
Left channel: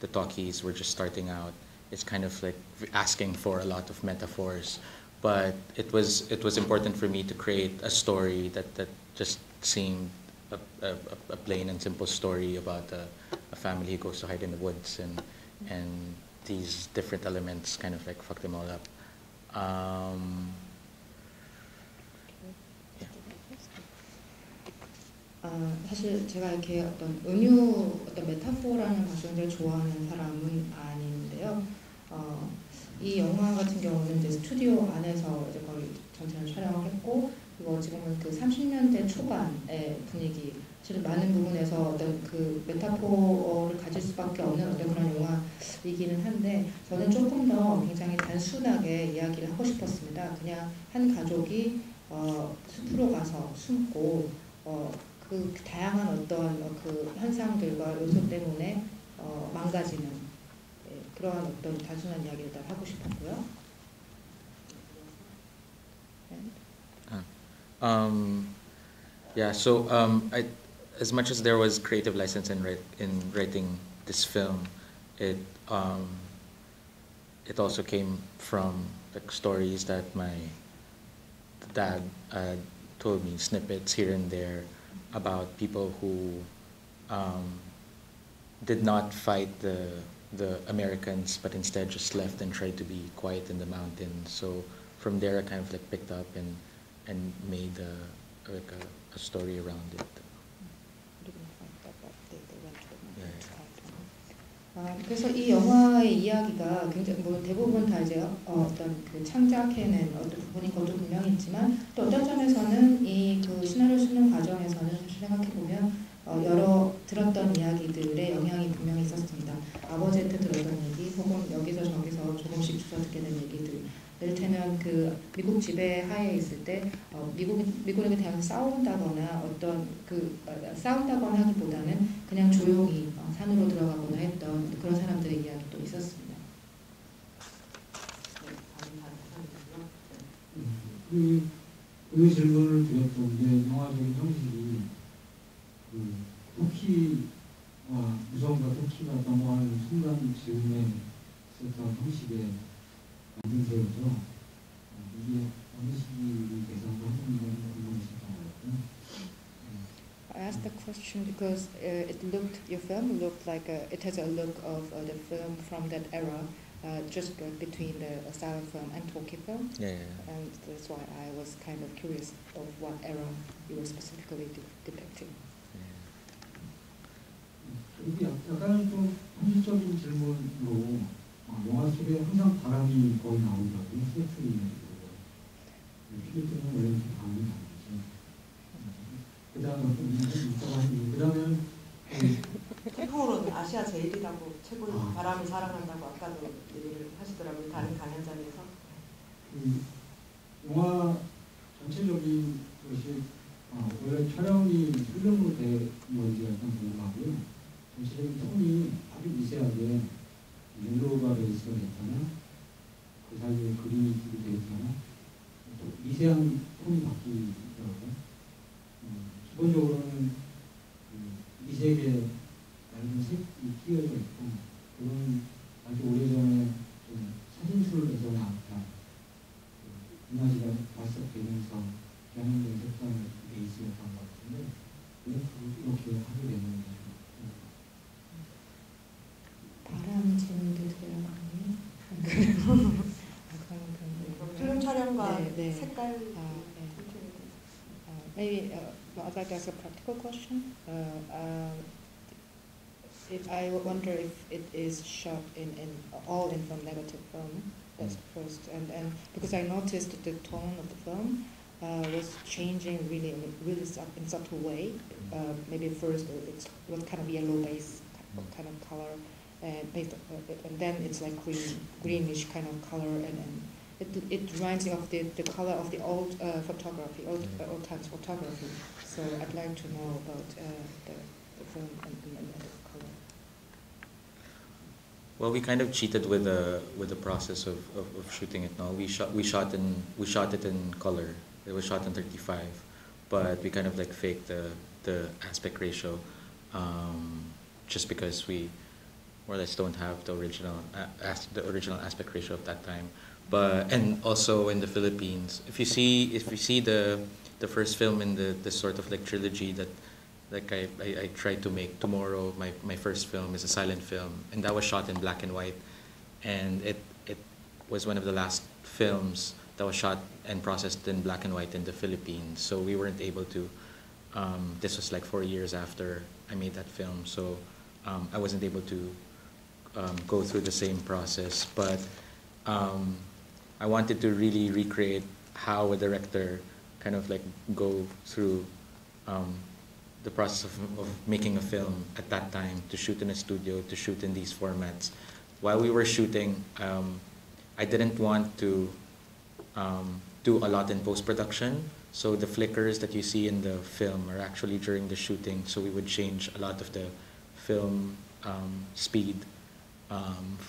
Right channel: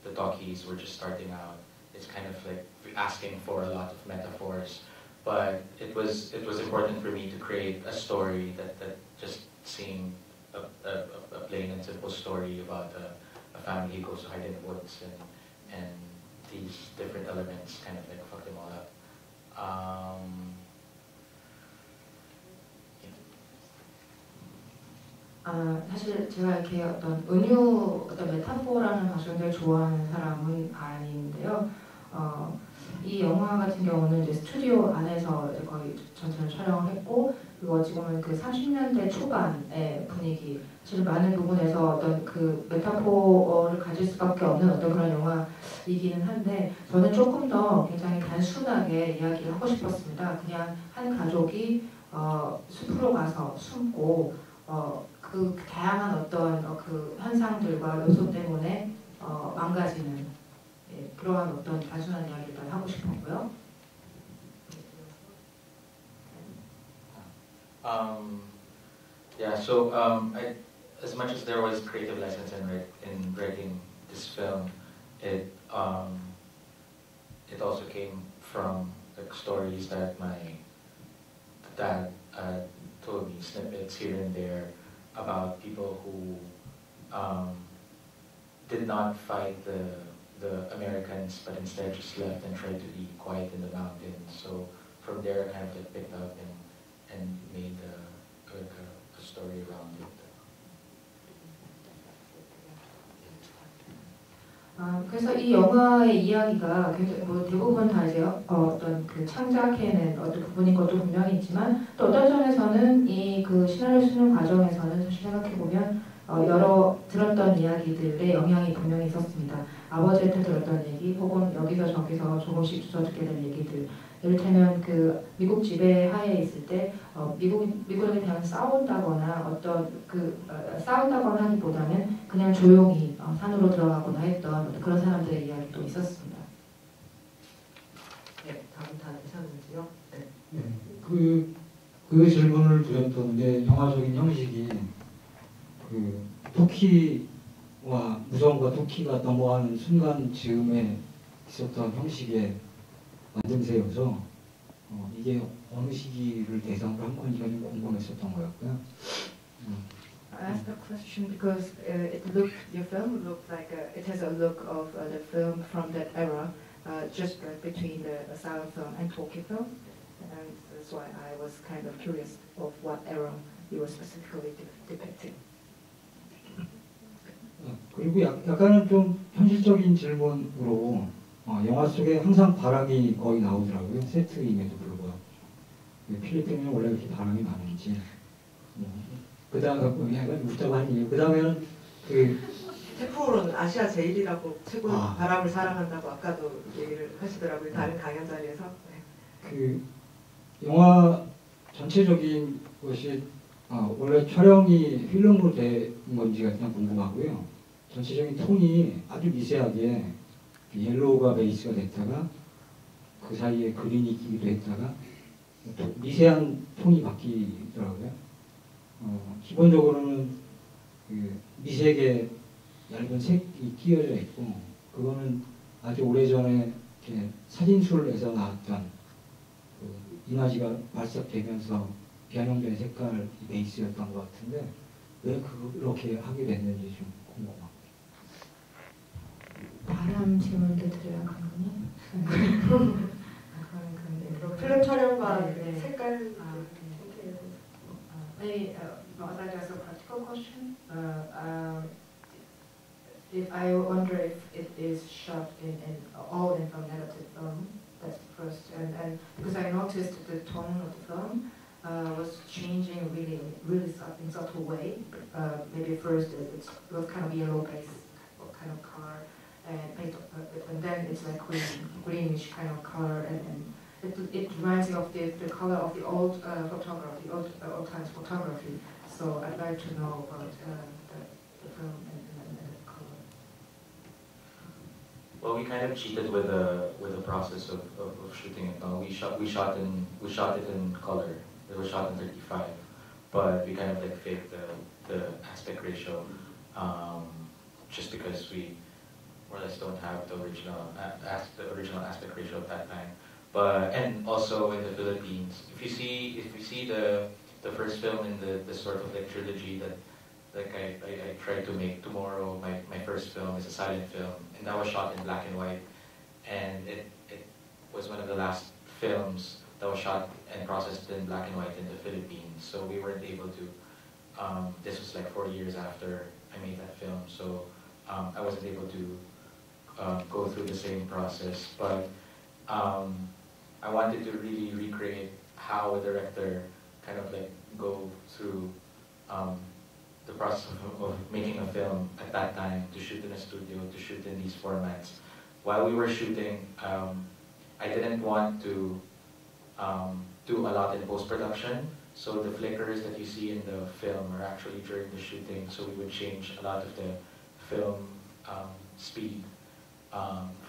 the talkies were just starting out. It's kind of like asking for a lot of metaphors, but it was important for me to create a story that just seemed a plain and simple story about a family who goes to hide in the woods, and these different elements kind of like fuck them all up. 사실 제가 이렇게 어떤 은유, 어떤 메타포라는 것을 굉장히 좋아하는 사람은 아닌데요. 이 영화 같은 경우는 이제 스튜디오 안에서 이제 거의 전체를 촬영을 했고, 그리고 지금은 그 30년대 초반의 분위기, 사실 많은 부분에서 어떤 그 메타포를 가질 수밖에 없는 어떤 그런 영화이기는 한데, 저는 조금 더 굉장히 단순하게 이야기를 하고 싶었습니다. 그냥 한 가족이 숲으로 가서 숨고 그 다양한 어떤 그 현상들과 요소 때문에 망가지는 그러한 어떤 단순한 이야기를 하고 싶었고요. Yeah, so as much as there was creative license in writing this film, it also came from the stories that my dad told me, snippets here and there about people who did not fight the the Americans, but instead just left and tried to be quiet in the mountains. So from there, I kind of like picked up and made like a story around it. 그래서 이 영화의 이야기가 굉장히 대부분 다 이제 어떤 그 창작해낸 어떤 부분인 것도 분명히 있지만 또 어떤 점에서는 이 그 시나리오 쓰는 과정에서는 생각해 보면 여러 들었던 이야기들의 영향이 분명히 있었습니다. 아버지한테 들었던 얘기 혹은 여기서 저기서 조금씩 주워듣게 된 얘기들. 이를테면 그 미국 지배 하에 있을 때 미국에 대한 싸운다거나 어떤 그 싸운다거나 하기보다는 그냥 조용히 산으로 들어가거나 했던 그런 사람들의 이야기도 있었습니다. 네, 다음 사람은요. 네. 그 질문을 드렸던 게 영화적인 형식이 그 토끼와 무성과 토끼가 넘어가는 순간 즈음에 있었던 형식의 만듦새여서 이게 어느 시기를 대상으로 한 건지는 궁금했었던 거였고요. I asked the question because your film looked like it has a look of the film from that era, just between the silent film and talkie film, Yeah. and that's why I was kind of curious of what era you were specifically depicting. 그리고 약간은 좀 현실적인 질문으로 영화 속에 항상 바람이 거의 나오더라고요. 세트임에도 불구하고. 필리핀에는 원래 그렇게 바람이 많은지. 그 다음에는 태풍으로는 아시아 제일이라고 최고 바람을 사랑한다고 아까도 얘기를 하시더라고요. 다른 강연 자리에서. 그 영화 전체적인 것이 원래 촬영이 필름으로 된 건지가 일단 궁금하고요. 전체적인 톤이 아주 미세하게 옐로우가 베이스가 됐다가 그 사이에 그린이 끼기도 했다가 또 미세한 톤이 바뀌더라고요. 기본적으로는 그 미세하게 얇은 색이 끼어져 있고 그거는 아주 오래전에 사진술에서 나왔던 그 이미지가 발삭되면서 변형된 색깔 베이스였던 것 같은데 왜 그렇게 하게 됐는지 좀 궁금합니다. 바람 질문도 드려요. 필름 촬영과 색깔. Maybe I'd like to ask a practical question. I wonder if it is shot in all in film negative film. That's first, and because I noticed the tone of the film was changing really in subtle way. Maybe first it was kind of yellow base kind of color, and then it's like greenish kind of color, and it reminds me of the color of the old photography, old times photography. So I'd like to know about the film and the color. Well, we kind of cheated with the process of shooting it. Now we shot it in color. It was shot in 35, but we kind of like faked the aspect ratio, just because we more or less don't have the original aspect ratio at that time. But and also in the Philippines, if you see the first film in the sort of like trilogy that like I tried to make tomorrow, my first film is a silent film, and that was shot in black and white, and it was one of the last films that was shot and processed in black and white in the Philippines. So we weren't able to. This was like 4 years after I made that film, so I wasn't able to go through the same process, but. I wanted to really recreate how a director kind of like go through the process of making a film at that time, to shoot in a studio, to shoot in these formats. While we were shooting, I didn't want to do a lot in post-production, so the flickers that you see in the film are actually during the shooting, so we would change a lot of the film speed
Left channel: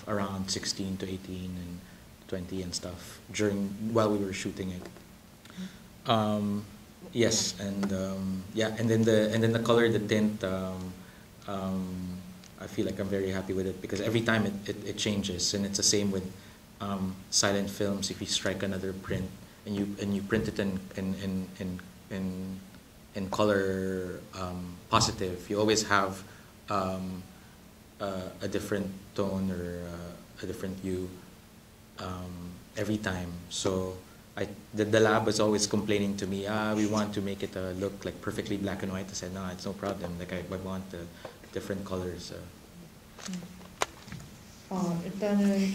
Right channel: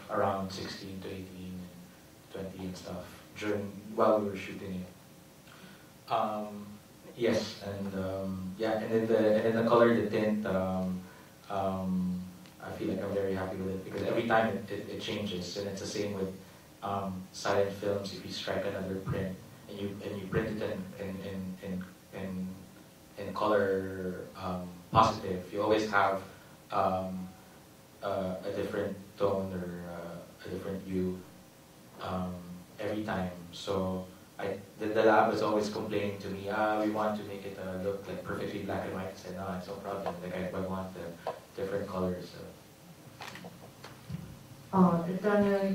around 16 to 18 and 20 and stuff while we were shooting it. Yes, and and then the color, the tint. I feel like I'm very happy with it because every time it changes, and it's the same with silent films. If you strike another print and you print it in color positive, you always have a different tone or a different hue every time. So the lab was always complaining to me, we want to make it look like perfectly black and white. I said, no, it's no problem. Like I want the different colors. 일단은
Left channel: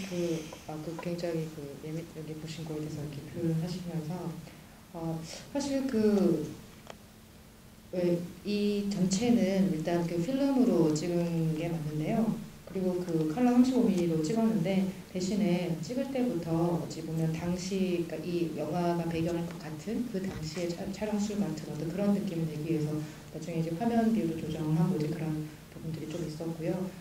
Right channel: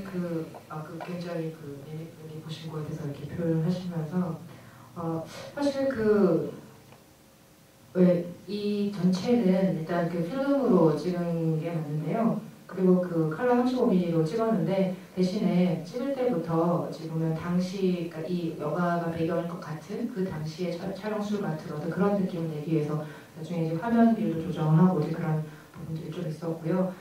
굉장히 여기 보신 거에 대해서 이렇게 표현하시면서 사실 이 전체는 일단 필름으로 찍은 게 맞는데요. 그리고 컬러 35mm로 찍었는데 대신에 찍을 때부터 지금 당시 그러니까 이 영화가 배경일 것 같은 그 당시의 촬영술 같은 어떤 그런 느낌을 내기 위해서 나중에 이제 화면비를 조정하고 그런 부분들이 좀 있었고요.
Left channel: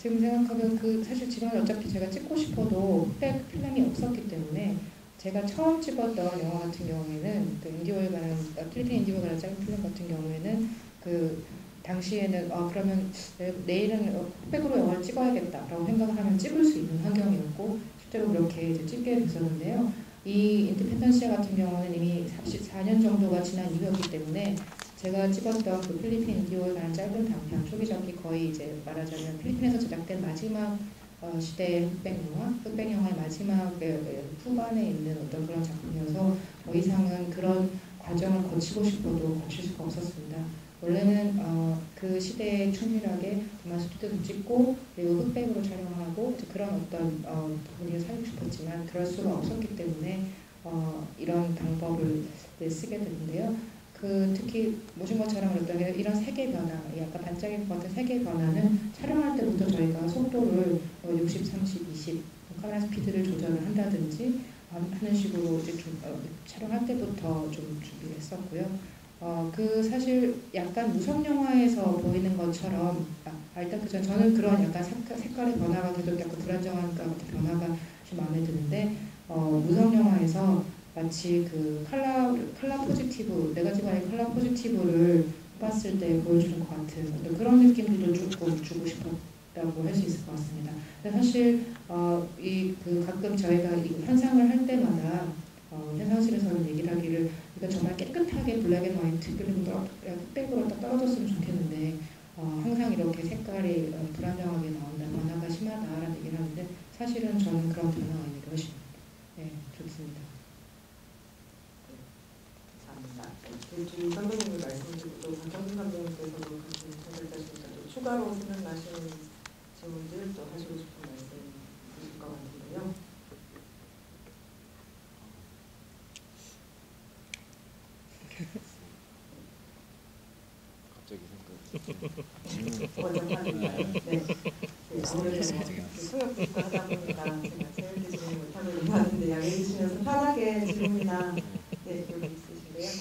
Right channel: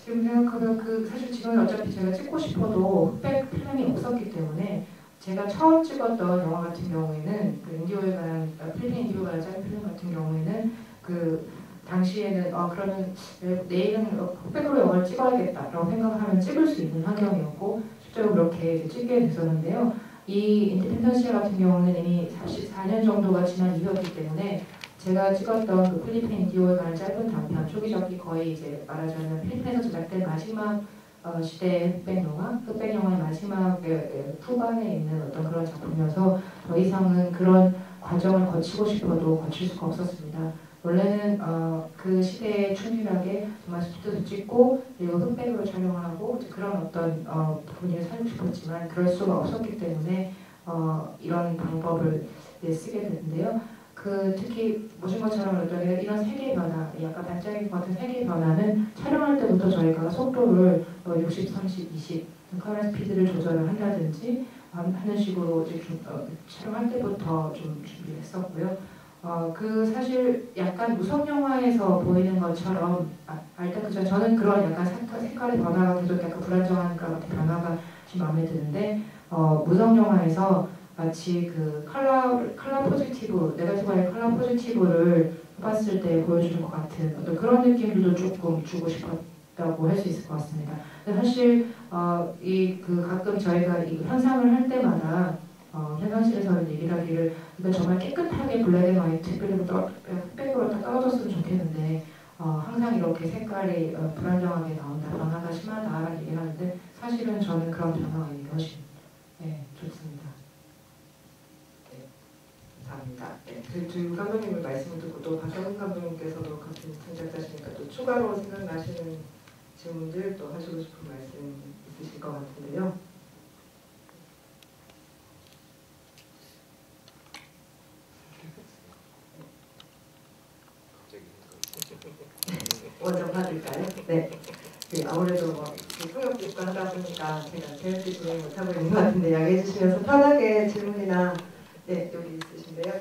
지금 생각하면 사실 지금은 어차피 제가 찍고 싶어도 흑백 필름이 없었기 때문에 제가 처음 찍었던 영화 같은 경우에는 인디오에 관한 필리핀 인디오에 관한 짧은 필름 같은 경우에는 당시에는 그러면 내일은 흑백으로 영화를 찍어야겠다라고 생각하면 찍을 수 있는 환경이었고 실제로 그렇게 이제 찍게 됐었는데요. 이 인디펜던스 같은 경우는 이미 44년 정도가 지난 이후였기 때문에 제가 찍었던 필리핀 인디오에 관한 짧은 단편 초기적이 거의 이제 말하자면 필리핀에서 제작된 마지막 시대의 흑백 영화의 마지막 후반에 있는 어떤 그런 작품이어서 더 이상은 그런 과정을 거치고 싶어도 거칠 수가 없었습니다. 원래는 그 시대에 충실하게 정말 스튜디오도 찍고 그리고 흑백으로 촬영하고 그런 어떤 부분을 살고 싶었지만 그럴 수가 없었기 때문에 이런 방법을 쓰게 됐는데요. 특히 보신 것처럼 이런 세계 변화, 약간 반짝이 같은 세계 변화는 촬영할 때부터 저희가 속도를 60, 30, 20 컬러 스피드를 조절을 한다든지 하는 식으로 이렇게 촬영할 때부터 좀 준비를 했었고요. 사실 약간 무성 영화에서 보이는 것처럼 일단 저는 그런 약간 색깔의 변화가 계속 약간 불안정한 변화가 좀 마음에 드는데 무성 영화에서 마치 컬러 포지티브, 네거티브의 컬러 포지티브를 봤을 때 보여주는 것 같은 어떤 그런 느낌들도 조금 주고 싶었다고 할 수 있을 것 같습니다. 근데 사실 가끔 저희가 이 현상을 할 때마다 현상실에서 얘기를 하기를 정말 깨끗하게 블랙 앤 화이트 그리고 흑백으로 다 떨어졌으면 좋겠는데 항상 이렇게 색깔이 불안정하게 나온다, 변화가 심하다라는 얘기를 하는데 사실은 저는 그런 변화가 훨씬 좋습니다. 감사합니다. 주 감독님의 말씀을 듣고 또 박정훈 감독님께서도 같은 생각하시니까 또 추가로 생각나시는 질문들 또 하시고 싶은 말씀 있으실 것 같은데요. 먼저 받을까요? 네. 아무래도 소형 하다 보니까 제가 제일 질문을 못하고 있는 것 같은데 양해해 주시면서 편하게 질문이나 여기 있으신데요.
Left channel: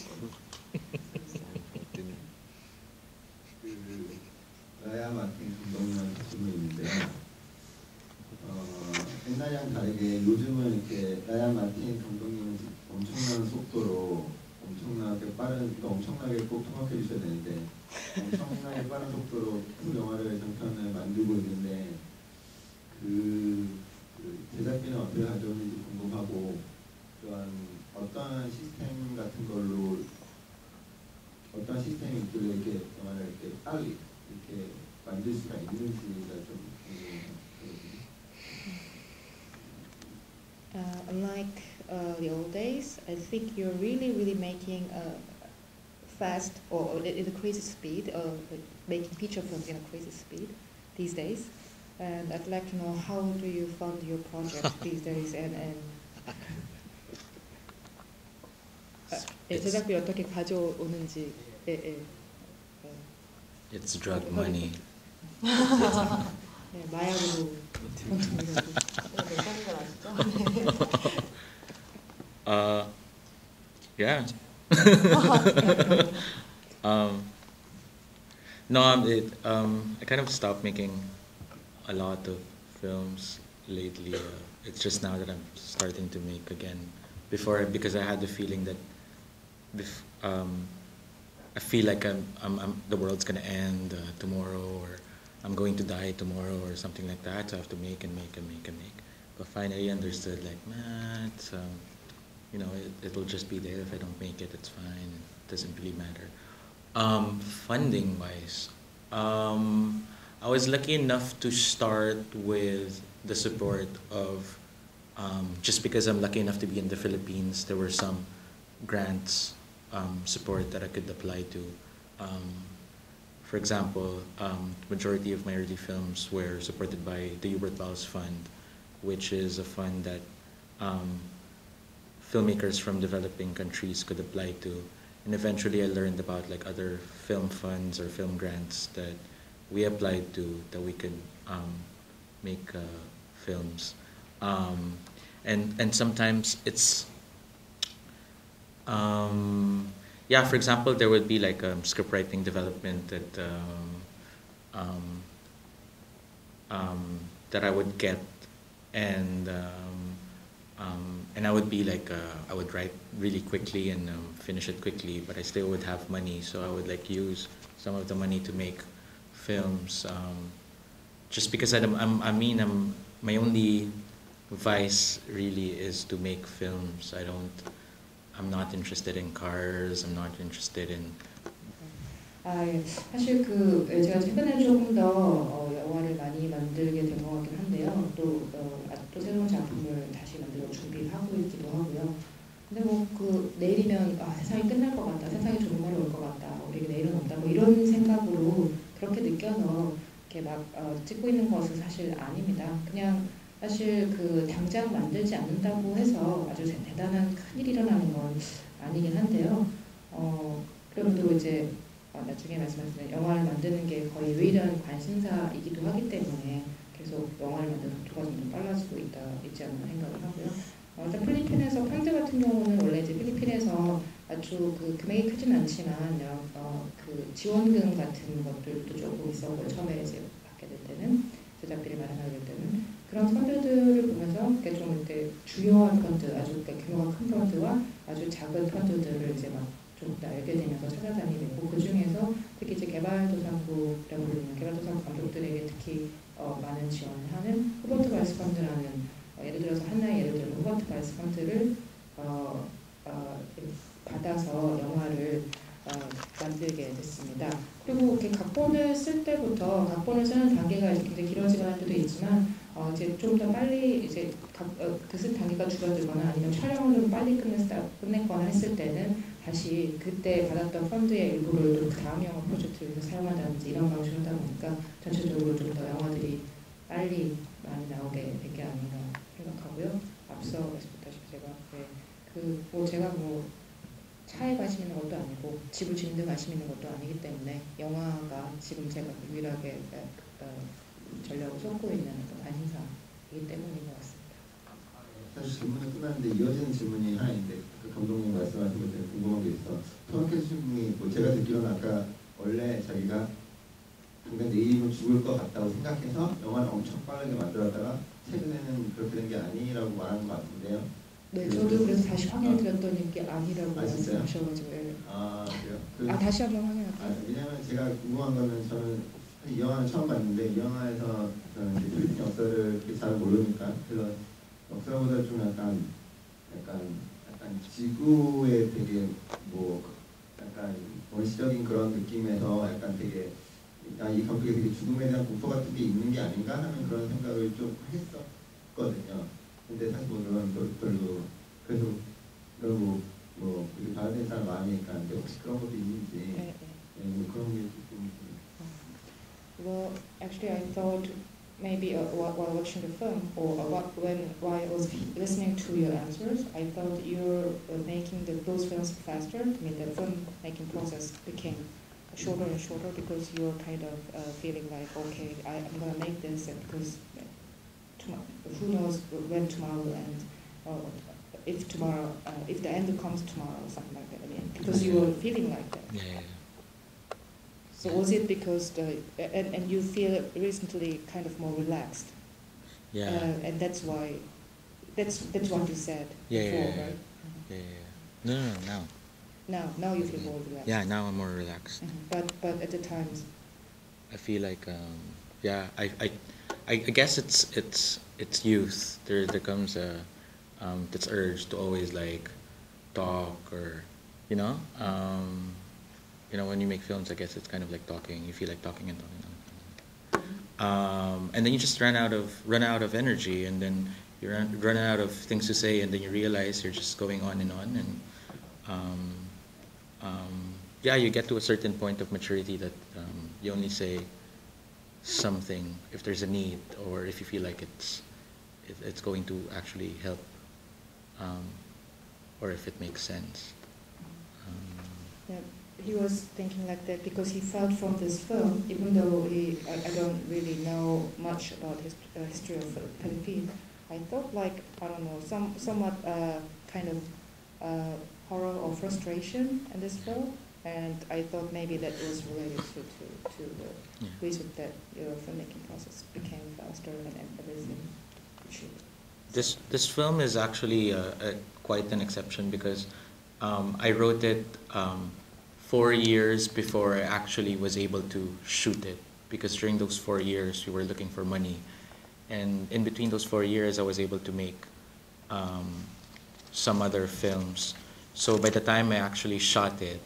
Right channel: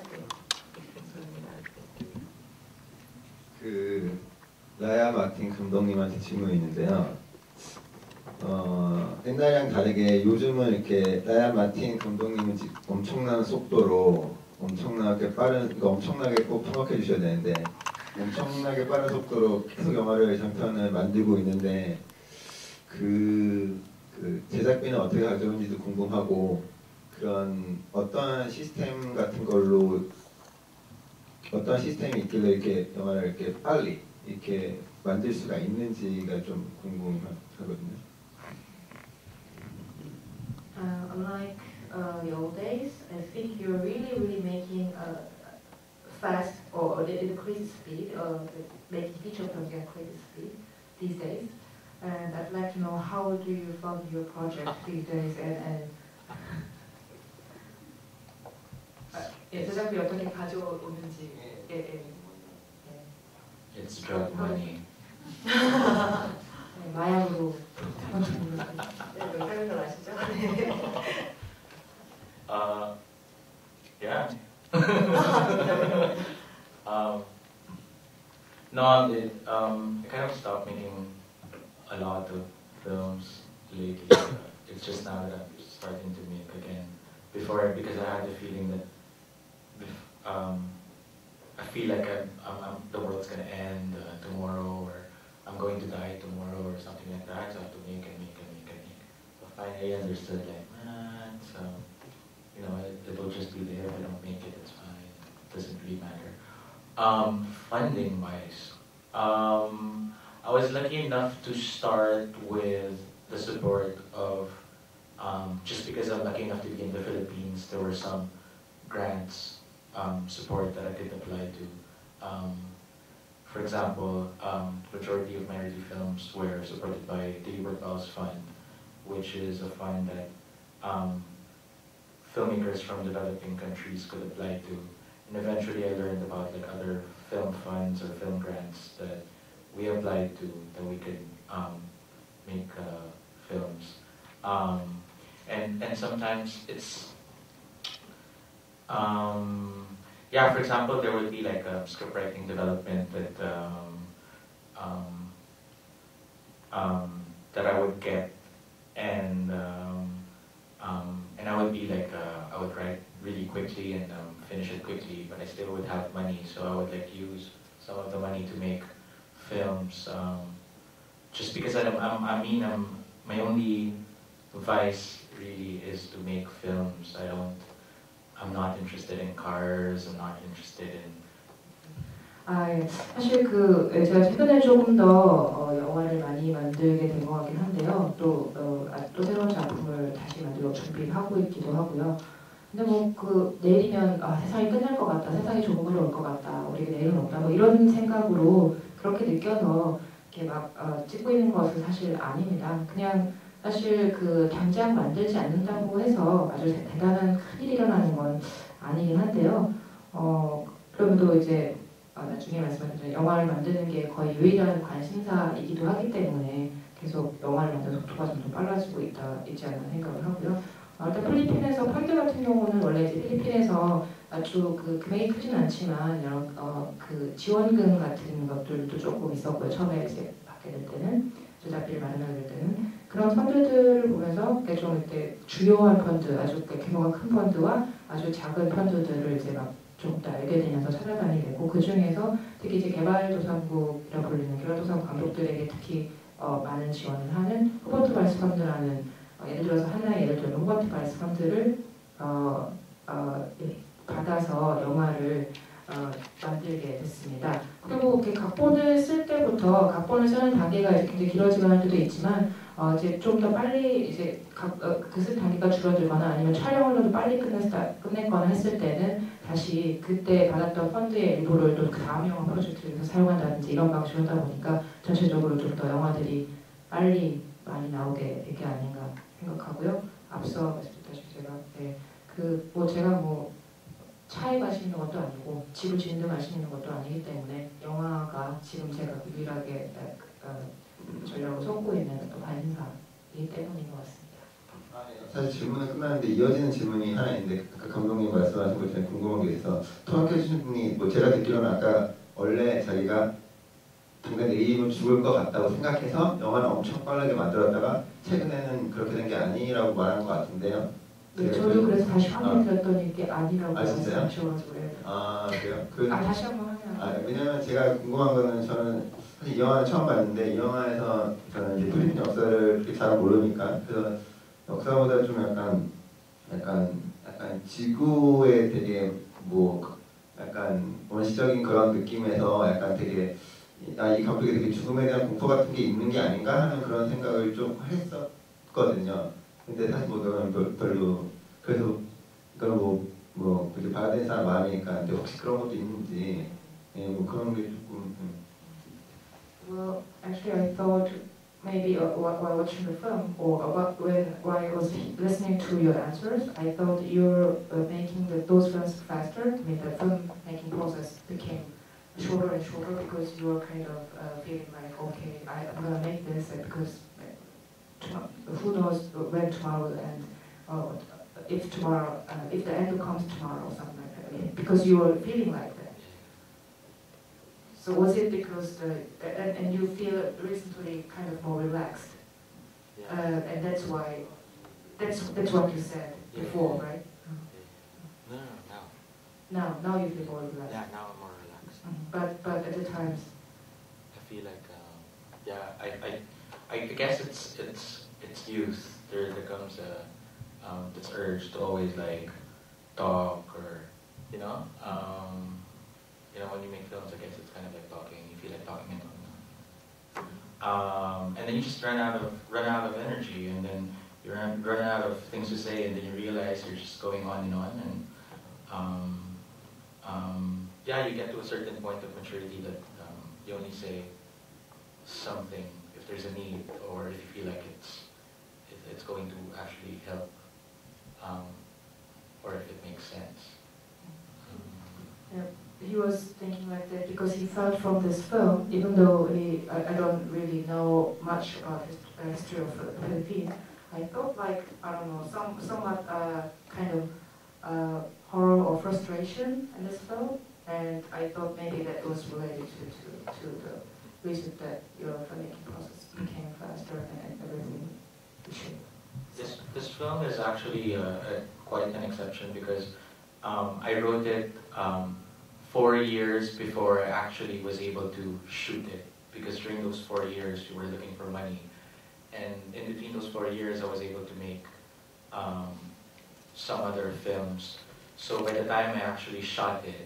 라야 마틴 감독님한테 질문이 있는데요. 옛날이랑 다르게 요즘은 이렇게 라야 마틴 감독님은 엄청난 속도로 엄청나게 빠른, 엄청나게 꼭 파악해 주셔야 되는데 엄청나게 빠른 속도로 계속 영화를 장편을 만들고 있는데 제작비는 어떻게 가져오는지도 궁금하고 그런 어떤 시스템 같은 걸로 어떤 시스템이 있길래 이렇게 영화를 이렇게 빨리 이렇게 만들 수가 있는지가 좀 궁금하거든요. Unlike the old days, I think you're really making a fast or at a crazy speed, making feature films at a crazy speed these days. And I'd like to know how do you fund your project these days and 제작비 어떻게 가져오는지. It's drug money. 마약으로. Yeah. No, I kind of stopped making a lot of films lately. It's just now that I'm starting to make again. Before, because I had the feeling that I feel like the world's gonna end tomorrow, or I'm going to die tomorrow, or something like that. So I have to make and make and make and make. But finally, I understood, like, nah, it's it will just be there. If I don't make it, it's fine. It doesn't really matter. Funding wise, I was lucky enough to start with the support of, just because I'm lucky enough to be in the Philippines, there were some grants support that I could apply to. For example, majority of my early films were supported by the Hubert Bowles Fund, which is a fund that filmmakers from developing countries could apply to. And eventually I learned about like other film funds or film grants that we applied to that we could make films. And sometimes it's, yeah, for example, there would be like a script writing development that I would get, and I would be like, I would write really quickly and finish it quickly, but I still would have money, so I would like use some of the money to make films. Just because my only vice really is to make films. I'm not interested in cars. I'm not interested in. 예. 사실 제가 최근에 조금 더 영화를 많이 만들게 된 것 같긴 한데요. 또 새로운 작품을 다시 만들고 준비하고 있기도 하고요. 근데 내일이면 세상이 끝날 것 같다, 세상이 좋은 걸로 올 것 같다, 우리에게 내일은 없다, 이런 생각으로 그렇게 느껴서 이렇게 막 찍고 있는 것은 사실 아닙니다. 그냥 사실 당장 만들지 않는다고 해서 아주 대단한 큰일이 일어나는 건 아니긴 한데요. 그럼에도 이제 나중에 말씀하신 영화를 만드는 게 거의 유일한 관심사이기도 하기 때문에 계속 영화를 만드는 속도가 좀 더 빨라지고 있지 않나 생각을 하고요. 일단 필리핀에서 펀드 같은 경우는 원래 이제 필리핀에서 아주 금액이 크진 않지만 이런 지원금 같은 것들도 조금 있었고요. 처음에 이제 받게 될 때는 제작비를 마련하게 될 때는 그런 펀드들을 보면서 좀 이렇게 주요한 펀드, 아주 규모가 큰 펀드와 아주 작은 펀드들을 이제 막 좀 더 알게 되면서 찾아다니게 되고, 그 중에서 특히 이제 개발도상국이라고 불리는 개발도상국 가족들에게 특히 많은 지원을 하는 후버트 발스 펀드라는, 예를 들어서 하나의 예를 들면 후버트 발스 펀드를 받아서 영화를 만들게 됐습니다. 그리고 이렇게 각본을 쓸 때부터 각본을 쓰는 단계가 굉장히 길어지거나 할 때도 있지만 이제 좀 더 빨리 이제 쓸 단계가 줄어들거나 아니면 촬영을 좀 빨리 끝내거나 했을 때는 다시 그때 받았던 펀드의 일부를 좀 다음 영화 프로젝트에 사용한다든지 이런 방식으로 하다 보니까 전체적으로 좀 더 영화들이 빨리 많이 나오게 된 게 아닌가 생각하고요. 앞서 말씀드렸다시피 제가 차에 관심 있는 것도 아니고 지구 지는데 관심 있는 것도 아니기 때문에 영화가 지금 제가 유일하게 전략을 쏟고 있는 관심사이기 때문인 것 같습니다. 사실 질문은 끝났는데 이어지는 질문이 하나 있는데, 감독님 말씀하신 것 중에 궁금한 게 있어. 토마케 분이 제가 듣기로는 아까 원래 자기가 당장 내일이면 죽을 것 같다고 생각해서 영화를 엄청 빠르게 만들었다가 최근에는 그렇게 된 게 아니라고 말하는 것 같은데요. 네, 저도 그래서 다시 확인 드렸더니 이게 아니라고 말씀하셔가지고. 그래요? 다시 한번 확인하세요. 왜냐면 제가 궁금한 거는, 저는 사실 이 영화를 처음 봤는데 이 영화에서 저는 이제 필리핀 역사를 그렇게 잘 모르니까, 그래서 역사보다 좀 약간 지구에 되게 약간 원시적인 그런 느낌에서 약간 되게 이 감독이 되게 죽음에 대한 공포 같은 게 있는 게 아닌가 하는 그런 생각을 좀 했었거든요. 근데 사실 그건 별로, 그래서 그건 그렇게 봐야 되는 사람 마음이니까. 근데 혹시 그런 것도 있는지, 그런 게 조금. Well, actually, I thought maybe while watching the film or while I was listening to your answers, I thought you're making those films faster. I mean, the film making process became shorter and shorter because you were kind of feeling like, okay, I'm gonna make this because who knows when tomorrow will end, or if the end will come tomorrow or something like that. I mean, because you were feeling like that. Yeah. So was it because and you feel recently kind of more relaxed? Yeah. And that's why that's what you said before, right? Yeah. No. Now you feel more relaxed. Yeah, now I'm more relaxed. But at the times. I feel like I guess it's youth. There comes this urge to always like talk, or when you make films, I guess it's kind of like talking. You feel like talking and talking. and then you just run out of energy, and then you run out of things to say, and then you realize you're just going on, and yeah, you get to a certain point of maturity that you only say something if there's a need, or if you feel like it's going to actually help, or if it makes sense. Yeah, he was thinking like that because he felt from this film, even though I don't really know much about the history of the Philippines, I felt like, I don't know, somewhat kind of horror or frustration in this film, and I thought maybe that was related to the reason that your filmmaking process became faster and everything. This film is actually quite an exception because I wrote it 4 years before I actually was able to shoot it, because during those 4 years we were looking for money, and in between those 4 years I was able to make some other films. So by the time I actually shot it,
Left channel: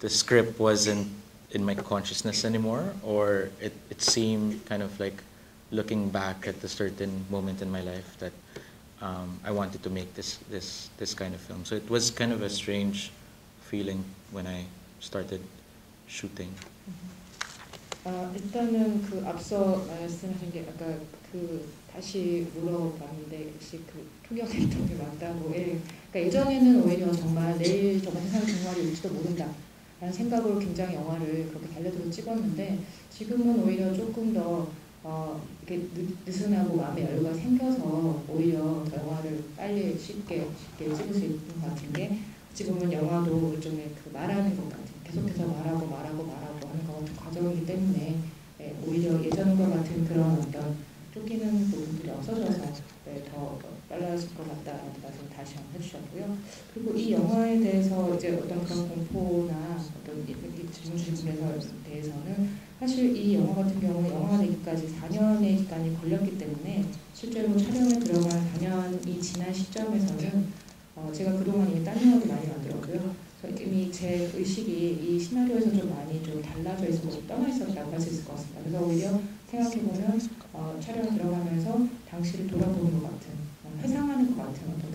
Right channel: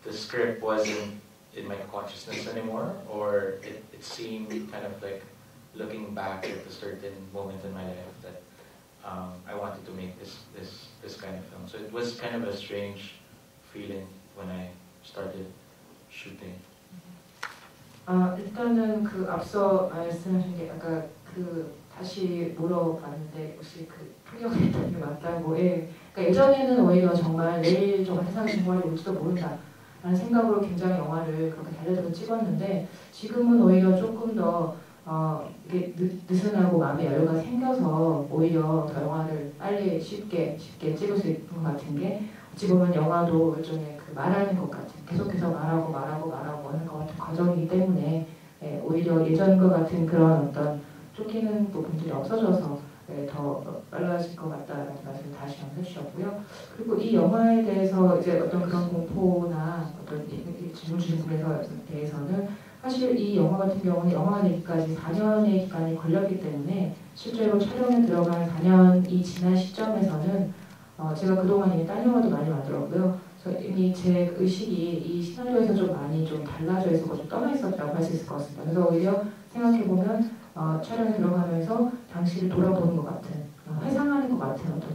the script wasn't in my consciousness anymore, or it seemed kind of like looking back at a certain moment in my life that I wanted to make this kind of film. So it was kind of a strange feeling when I started shooting. 일단은 그 앞서 말씀하신 게 아까 다시 물어봤는데 혹시 그 통역했던 게 맞다고. 그러니까 예전에는 오히려 정말 내일 저 같은 정말 올지도 모른다 라는 생각으로 굉장히 영화를 그렇게 달려들고 찍었는데, 지금은 오히려 조금 더 이렇게 느슨하고 마음의 여유가 생겨서 오히려 더 영화를 빨리 쉽게 찍을 수 있는 것 같은 게, 어찌 보면 영화도 일종의 그 말하는 것 같은, 계속해서 말하고 하는 것 같은 과정이기 때문에 오히려 예전과 같은 그런 어떤 쫓기는 부분들이 없어져서 더 빨라질 것 같다는 말씀 다시 한번 해주셨고요. 그리고 이 영화에 대해서 이제 어떤 그런 공포나 어떤 질문 주신 분에 대해서는 사실 이 영화 같은 경우는 영화 내기까지 4년의 기간이 걸렸기 때문에 실제로 촬영에 들어간 4년이 지난 시점에서는 제가 그동안 이미 딴 영화도 많이 만들었고요. 그래서 이미 제 의식이 이 시나리오에서 좀 많이 좀 달라져 있었고 좀 떠나 있었다고 할 수 있을 것 같습니다. 그래서 오히려 생각해보면 촬영에 들어가면서 당시를 돌아보는 것 같은, 회상하는 것 같은 어떤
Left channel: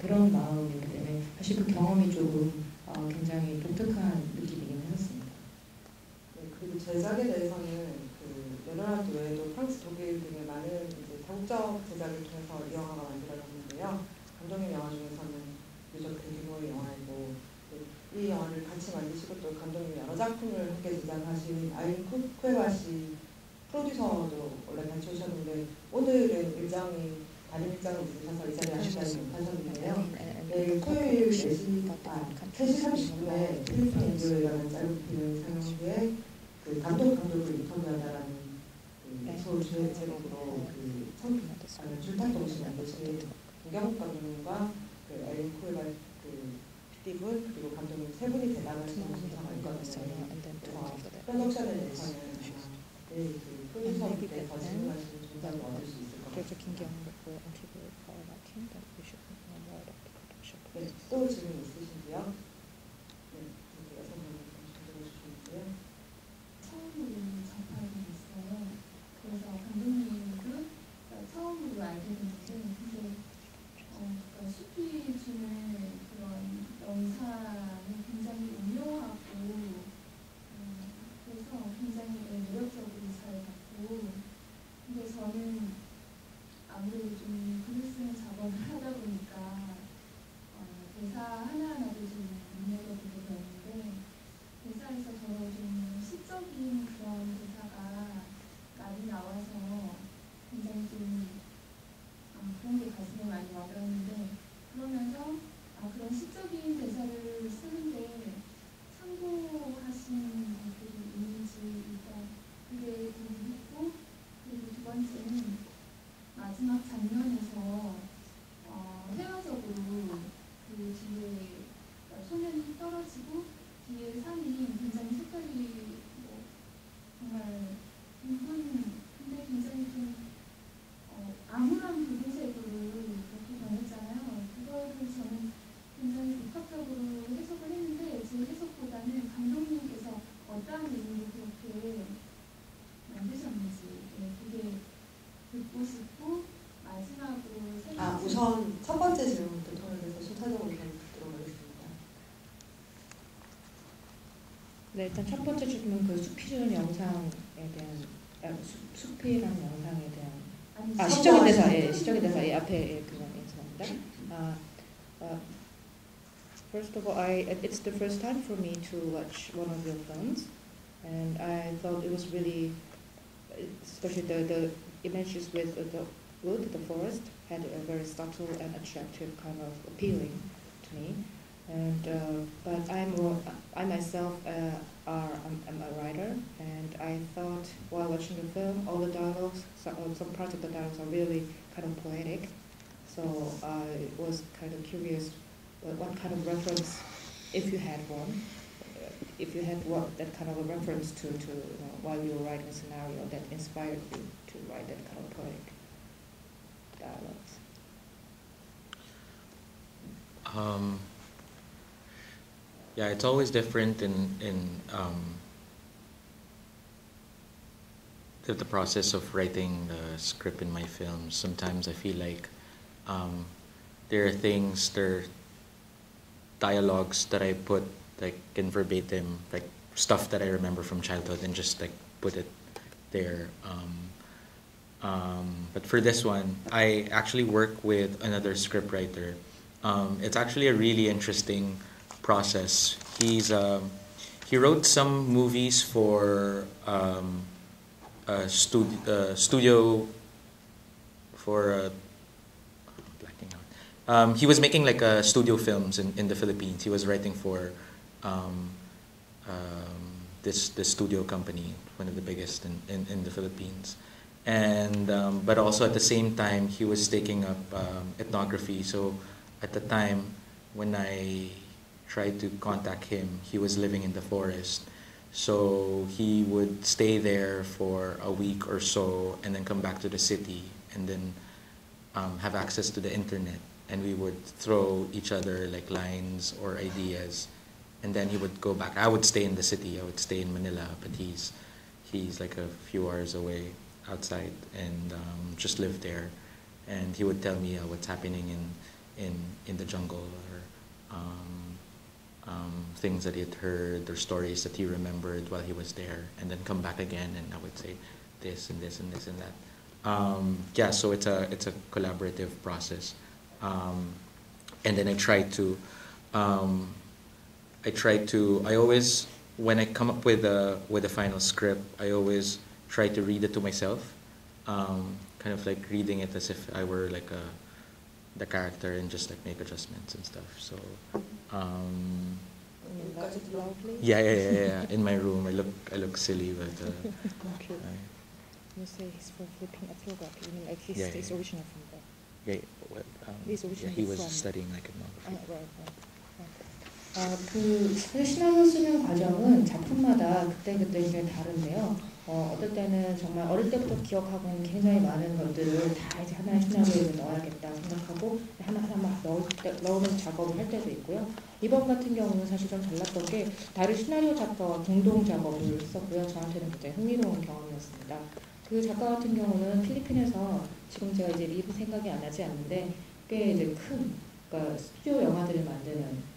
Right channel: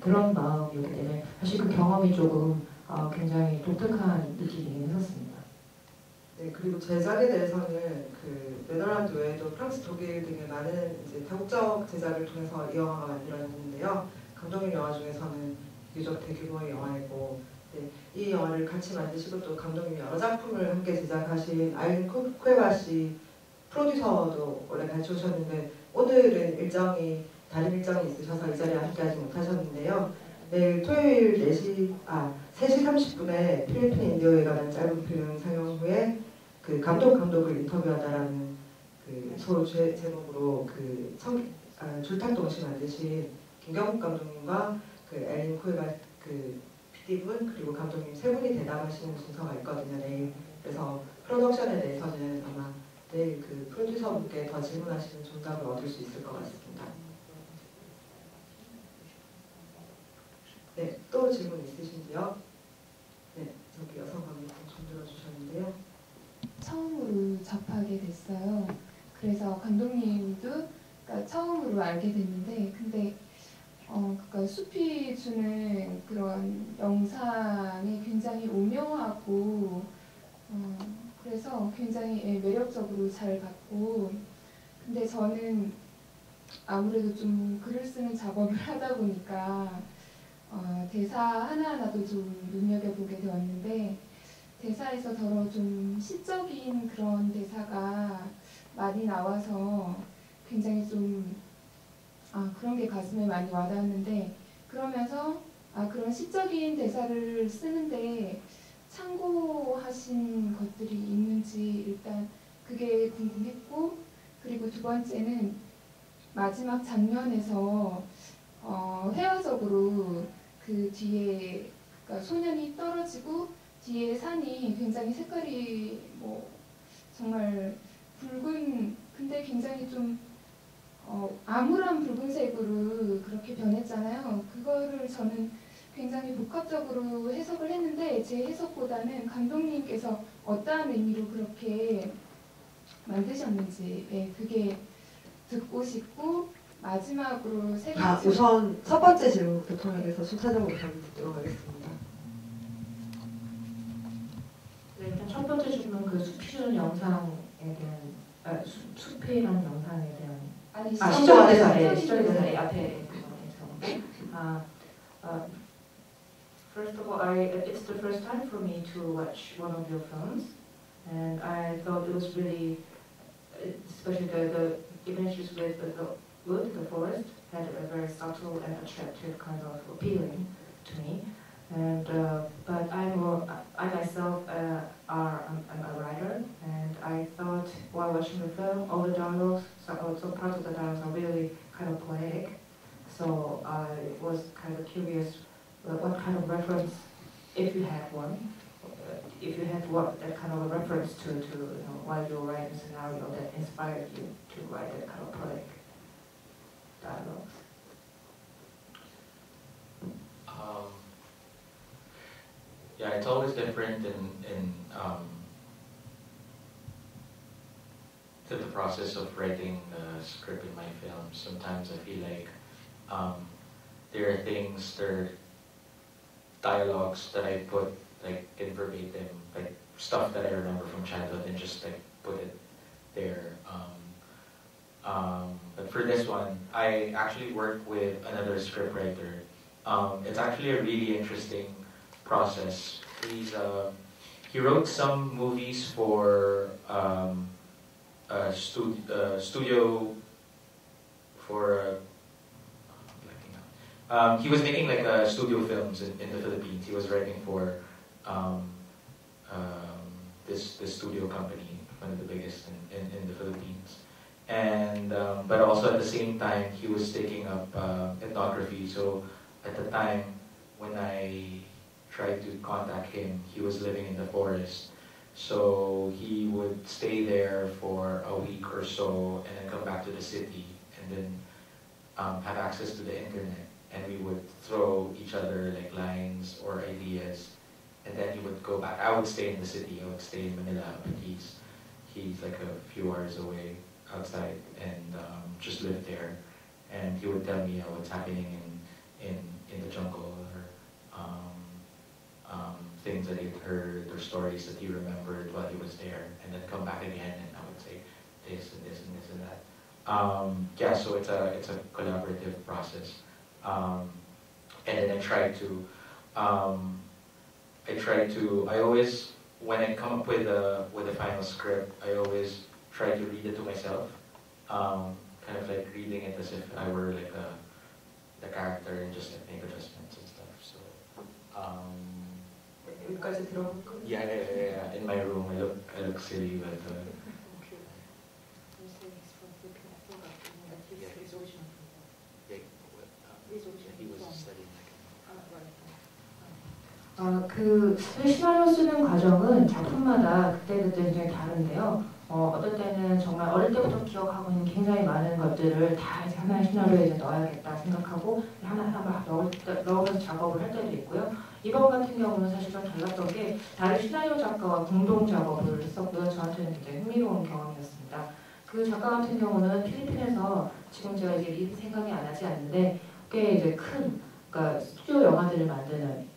그런 마음이기 때문에 사실 그 경험이 조금 굉장히 독특한 일이긴 했습니다. 네, 그리고 제작에 대해서는 그 네덜란드 외에도 프랑스, 독일 등의 많은 이제 다국적 제작을 통해서 이 영화가 만들어졌는데요. 감독님 영화 중에서는 유적 대규모의 영화이고, 네, 이 영화를 같이 만드시고 또 감독님이 여러 작품을 함께 제작하신 아일린 쿠에바 씨 프로듀서도 원래 같이 오셨는데 오늘은 다른 일정이 있으셔서 이 자리에 아쉽게 못하셨는데요. 내일 토요일 3시 30분에 필리핀 인도에 관한 짧은 필름이 상영 후에 그 감독을 인터뷰하다라는 그 제목으로 줄탁동시 만드신 김경국 감독님과 그 아일린 쿠에바 그 PD분 그리고 감독님 세 분이 대담하시는 순서가 있거든요. 그래서 프로덕션에 대해서는 아마 내일 그 프로듀서분께 더 질문하시는 조답을 얻을 수 있을 것 같습니다. 네, 또 질문 있으신지요? 네, 저기 여성분이 좀 들어주셨는데요. 처음으로 접하게 됐어요. 그래서 감독님도 그러니까 처음으로 알게 됐는데, 근데 그러니까 숲이 주는 그런 영상이 굉장히 오묘하고 그래서 굉장히 매력적으로 잘 봤고, 근데 저는 아무래도 좀 글을 쓰는 작업을 하다 보니까 대사 하나하나도 좀 눈여겨보게 되었는데, 대사에서 더러 좀 시적인 그런 대사가 많이 나와서 굉장히 좀 그런 게 가슴에 많이 와닿는데, 그러면서 그런 시적인 대사를 쓰는데 참고하신 것들이 있는지 일단 그게 궁금했고, 그리고 두 번째는 마지막 장면에서 회화적으로 그 뒤에 그러니까 소년이 떨어지고 뒤에 산이 굉장히 색깔이 정말 붉은, 근데 굉장히 좀 암울한 붉은색으로 그렇게 변했잖아요. 그거를 저는 굉장히 복합적으로 해석을 했는데 제 해석보다는 감독님께서 어떠한 의미로 그렇게 만드셨는지 그게 듣고 싶고 마지막으로 세 아, 가지 우선 첫 번째 질문부터 통해서 순차적으로 답변드리도록 하겠습니다. 네, 일단 첫 번째 질문 그 숲이 주는 영상에 대한 숲이라는 영상에 대한 아니 시점에 대해서 시점에 대해서 앞에 그 있습니다. First of all, it's the first time for me to watch one of your films, and I thought it was really, especially the images with the wood, the forest, had a very subtle and attractive kind of appealing to me. And but I myself am a writer, and I thought while watching the film, all the dialogues, some parts of the dialogues are really kind of poetic. So I was kind of curious what kind of reference, if you had one, if you had what that kind of reference to while you were writing the scenario that inspired you to write that kind of poetic dialogues. Yeah, it's always different in the process of writing the script in my films. Sometimes I feel like there are dialogues that I put like in verbatim, like stuff that I remember from childhood, and just like put it there. But for this one, I actually work with another scriptwriter. It's actually a really interesting process. He wrote some movies for studio for he was making like studio films in the Philippines. He was writing for this studio company, one of the biggest in the Philippines. And but also at the same time he was taking up ethnography. So at the time when I tried to contact him, he was living in the forest. So he would stay there for a week or so and then come back to the city and then have access to the internet. And we would throw each other like lines or ideas, and then he would go back. I would stay in the city. I would stay in Manila, but he's like a few hours away outside, and just live there. And he would tell me what's happening in the jungle, or things that he'd heard, or stories that he remembered while he was there, and then come back again, and I would say this and this and this and that. Yeah, so it's a collaborative process. And then I always, when I come up with a final script, I always try to read it to myself, kind of like reading it as if I were like the character, and just like make adjustments and stuff. So yeah. In my room, I look silly, but You say he's from Philippines. I feel like he's original from there. yeah, he was studying like ethnography. 그 시나리오 쓰는 과정은 작품마다 그때그때 굉장히 다른데요. 어떨 때는 정말 어릴 때부터 기억하고 있는 굉장히 많은 것들을 다 이제 하나의 시나리오에 넣어야겠다 생각하고 하나 넣어서 작업을 할 때도 있고요. 이번 같은 경우는 사실 좀 달랐던 게 다른 시나리오 작가와 공동 작업을 했었고요. 저한테는 굉장히 흥미로운 경험이었습니다. 그 작가 같은 경우는 필리핀에서 지금 제가 이제 이름이 생각이 안 나지 않는데 꽤 이제 큰 그러니까 스튜디오 영화들을 만드는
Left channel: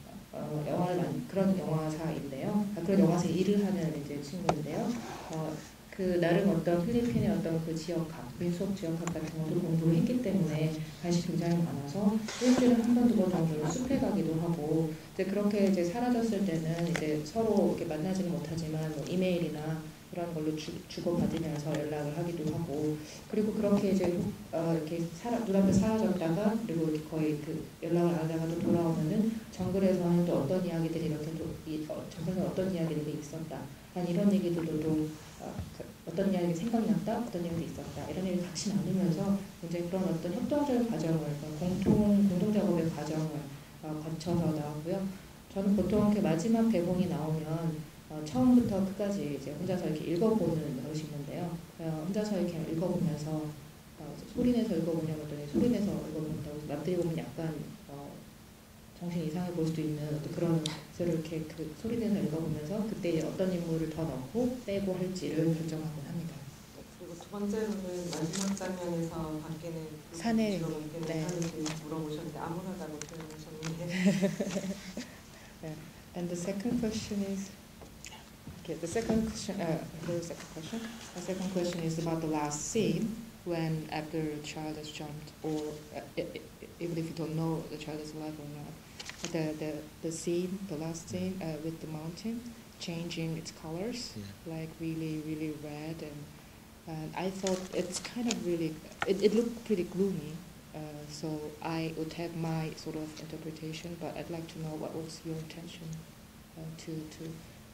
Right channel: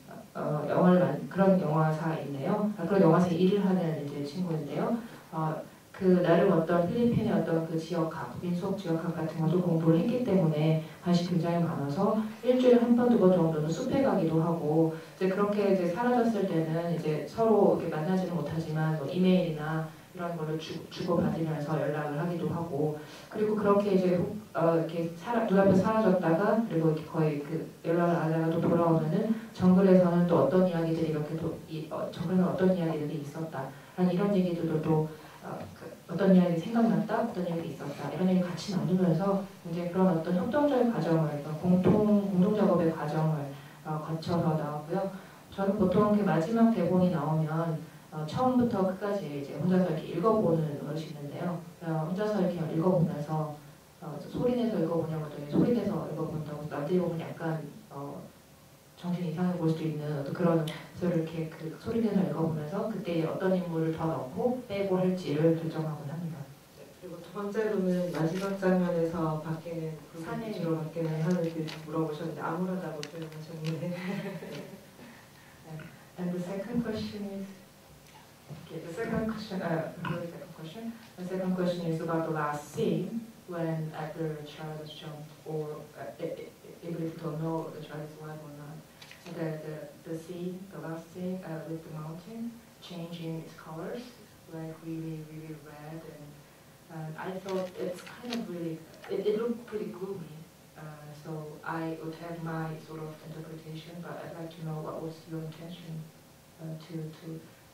그런 영화사인데요. 그런 영화사 일을 하는 이제 친구인데요. 그 나름 어떤 필리핀의 어떤 그 지역학, 민속 지역학 같은 것도 공부를 했기 때문에 관심이 굉장히 많아서 일주일에 한 번, 두 번 정도는 숲에 가기도 하고 이제 그렇게 이제 사라졌을 때는 이제 서로 이렇게 만나지는 못하지만 뭐 이메일이나 이런 걸로 주고받으면서 연락을 하기도 하고 그리고 그렇게 이제 이렇게 눈앞에 사라졌다가 그리고 거의 그 연락을 안 하다가 또 돌아오면은 정글에서는 또 어떤 이야기들이 이렇게 정글에는 어떤 이야기들이 있었다. 이런 얘기들도 또 어떤 이야기 생각났다, 어떤 얘기 있었다 이런 얘기 같이 나누면서 이제 그런 어떤 협동적 과정을 공동 작업의 과정을 거쳐서 나오고요. 저는 보통 이렇게 마지막 대본이 나오면 처음부터 끝까지 이제 혼자서 이렇게 읽어보는 것이 있는데요. 혼자서 이렇게 읽어보면서 소리내서 읽어보려고 소리내서 읽어보려고 남들이 보면 약간 정신 이상해 보일 수도 있는 어떤 그런 그래서 이렇게 그 소리내서 읽어보면서 그때 어떤 인물을 더 넣고 빼고 할지를 결정하곤 합니다. 실제로는 마지막 장면에서 바뀌는 산에, 주로 바뀌는 네. 산에 대해서 물어보셨는데 아무렇다고 표현하셨는데 And the second question is, okay, the second question, what was the second question? The second question is about the last scene when after a child has jumped, or if you don't know the child is alive or not, the scene, the last scene with the mountain changing its colors, like really red, and I thought it's kind of really, it looked pretty gloomy. So I would have my sort of interpretation, but I'd like to know what was your intention to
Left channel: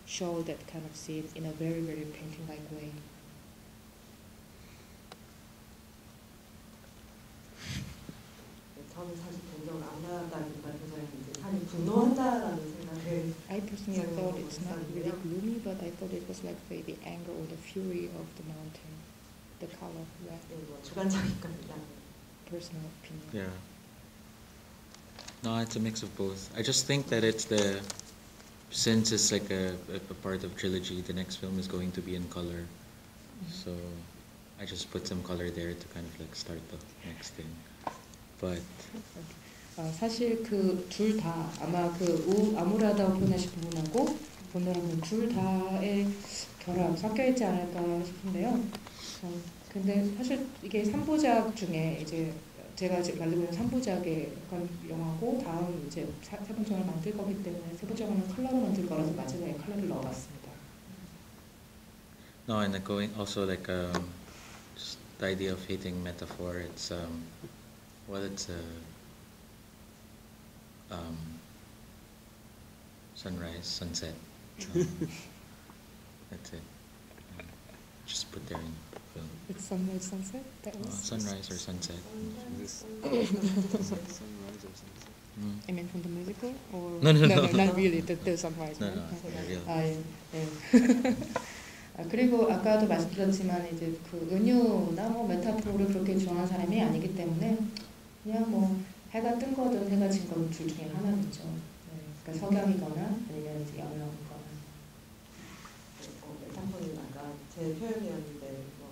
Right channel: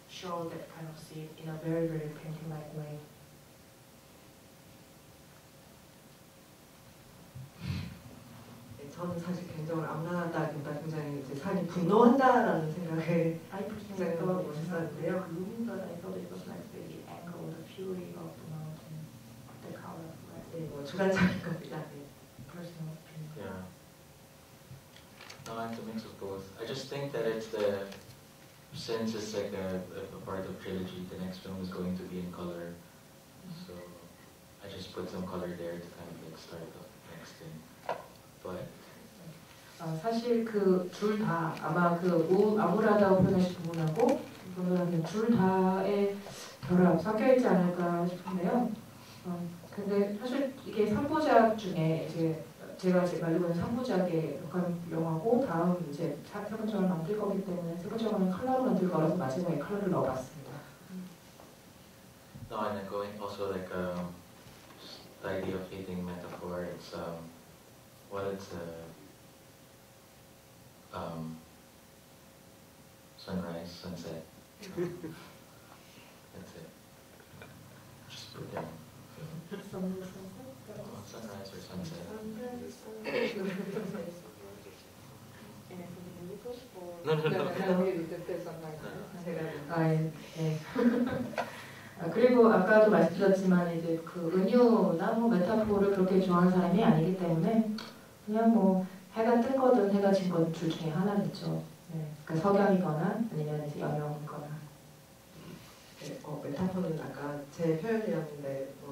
show that kind of scene in a very painting-like way. 네, 저는 사실 개인적으로 아무나다기보다 굉장히 이제 산이 분노한다라는 생각을 I personally thought it's not really gloomy, but I thought it was like the anger or the fury of the mountain, the color, like 네, 뭐 주관적인 겁니다. personal opinion. Yeah. No, it's a mix of both. I just think that it's since it's like a part of trilogy, the next film is going to be in color. So I just put some color there to kind of like start the next thing. But 사실 그 둘 다 아마 그 아무라다고 보내신 부분하고 보면 둘 다의 결합 섞여 있지 않을까 싶은데요. 근데 사실 이게 3부작 중에 이제 제가 지금 만들고 있는 3부작의 영화고 다음 이제 4부작을 만들 거기 때문에 4부작은 컬러를 만들 거라서 마지막에 컬러를 넣어봤습니다. no, and going also like just the idea of hating metaphor. It's well, it's sunrise, sunset. That's it. Just put there. It's Sunrise Sunset? That was Sunrise or sunset. I mean from the musical? Or No, not really, the sunrise. No, 예. 그리고 아까도 말씀드렸지만 이제 그 은유나 뭐 메타포를 그렇게 좋아하는 사람이 아니기 때문에 그냥 뭐 해가 뜬 거든 해가 진 것 둘 중에 하나겠죠. 네. 그러니까 석양이거나 아니면 이제 여명이거나. 네, 메타포는 아까 제 표현이었는데 뭐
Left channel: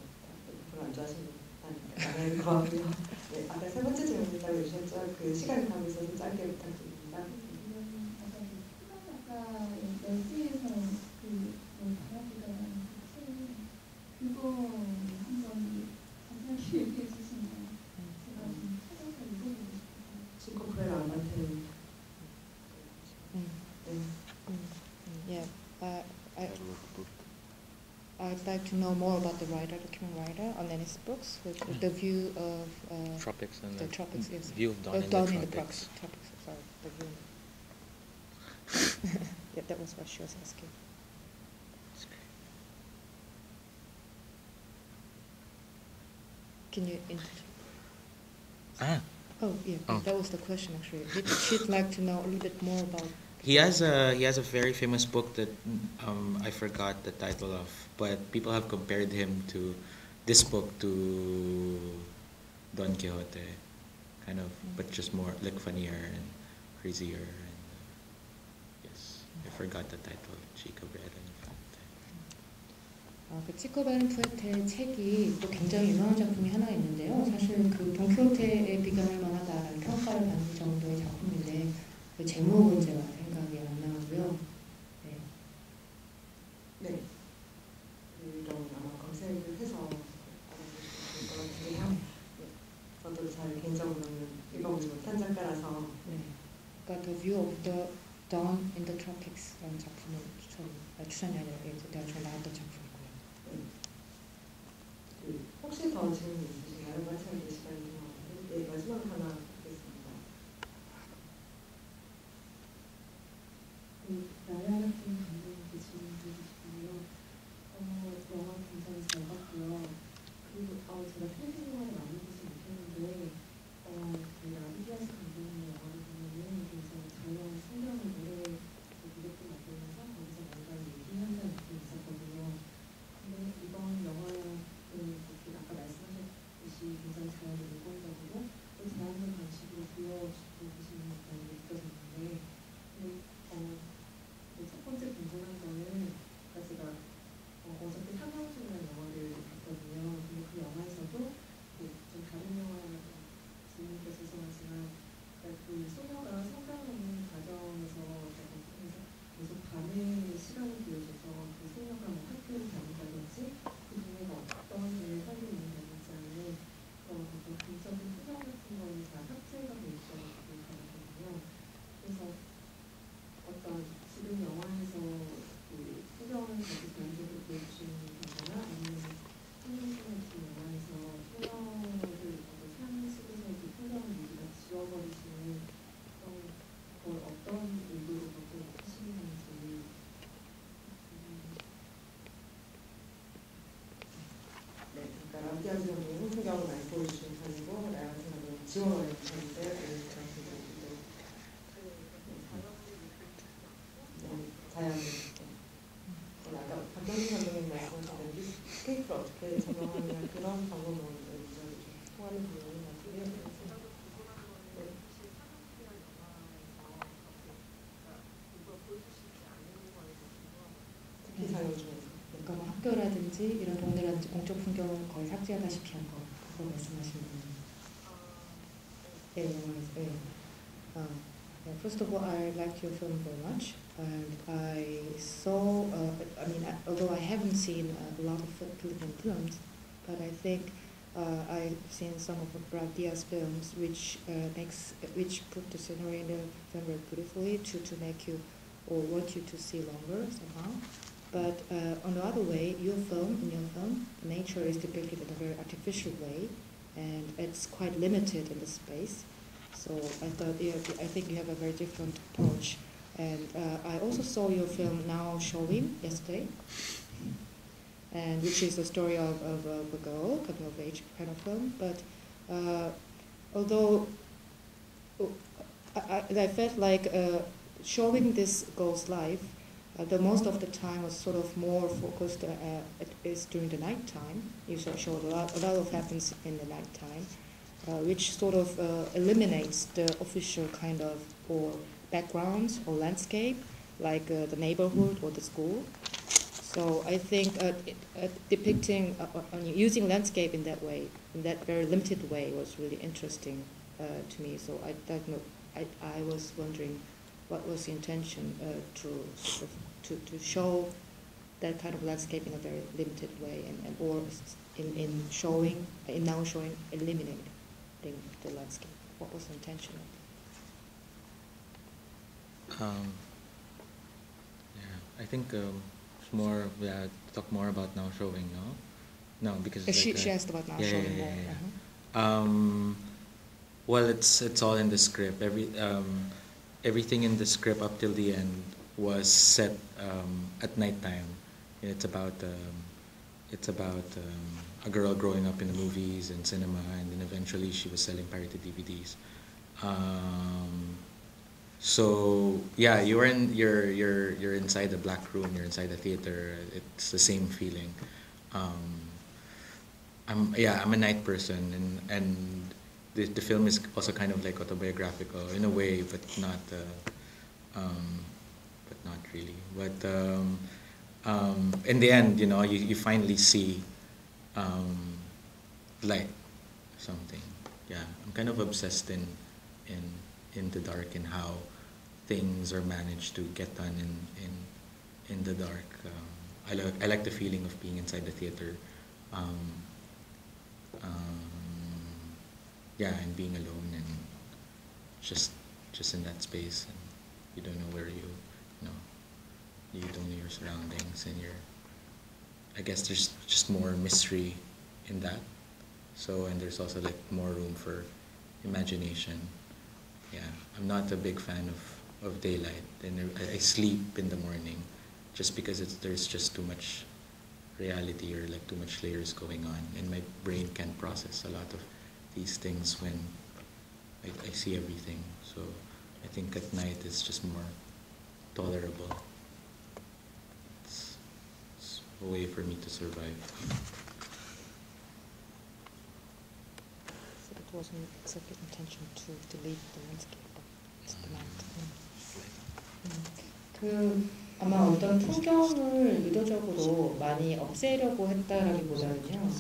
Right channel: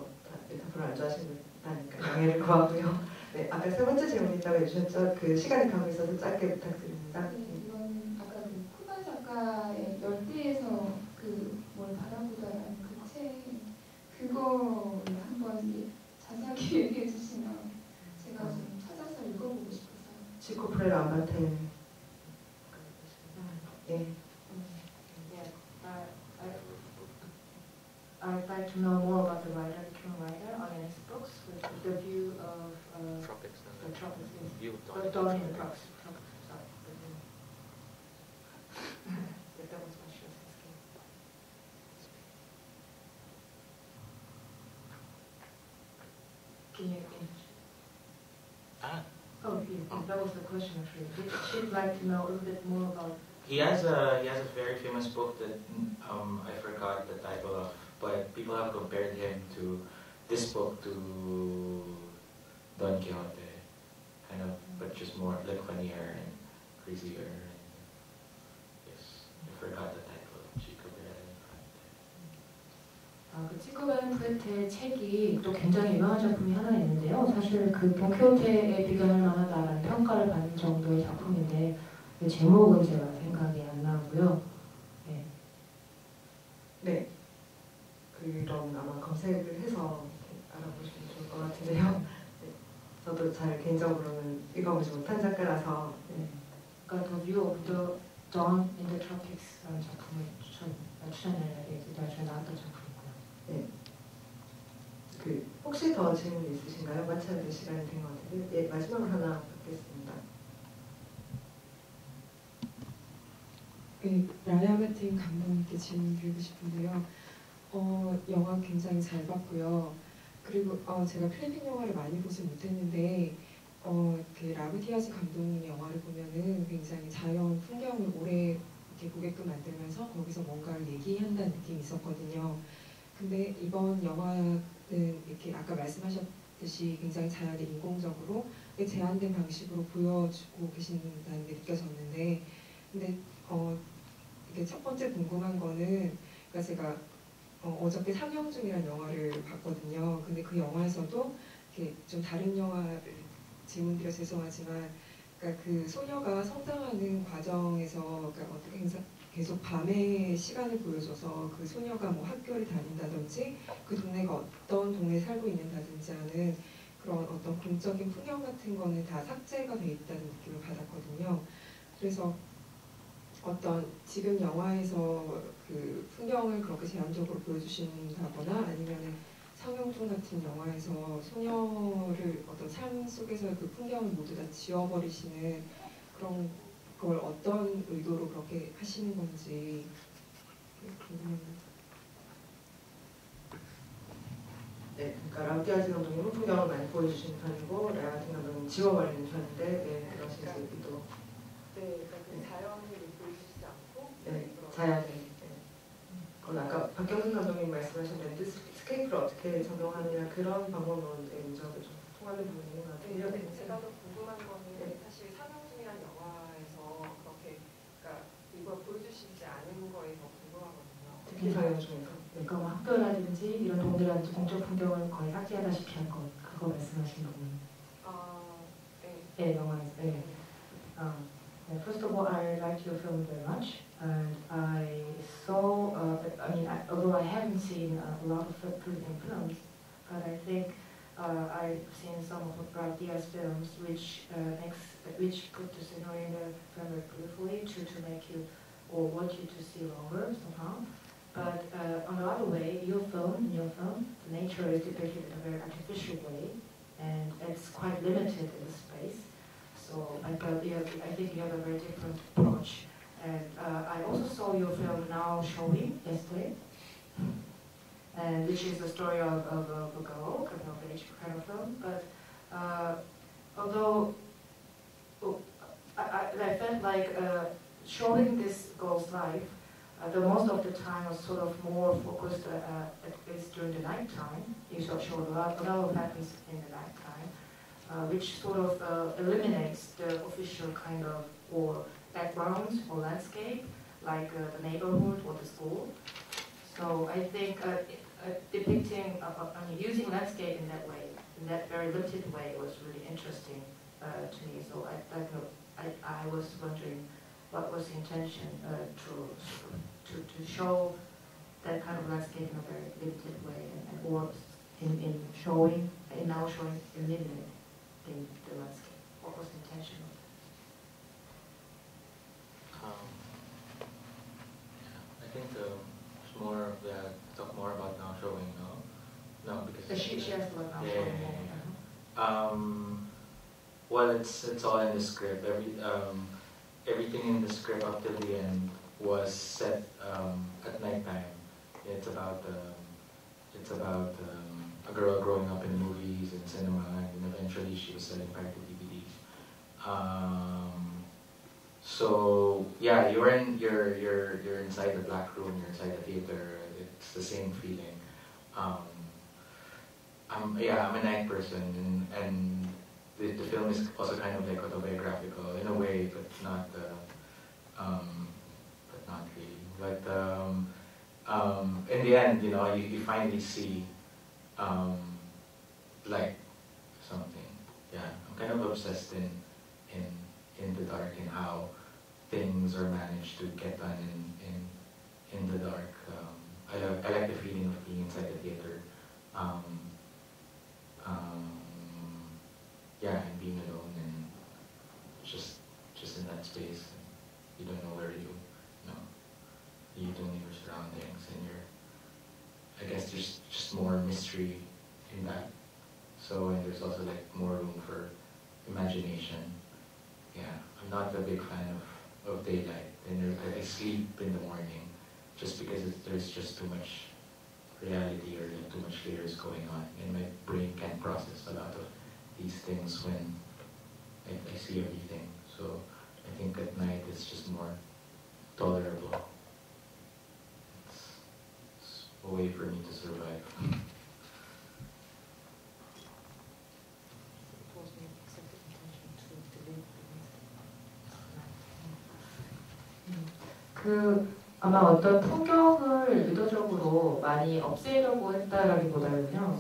메타포를 안 좋아하시는 분이니까 양해를 구하고요. 네, 아까 세 번째 질문 있다고 해주셨죠. 그 시간이 가고 있어서 짧게 부탁드립니다. 이거는 아까 그 코반 작가의 열띠에서 그 뭘 바라보다라는 그 책, 그거를 한번 자세하게 얘기해 주시면 제가 좀 찾아서 읽어보고 싶었어요. 시코프레 라마텐. 네. Yeah, I'd like to know more about the writer, the Kim writer, on his books with the view of Tropics and the tropics. Yes. view of dawn in Dawn the in the tropics. tropics. Sorry, the view. Yeah, that was what she was asking. Can you? Oh, yeah, Oh. that was the question actually. She'd like to know a little bit more about. He has a very famous book that I forgot the title of, but people have compared him to this book to Don Quixote, kind of, but just more like funnier and crazier. And, yes, I forgot the title. Chico Bernalifante. 그 치코 베르푸에테의 책이 또 굉장히 유명한 작품이 하나 있는데요. 사실 그 돈키호테에 비교할 만하다는 평가를 받는 정도의 작품인데 그 제목은 제가 생각이 안 나고요. 네. 네. 그럼 아마 검색을 해서 알아보시면 될 것 같은데요. 네. 저도 잘 개인적으로는 읽어보지 못한 작가라서 네. 그러니까 The View of the Dawn in the Tropics라는 작품을 추천해드려요. 나중에 나왔던 작품이고요. 네. 그 혹시 더 질문 있으신가요? 마쳐야 될 시간이 된 것 같은데 네, 마지막으로 하나 받겠습니다. 라야 같은 감독님께 질문 드리고 싶은데요. 영화 굉장히 잘 봤고요. 그리고 제가 필리핀 영화를 많이 보지 못했는데 그 라구디아스 감독님 영화를 보면은 굉장히 자연 풍경을 오래 이렇게 보게끔 만들면서 거기서 뭔가를 얘기한다는 느낌이 있었거든요. 근데 이번 영화는 이렇게 아까 말씀하셨듯이 굉장히 자연을 인공적으로 제한된 방식으로 보여주고 계신다는 게 느껴졌는데 근데 이게 첫 번째 궁금한 거는 그러니까 제가 어저께 상영 중이라는 영화를 봤거든요. 근데 그 영화에서도 이렇게 좀 다른 영화를 질문드려 죄송하지만, 그러니까 그 소녀가 성장하는 과정에서 그러니까 계속 밤의 시간을 보여줘서 그 소녀가 뭐 학교를 다닌다든지 그 동네가 어떤 동네에 살고 있는다든지 하는 그런 어떤 공적인 풍경 같은 거는 다 삭제가 돼 있다는 느낌을 받았거든요. 그래서 어떤 지금 영화에서 그 풍경을 그렇게 제한적으로 보여주신다거나 아니면 상영중 같은 영화에서 소녀를 어떤 삶 속에서의 그 풍경을 모두 다 지워버리시는 그런 걸 어떤 의도로 그렇게 하시는 건지 궁금합니다. 네, 그러니까 라우디아즈 감독님은 풍경을 많이 보여주시는 편이고 라우디아즈 감독님은 지워버리는 편인데 그런 식으로 네, 그러니까 자연을 보여주지 않고 네, 자연을 그건 아까 박경민 감독님 말씀하신 대로 스케이프를 어떻게 조명하느냐 그런 방법은 저도 좀 통하는 부분인 것 같아요. 제가 더 궁금한 거는 사실 상영중이라는 영화에서 그렇게 그러니까 이걸 보여주시지 않은 거에 더 궁금하거든요. 특히 상영 중에서. 그러니까 뭐 학교라든지 이런 동네라든지 공적 풍경을 거의 삭제하다시피 한 거, 그거 말씀하시는 거예요. 네, 영화에서. 네. First of all, I liked your film very much, and I saw. I mean, although I haven't seen a lot of Filipino films, but I think I've seen some of Brad Diaz films, which put the scenery in there very beautifully to make you or want you to see longer somehow. But on the other way, in your film, nature is depicted in a very artificial way, and it's quite limited in the space. So I think you have a very different approach. And I also saw your film Now Showing yesterday, and which is the story of a girl, coming of age kind of film. But although I felt like showing this girl's life, the most of the time was sort of more focused. It is during the night time. You show a lot of happens in the night time, which sort of eliminates the official kind of or background or landscape, like the neighborhood or the school. So I think depicting, using landscape in that way, in that very limited way, was really interesting to me. So I was wondering what was the intention to show that kind of landscape in a very limited way, or in now showing eliminating the landscape. What was the intention? I think more talk more about now showing, no? No, because She asked about now showing. Yeah. Well, it's all in the script. Everything in the script up till the end was set at nighttime. It's about a girl growing up in movies and cinema, and then eventually she was selling pirated DVDs. So yeah, you're inside the black room. You're inside the theater. It's the same feeling. I'm a night person, and the film is also kind of like autobiographical in a way, but not really. But in the end, you finally see light, something. Yeah, I'm kind of obsessed in the dark and how things are managed to get done in the dark. I like the feeling of being inside the theater. And being alone and just in that space, and you don't know where you don't know your surroundings, and I guess there's just more mystery in that. So, and there's also like more room for imagination. Yeah, I'm not a big fan of daylight, and I sleep in the morning just because there's just too much reality or like too much layers going on, and my brain can't process a lot of these things when I see everything. So I think at night it's just more tolerable. It's a way for me to survive. So it wasn't exactly intention to delete the landscape. 아마 어떤 풍경을 의도적으로 많이 없애려고 했다라기보다는요.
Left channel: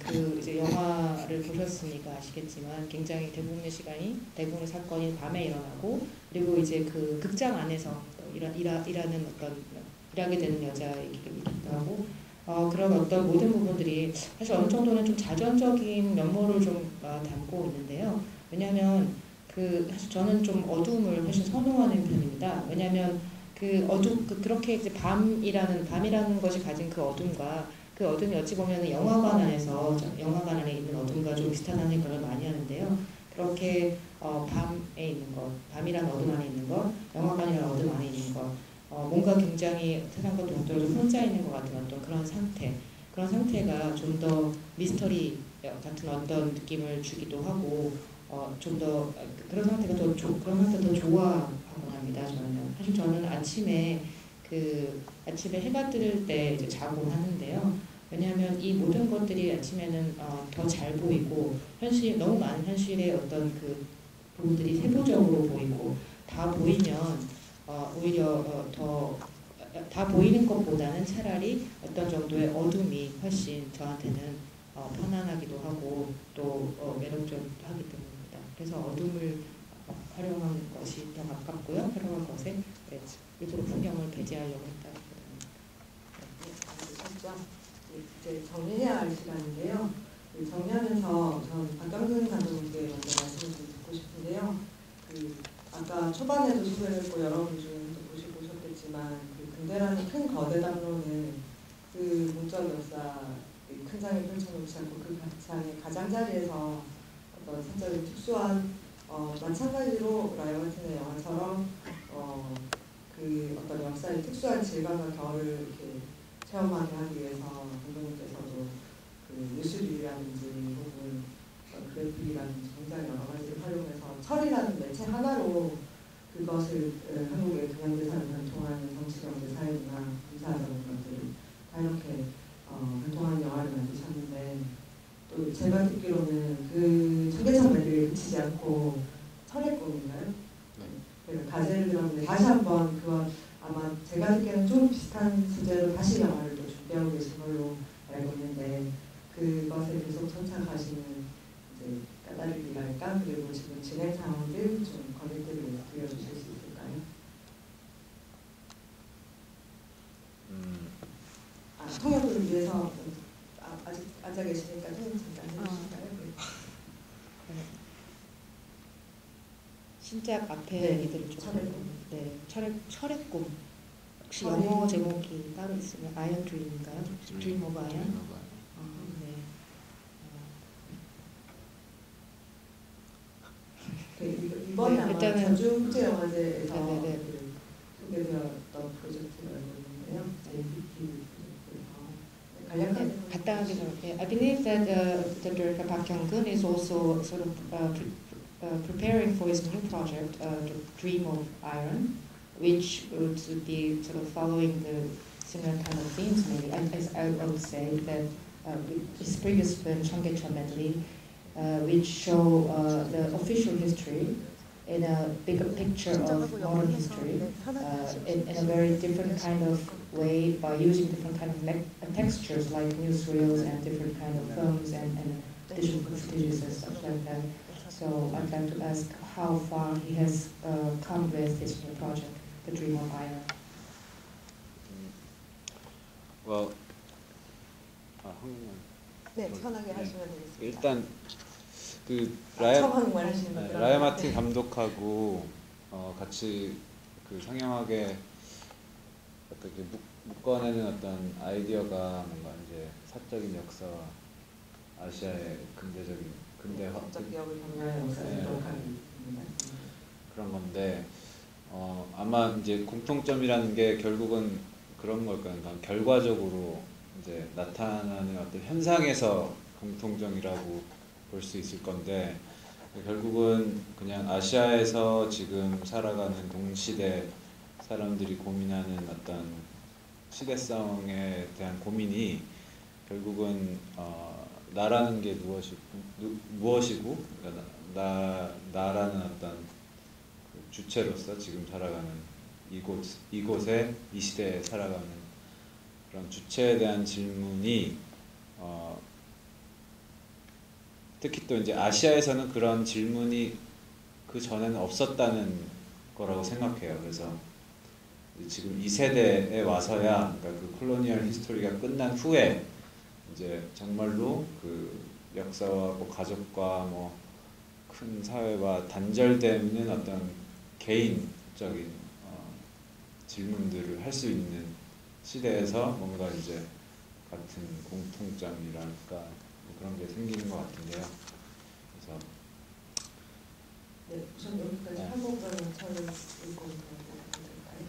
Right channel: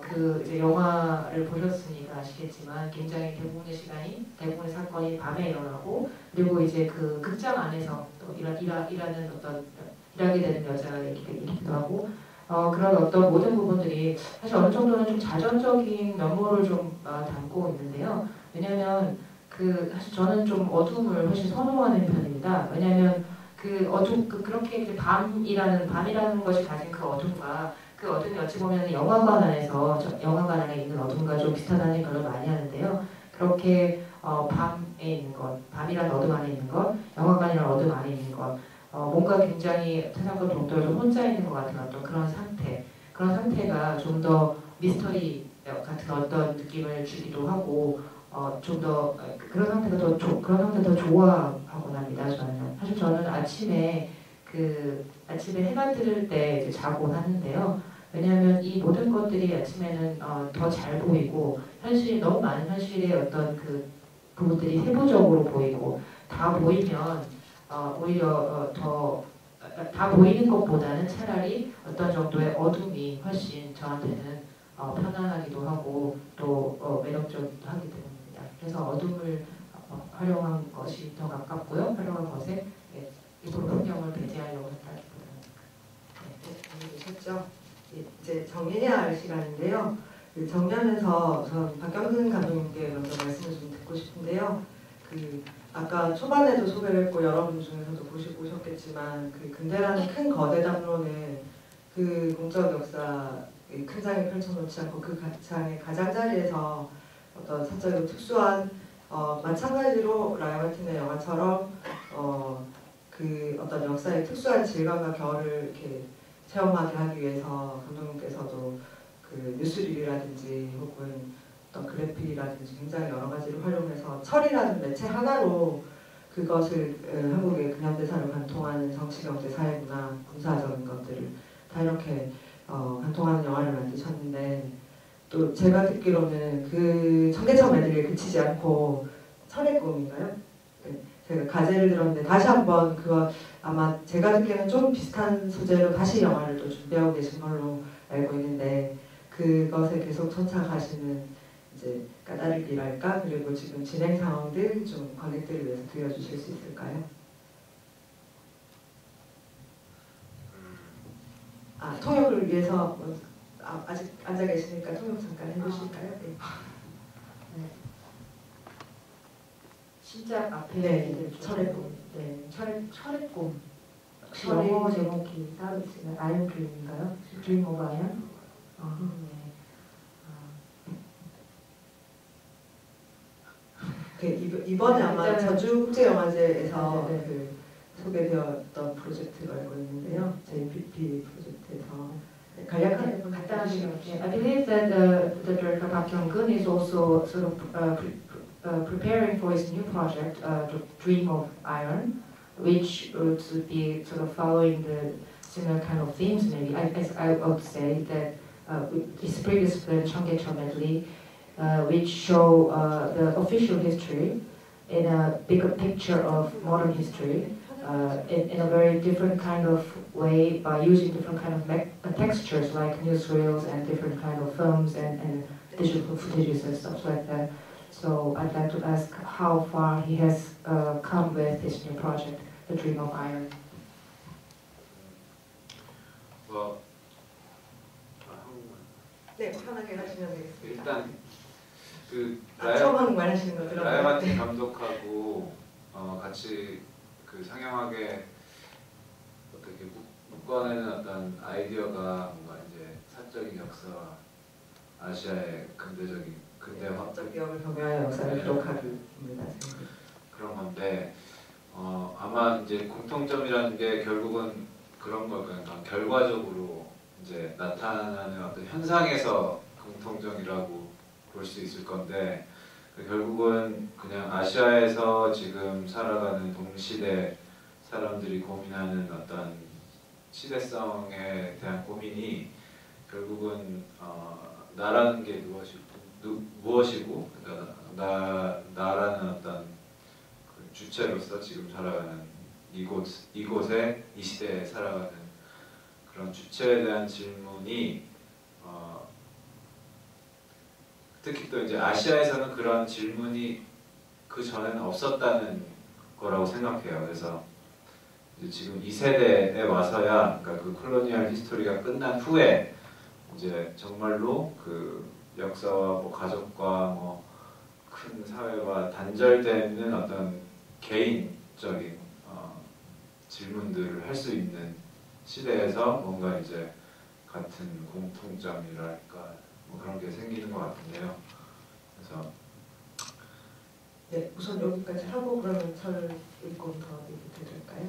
그 이제 영화를 보셨으니까 아시겠지만 굉장히 대부분의 시간이 대부분의 사건이 밤에 일어나고 그리고 이제 그 극장 안에서 또 일하는 어떤 일하게 되는 여자 얘기기도 하고 그런 어떤 모든 부분들이 사실 어느 정도는 좀 자전적인 면모를 좀 담고 있는데요. 왜냐하면 사실 저는 좀 어둠을 훨씬 선호하는 편입니다. 왜냐하면 그렇게 이제 밤이라는 것이 가진 그 어둠과 그 어둠이 어찌 보면 영화관 안에 있는 어둠과 좀 비슷하다는 표현을 많이 하는데요. 그렇게 밤에 있는 것, 밤이라는 어둠 안에 있는 것, 영화관이라는 어둠 안에 있는 것, 뭔가 굉장히 사람과 동떨어져 혼자 있는 것 같은 어떤 그런 상태가 좀 더 미스터리 같은 어떤 느낌을 주기도 하고 좀 더 그런 상태가 더 좋아하곤 합니다. 사실 저는 아침에 해가 뜰 때 이제 자고 하는데요. 왜냐하면 이 모든 것들이 아침에는 더 잘 보이고 너무 많은 현실의 어떤 그 부분들이 세부적으로 보이고 다 보이면 오히려 다 보이는 것보다는 차라리 어떤 정도의 어둠이 훨씬 저한테는 편안하기도 하고 또 매력적이기도 하기 때문입니다. 그래서 어둠을 활용한 것이 더 가깝고요. 활용한 것에 일부러 풍경을 배제하려고 했다. 이제 정리해야 할 시간인데요. 그 정면에서 전 박경근 감독님께 먼저 말씀을 좀 듣고 싶은데요. 아까 초반에도 소개했고 여러분 중에서도 보시고 오셨겠지만 근대라는 큰 거대 담론은 그 공적 역사 큰 장에 펼쳐놓지 않고 그 장의 가장자리에서 어떤 사적이고 특수한 마찬가지로 라이언 마틴의 영화처럼 그 어떤 역사의 특수한 질감과 결을 이렇게 체험하게 하기 위해서 감독님께서도 그 뉴스릴이라든지 혹은 그래픽이라든지 굉장히 여러 가지를 활용해서 철이라는 매체 하나로 그것을 한국의 근현대사를 관통하는 정치, 경제, 사회, 문화, 군사적인 것들을 다 이렇게 관통하는 영화를 만드셨는데 또 제가 듣기로는 그 청계천 매듭에 그치지 않고 철의 꿈인가요? 제가 가제를 들었는데 다시 한번 아마 제가 듣기에는 좀 비슷한 소재로 다시 영화를 또 준비하고 계신 걸로 알고 있는데 그것을 계속 선착하시는 이제 까다리기랄까 그리고 지금 진행 상황들 좀 관객들을 위해서 들려주실 수 있을까요? 통역을 위해서 아직 앉아 계시니까 통역 잠깐 해주실까요? 진짜 앞에 철의 꿈. 철의 꿈. 혹시 영어 제목이 따로 있으면 아이언 드림인가요? 드림 오브 아이언? 이번에 아마 저주국제영화제에서 소개되었던 프로젝트가 알고 있는데요. JPP 프로젝트에서 간략하게 I believe that the director Park Hyung-gun is also sort of preparing for his new project, Dream of Iron, which would be sort of following the similar kind of themes. Maybe I would say that his previous film Cheonggyecheon Medley, which show the official history in a bigger picture of modern history in a very different kind of way by using different kind of textures like newsreels and different kind of films and digital footages and stuff like that. So I'd like to ask how far he has come with this new project, The Dream of Iron. Well, 네, 편하게 하시면 되겠습니다. 일단 처음 하는 거 하시는 거죠? 라이언 마틴 감독하고 같이 상영하게 어떻게 묶어내는 어떤 아이디어가 뭔가 이제 사적인 역사와 아시아의 근대화 기억을 경외하여 역사를 기록하기 그런 건데 아마 이제 공통점이라는 게 결국은 그런 걸 거예요. 결과적으로 이제 나타나는 어떤 현상에서 공통점이라고 볼 수 있을 건데 결국은 그냥 아시아에서 지금 살아가는 동시대 사람들이 고민하는 어떤 시대성에 대한 고민이 결국은 나라는 게 무엇이고 나라는 어떤 그 주체로서 지금 살아가는 이곳에 이 시대에 살아가는 그런 주체에 대한 질문이 특히 또 이제 아시아에서는 그런 질문이 그 전에는 없었다는 거라고 생각해요. 그래서 지금 이 세대에 와서야 그러니까 그 콜로니얼 히스토리가 끝난 후에 이제 정말로 그 역사와 뭐 가족과 뭐 큰 사회와 단절되는 어떤 개인적인 질문들을 할 수 있는 시대에서 뭔가 이제 같은 공통점이랄까 뭐 그런 게 생기는 것 같은데요. 그래서 네, 우선 여기까지 하고 그러면 저를 읽고 들어가도 될까요?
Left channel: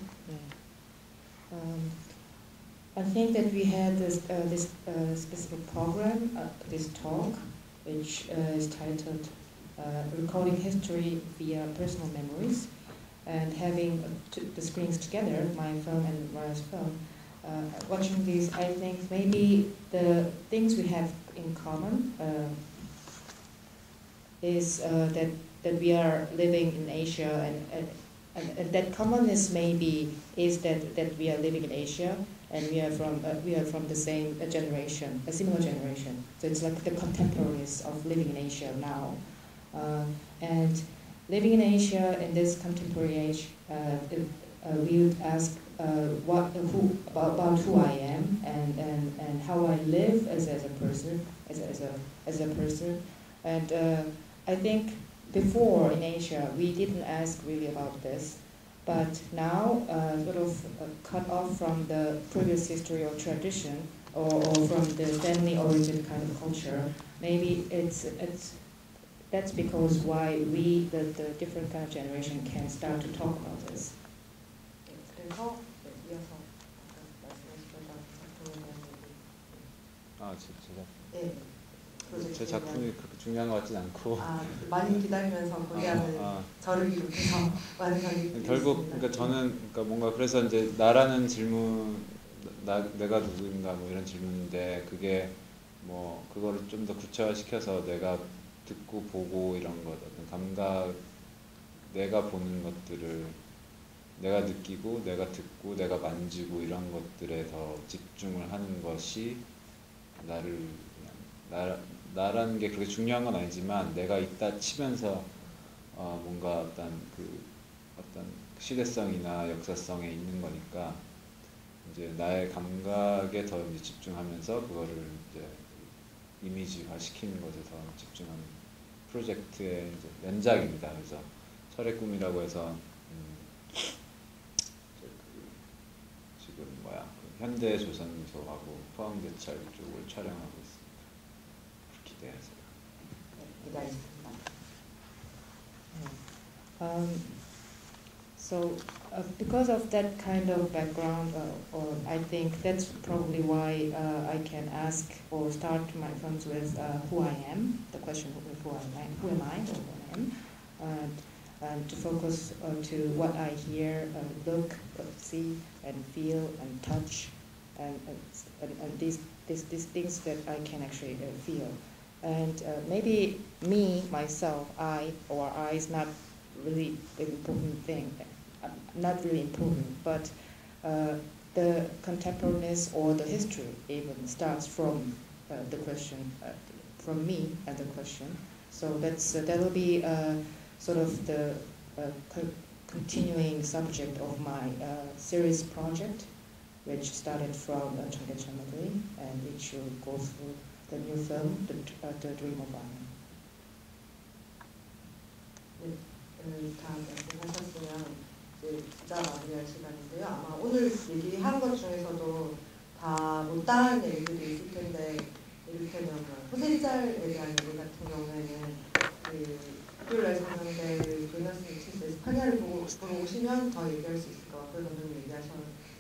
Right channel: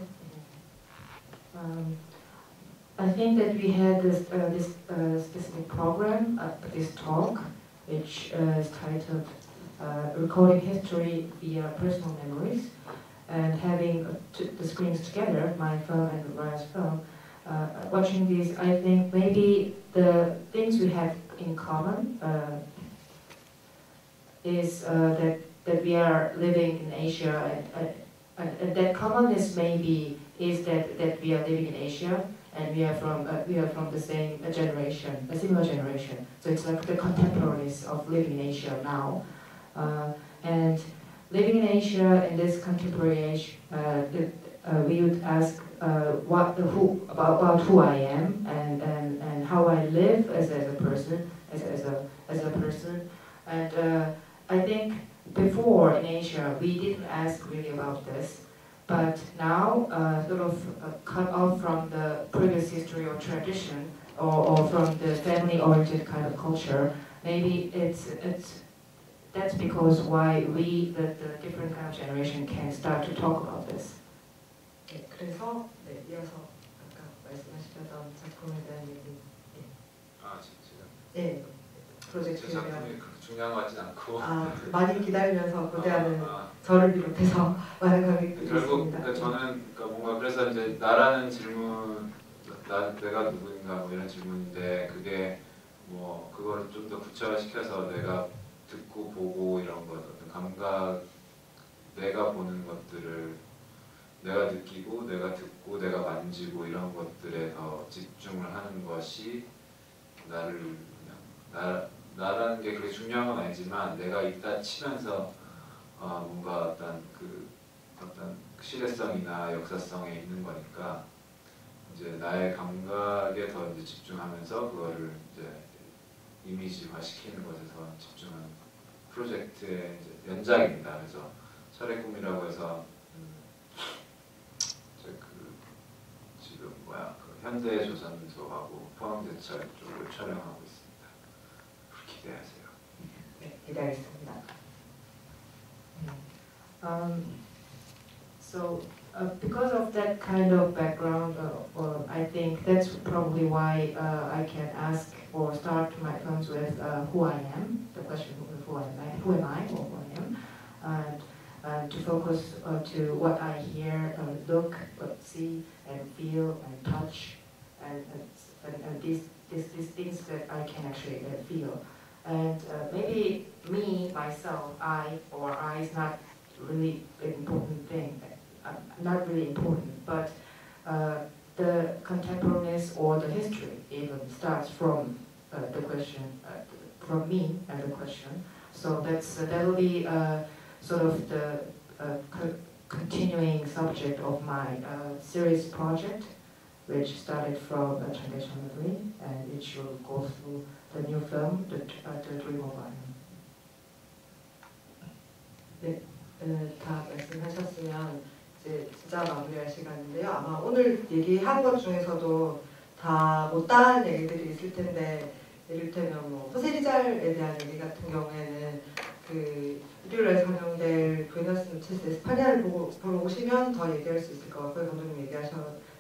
I think that we had this specific program, this talk, which is titled Recording History via Personal Memories, and having the screens together, my film and Raya's film. Watching these, I think maybe the things we have in common is that we are living in Asia, and that commonness maybe is that we are living in Asia, and we are from the same generation, a similar generation. So it's like the contemporaries of living in Asia now, and living in Asia in this contemporary age, we would ask about who I am and how I live as a person, as a person, and I think before in Asia we didn't ask really about this. But now, sort of cut off from the previous history or tradition, or from the family-oriented kind of culture, maybe that's because why we, the different kind of generation, can start to talk about this. 네, 그래서 이어서 아까 말씀하셨던 작품에 대한 얘기. 네, 제 작품이 중요한 것 같진 않고 많이 기다리면서 고대하는 저를 비롯해서 많은 관객들이 결국 있습니다. 그러니까 저는 그러니까 뭔가 그래서 이제 나라는 질문, 내가 누구인가 뭐 이런 질문인데 그게 뭐 그거를 좀 더 구체화시켜서 내가 듣고 보고 이런 거 감각, 내가 보는 것들을 내가 느끼고 내가 듣고 내가 만지고 이런 것들에 더 집중을 하는 것이 나를 그냥 나라는 게 그렇게 중요한 건 아니지만 내가 있다 치면서 뭔가 어떤 시대성이나 역사성에 있는 거니까 이제 나의 감각에 더 이제 집중하면서 그거를 이제 이미지화 시키는 것에서 집중하는 프로젝트의 이제 연작입니다. 그래서 철의 꿈이라고 해서 지금 현대 조선소하고 포항제철 쪽으로 촬영하고 있습니다. 기대하세요. 네, 기다리겠습니다. So because of that kind of background, I think that's probably why I can ask or start my films with who I am, the question of who am I or who I am, and to focus to what I hear, look, see, and feel, and touch, and these things that I can actually feel. And maybe me, myself, I is not really an important thing, not really important, but the contemporaneous or the history even starts from the question, from me and the question. So that'll be sort of the continuing subject of my series project, which started from Translation Memory, and which will go through the new film, The Dream of Iron. 네, 다 말씀하셨으면 이제 진짜 마무리할 시간인데요. 아마 오늘 얘기한 것 중에서도 다 못다한 얘기들이 있을 텐데, 이를테면 뭐 호세리잘에 대한 얘기 같은 경우에는 그 일요일날 상영될 도이너스 엑시스 에스파냐를 보고 오시면 더 얘기할 수 있을 것 같고요. 더 좀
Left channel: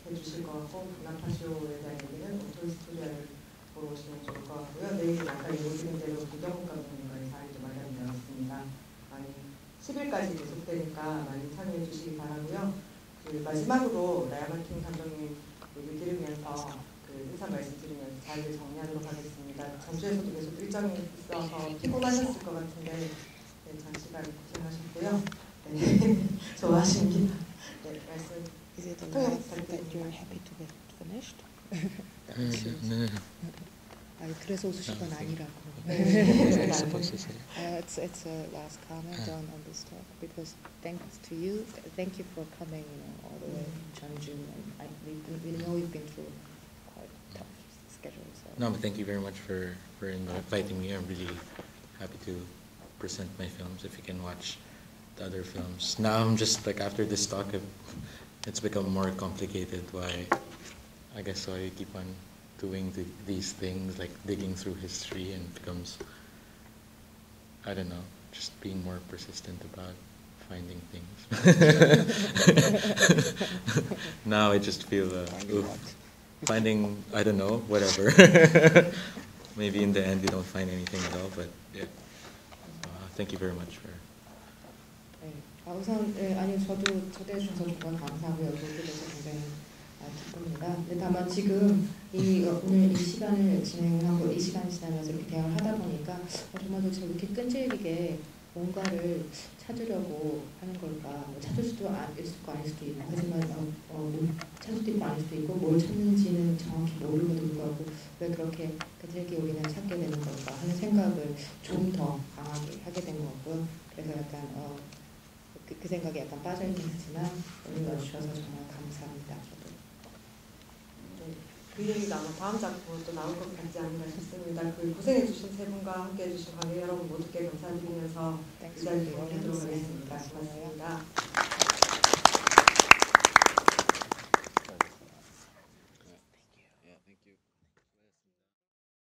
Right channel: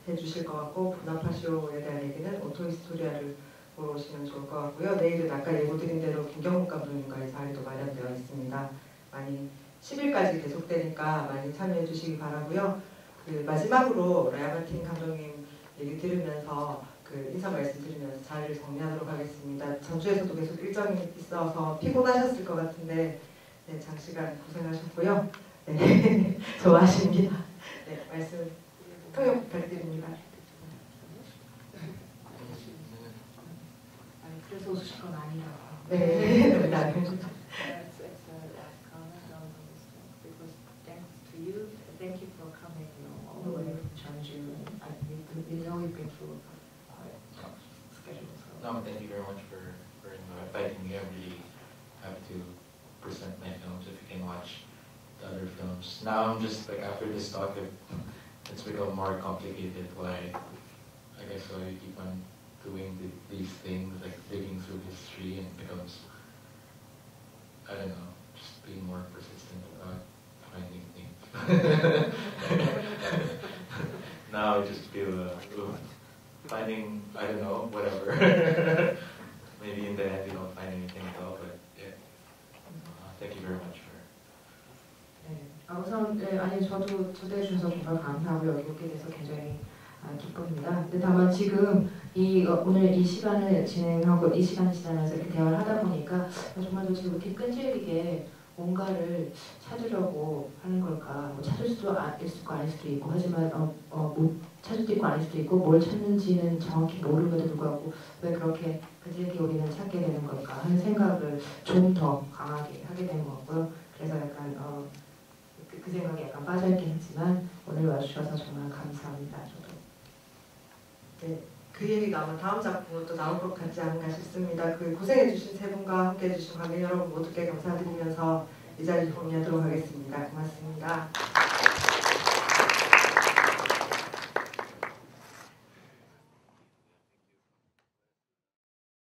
해주실 것 같고, 부나파쇼에 대한 얘기는 오토히스토리아를 보러 오시면 좋을 것 같고요. 내일은 아까 예고드린 대로 김경국 감독님과의 자리도 마련되어 있습니다. 많이 10일까지 계속되니까 많이 참여해 주시기 바라고요. 그 마지막으로 라야마틴 감독님 얘기 들으면서 그 인사 말씀드리면서 자리를 정리하도록 하겠습니다. 전주에서도 계속 일정이 있어서 피곤하셨을 것 같은데 네, 장시간 고생하셨고요. 네, 좋아하십니다. 네, 말씀 통역할 때 You're 보면 happy to get it finished? No. 아니 그래서 웃으신 건 아니라고. 네. It's a last comment on this talk because thanks to you, thank you for coming all the way from Jeonju, and we know you've been through quite a tough schedule. So. No, thank you very much for inviting me. I'm really happy to present my films. If you can watch the other films. Now I'm just like after this talk, it's become more complicated. Why you keep on doing these things, like digging through history, and becomes, I don't know, just being more persistent about finding things. Now I just feel finding, I don't know, whatever. Maybe in the end we don't find anything at all, but yeah. Thank you very much for. 우선 아니 저도 초대해 주셔서 정말 감사하고 여쭤주셔서 굉장히 기쁩니다. 근데 다만 지금 오늘 이 시간을 진행하고 이 시간을 지나면서 이렇게 대화를 하다 보니까 정말 지금 이렇게 끈질기게 뭔가를 찾으려고 하는 걸까? 뭐 찾을 수도 있을 수도 아닐 수도 있고 하지만 뭐 찾을 수도 있고 아닐 수도 있고 뭘 찾는지는 정확히 모르면도 불구하고 왜 그렇게 끈질기게 우리는 찾게 되는 걸까 하는 생각을 좀 더 강하게 하게 되는 것 같고요. 그래서 약간 그 생각에 약간 빠져있긴 했지만 오늘 와주셔서 정말 감사합니다. 저도. 네, 그 얘기 나오면 다음 작품도 나올 것 같지 않나 싶습니다. 그 고생해주신 세 분과 함께해주신 관객 여러분 모두께 감사드리면서 이 자리를 정리하도록 하겠습니다. 고맙습니다.